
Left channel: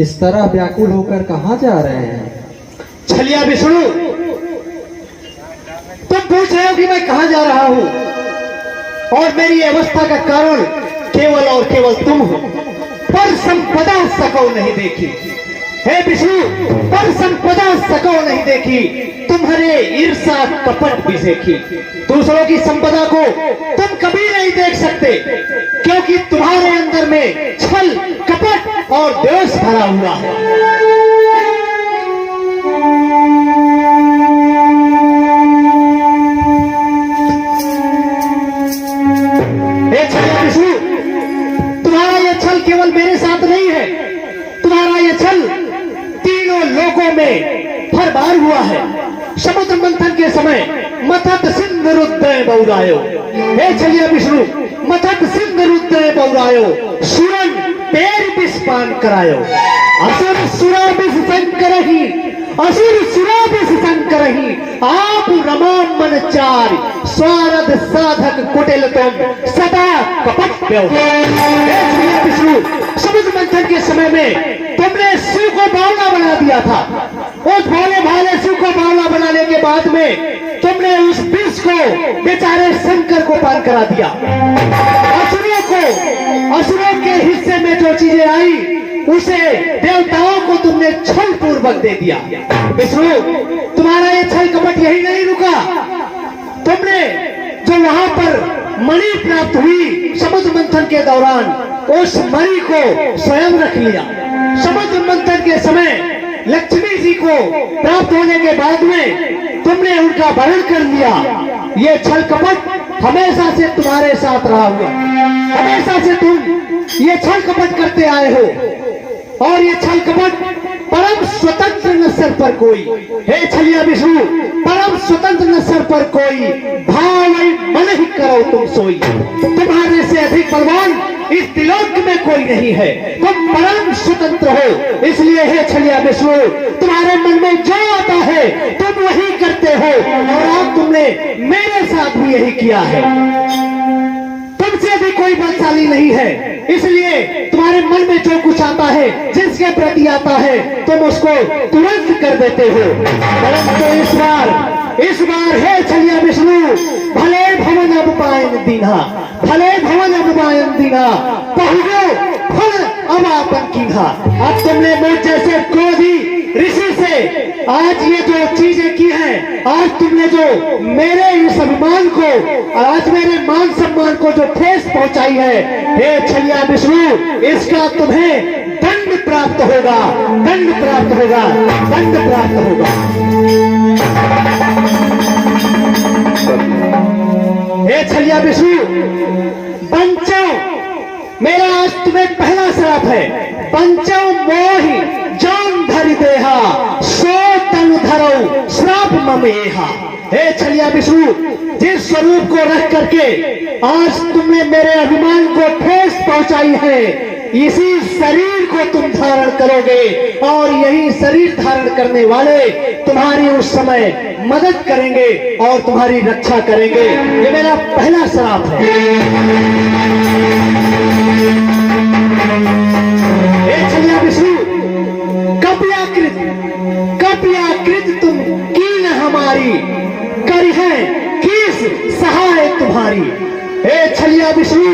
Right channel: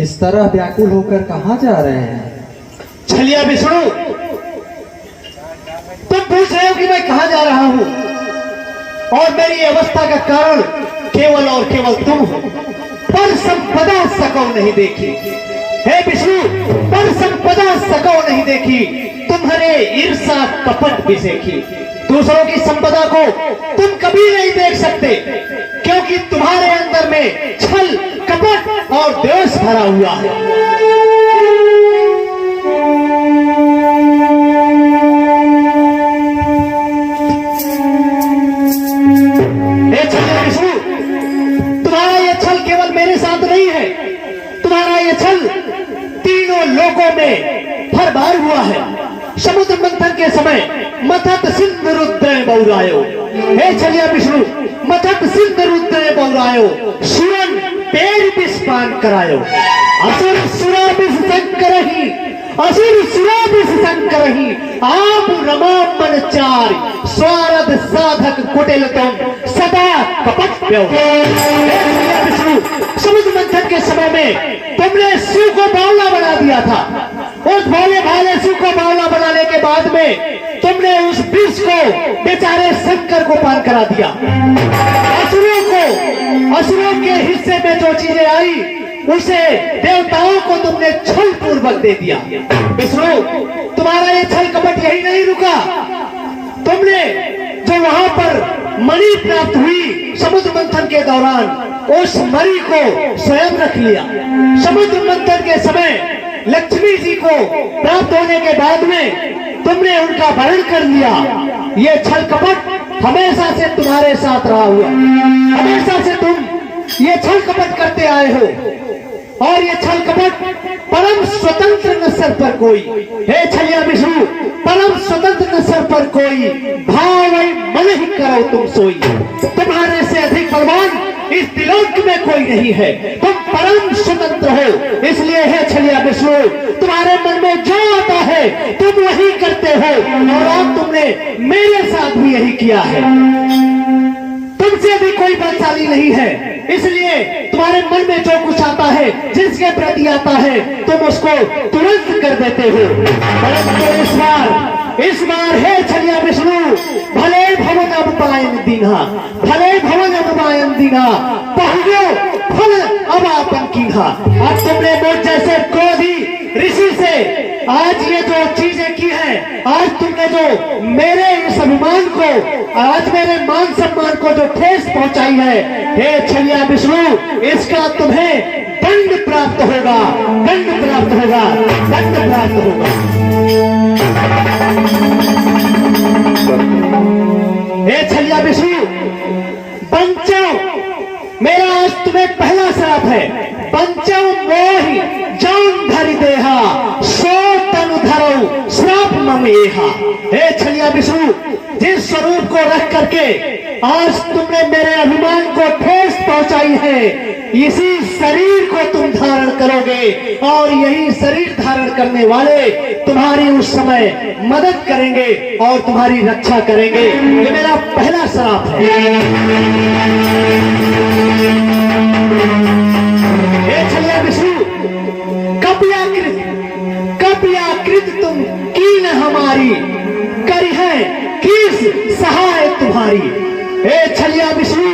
इस तरह व्याकुल होकर कहाँ जा रहे हैं? छलिया विष्णु, तुम पूछ रहे हो कि मैं कहाँ जा रहा हूँ, और मेरी अवस्था का कारण केवल और केवल तुम हो। पर संपदा सको नहीं देखी, हे विष्णु, पर संपदा सको नहीं देखी, तुम्हारे ईर्षा कपट भी देखी। दूसरों की संपदा को तुम कभी नहीं देख सकते, क्योंकि तुम्हारे अंदर में छल कपट और द्वेष भरा हुआ है। विष्णु, तुम्हारा यह छल केवल मेरे साथ नहीं है, तुम्हारा यह छल तीनों लोगों में हर बार हुआ है। समुद्र मंथन के समय मथत सिंधु रुद्र बहुरायो, हे छलिया विष्णु, मथत सिंधु रुद्र बहुरायो, सुरन पैर विस्पान करायो, असुर सुरा विष शंकर ही, असुर सुरा विष शंकर ही, आप रमो मन चार, स्वारद साधक कुटिल तुम, सदा कपट प्यो। विष्णु, समुद्र मंथन के समय में तुमने शिव को बावला बना दिया था। उस भोले भाले शिव को बावला बनाने के बाद में तुमने उस विष को बेचारे शंकर को पान करा दिया। असुरों के हिस्से में जो चीजें आई, उसे देवताओं को तुमने छल पूर्वक दे दिया। विष्णु, तुम्हारा ये छल कपट यही नहीं रुका। तुमने जो वहां पर मणि प्राप्त हुई समुद्र मंथन के दौरान, उस मणि को स्वयं रख लिया। समुद्र मंथन के समय लक्ष्मी जी को प्राप्त होने के बाद में तुमने उनका वर्ण कर लिया। ये छल कपट हमेशा से तुम्हारे साथ रहा हुआ, हमेशा से तुम ये छल कपट करते आए हो। और ये छल कपट परम स्वतंत्र न सर पर कोई, हे छलिया विष्णु, परम स्वतंत्र न सर पर कोई, भावई मन ही करो तुम सोई। तुम्हारे से अधिक भगवान इस त्रिलोक में कोई नहीं है। तुम परम स्वतंत्र हो, इसलिए हे छलिया विष्णु, तुम्हारे मन में जो आता है तुम यही करते हो। और अब तुमने मेरे साथ भी यही किया है। तुमसे भी कोई बलशाली नहीं है, इसलिए तुम्हारे मन में जो कुछ आता है, जिसके प्रति आता है, तुम उसको तुरंत कर देते हो। इस बार हे छलिया विष्णु, भले भवन अपपायन दीना, भले भवन अपपायन दीना, पहुंचो फल अब आपन कीन्हा। अब तुमने मुझ जैसे क्रोधी ऋषि से आज ये जो चीजें की हैं, आज तुमने जो मेरे इस अभिमान को, आज मेरे मान सम्मान को जो ठेस पहुंचाई है, हे छलिया विष्णु, इसका तुम्हें दंड प्राप्त होगा, दंड प्राप्त होगा, दंड प्राप्त होगा। हे छलिया विष्णु, पंचो, मेरा आज तुम्हें पहला श्राप है। पंचो मोहि जान धरि देहा, सो तनु धरो श्राप मम एहा। हे छलिया विष्णु, जिस स्वरूप को रख करके आज तुमने मेरे अभिमान को ठेस पहुंचाई है, इसी शरीर को तुम धारण करोगे और यही शरीर धारण करने वाले तुम्हारी उस समय मदद करेंगे और तुम्हारी रक्षा करेंगे। ये मेरा पहला श्राप है। हे छलिया विष्णु, कपियाकृत तुम कीन हमारी, करी है किस सहाय तुम्हारी। हे छलिया विष्णु,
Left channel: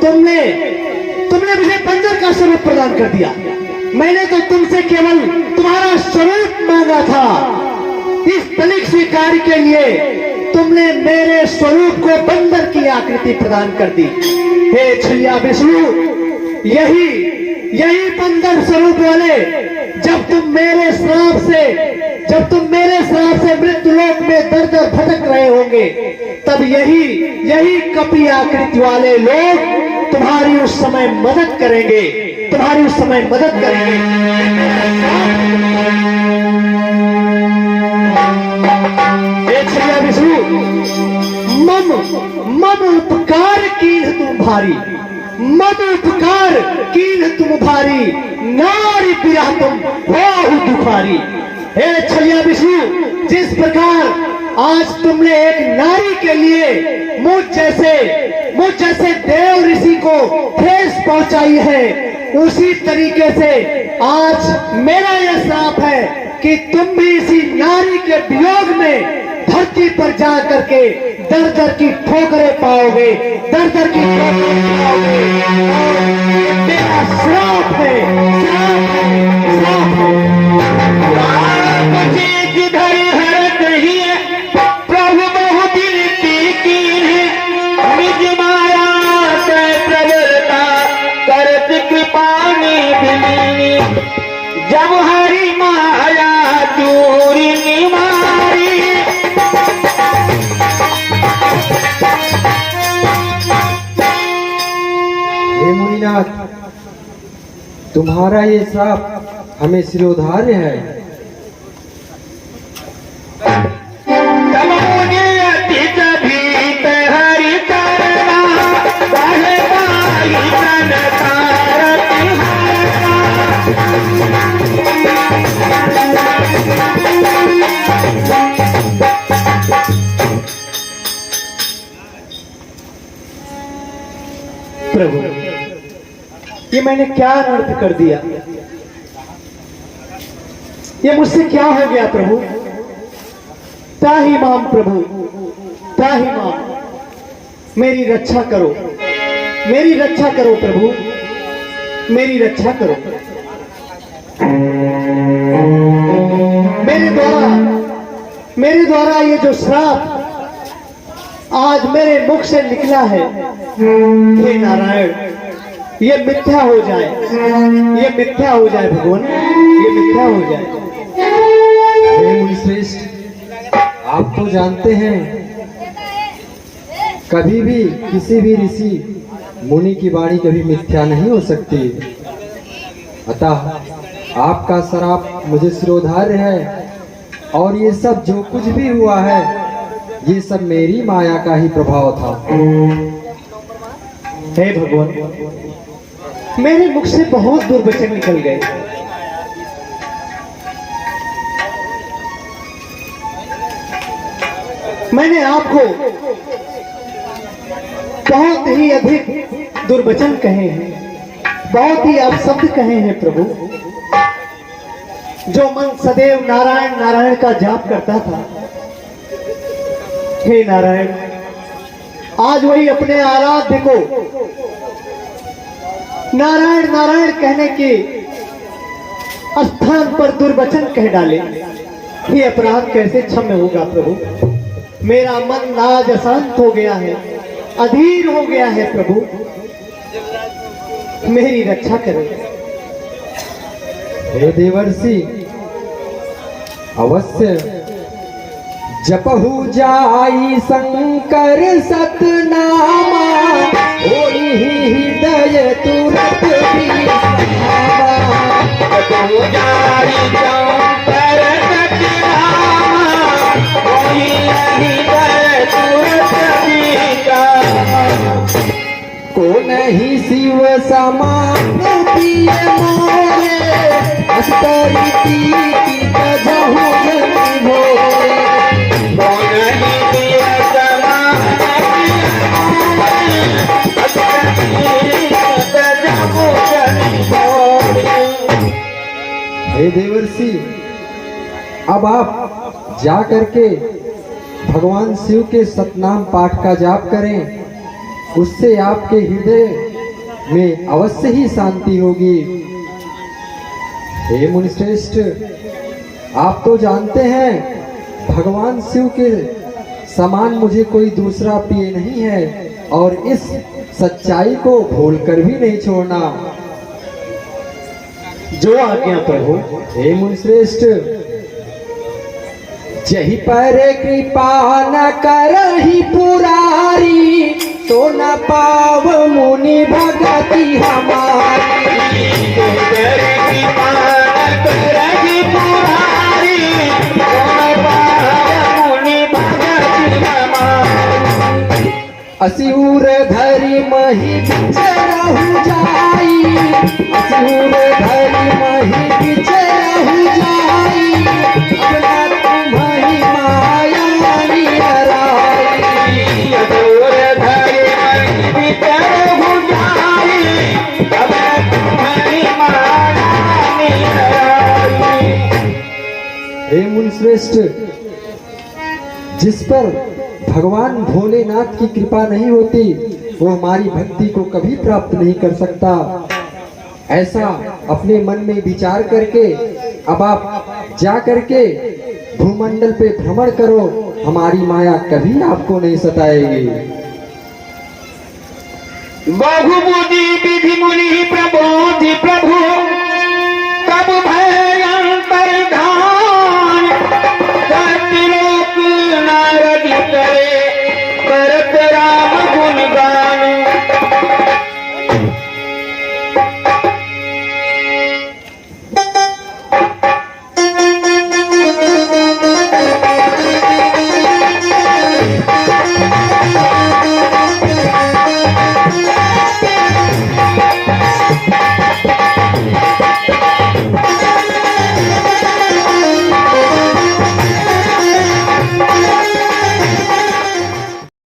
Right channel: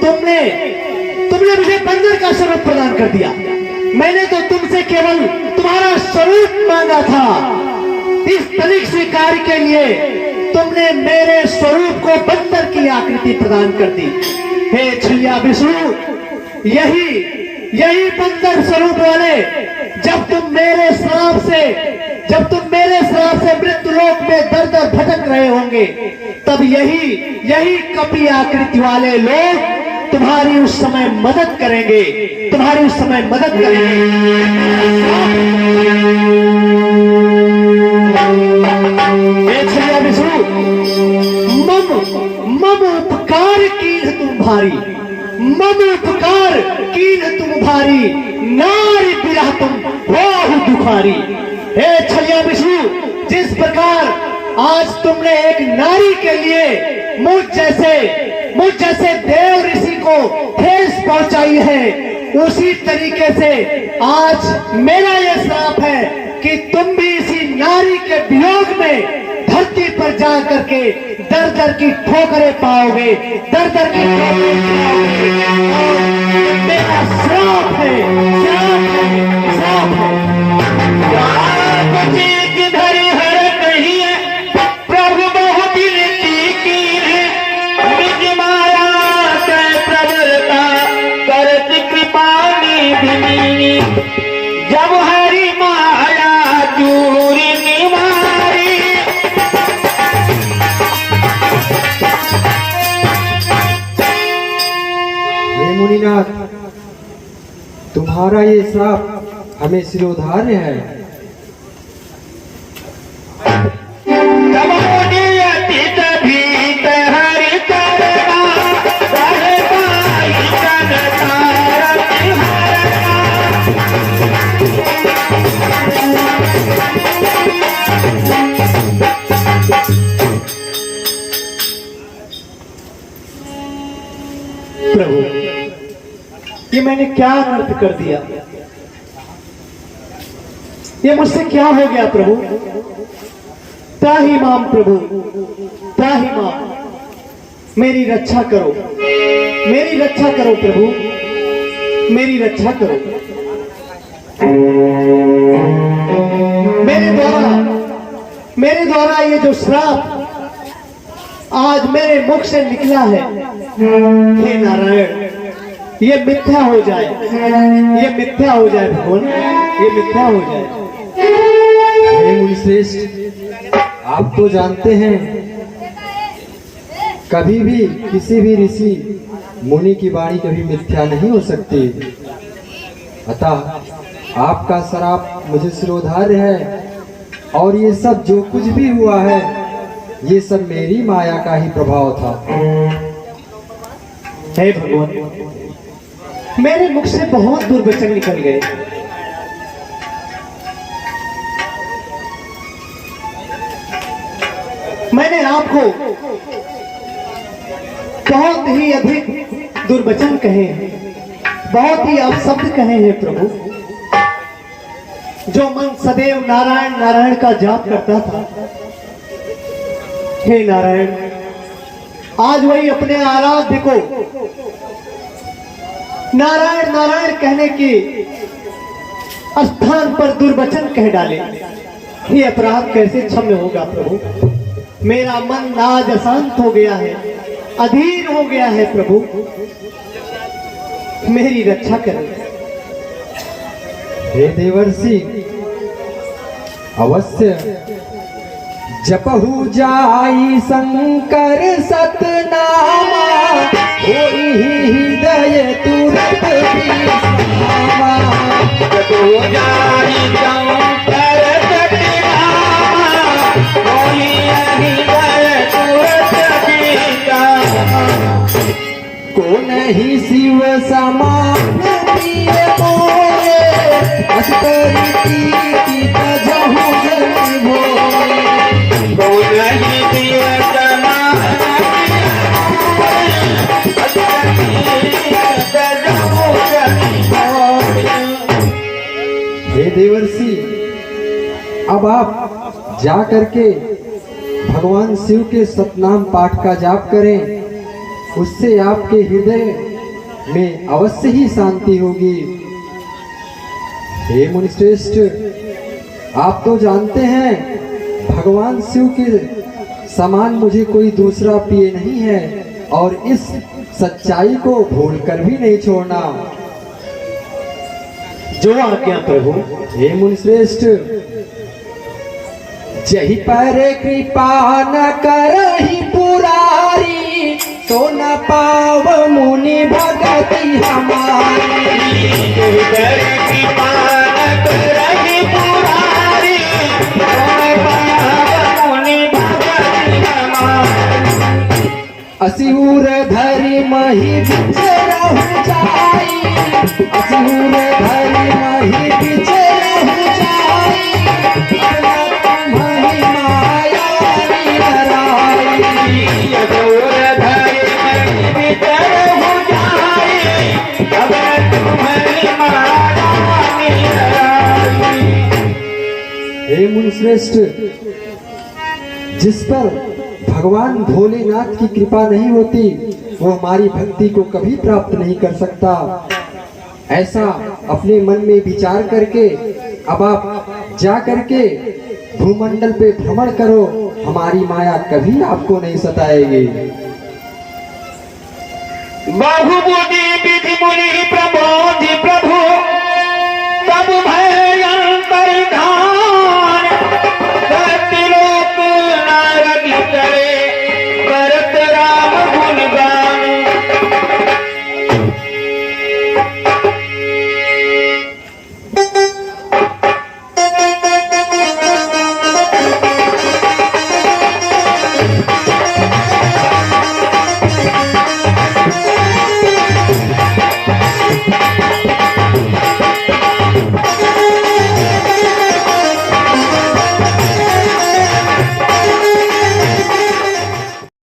तुमने मुझे बंदर का स्वरूप प्रदान कर दिया। मैंने तो तुमसे केवल तुम्हारा स्वरूप मांगा था। इस तनिक सी कार्य के लिए तुमने मेरे स्वरूप को बंदर की आकृति प्रदान कर दी। हे छलिया विष्णु, यही बंदर स्वरूप वाले जब तुम मेरे श्राप से मृत्यु लोक में दर दर भटक रहे होंगे, तब यही कपि आकृति वाले लोग तुम्हारी उस समय मदद करेंगे, तुम्हारी उस समय मदद करेंगे। हे छलिया विष्णु, मम उपकार कीन तुम भारी, मम उपकार कीन तुम भारी, नारी पिया तुम बहु दुखारी। हे छलिया विष्णु, जिस प्रकार आज तुमने एक नारी के लिए मुझ जैसे देव ऋषि को ठेस पहुंचाई है, उसी तरीके से आज मेरा यह श्राप है कि तुम भी इसी नारी के वियोग में धरती पर जा करके दर दर की ठोकरें पाओगे, दर दर की मेरा श्राप है, श्राप है। हे मुनिनाथ, तुम्हारा ये श्राप हमें शिरोधार्य है। प्रभु, ये मैंने क्या अनर्थ कर दिया? ये मुझसे क्या हो गया प्रभु? त्राहि माम प्रभु, त्राहि माम, मेरी रक्षा करो, मेरी रक्षा करो प्रभु, मेरी रक्षा करो। का ये जो श्राप आज मेरे मुख से निकला है, हे नारायण, ये मिथ्या हो जाए, ये मिथ्या हो जाए भगवान, ये मिथ्या हो जाए। हे मुनिश्रेष्ठ, आप तो जानते हैं कभी भी किसी भी ऋषि मुनि की वाणी कभी मिथ्या नहीं हो सकती। अतः आपका श्राप मुझे सिरोधार्य है और ये सब जो कुछ भी हुआ है ये सब मेरी माया का ही प्रभाव था। हे भगवान, मेरे मुख से बहुत दुर्वचन निकल गए। मैंने आपको बहुत ही अधिक दुर्वचन कहे हैं, बहुत ही अपशब्द कहे हैं प्रभु। जो मन सदैव नारायण नारायण का जाप करता था, हे नारायण, आज वही अपने आराध्य को नारायण नारायण कहने के स्थान पर दुर्वचन कह डाले। ये अपराध कैसे क्षम्य होगा प्रभु? मेरा मन नाज अशांत हो गया है, अधीर हो गया है प्रभु, मेरी रक्षा करें। हे देवर्षि, अवश्य जपहु जाई शंकर सतनामा, होई हृदय तुरत विश्रामा। जपहु जाई शंकर सतनामा, होई हृदय तुरत विश्रामा। को नहीं शिव समान प्रिय मोरे, अस्तर की कजहु जन भोरे। को नहीं शिव समान कजहु जन भोरे। हे देवर्षि, अब आप जा करके भगवान शिव के सतनाम पाठ का जाप करें, उससे आपके हृदय में अवश्य ही शांति होगी। हे मुनिश्रेष्ठ, आप तो जानते हैं भगवान शिव के समान मुझे कोई दूसरा प्रिय नहीं है और इस सच्चाई को भूलकर भी नहीं छोड़ना। जो आज्ञा प्रभु। हे मुनिश्रेष्ठ, जही पर कृपा न करहि पुरारी, तो न पाव मुनि भगति हमारी। जही पर कृपा न करहि पुरारी, तो न पाव मुनि भगति हमारी। असिहुर धरि मही बिचरहु जाई, असिहुर धरि मही बिचरहु जाई। मही माया निराई, असिहुर धरि मही बिचरहु जाई। मही माया निराई। हे मुनिश्रेष्ठ, जिस पर भगवान भोलेनाथ की कृपा नहीं होती वो हमारी भक्ति को कभी प्राप्त नहीं कर सकता। ऐसा अपने मन में विचार करके अब आप जा करके भूमंडल पे भ्रमण करो, हमारी माया कभी आपको नहीं सताएगी। बहुबुद्धि विधि मुनि प्रबोधि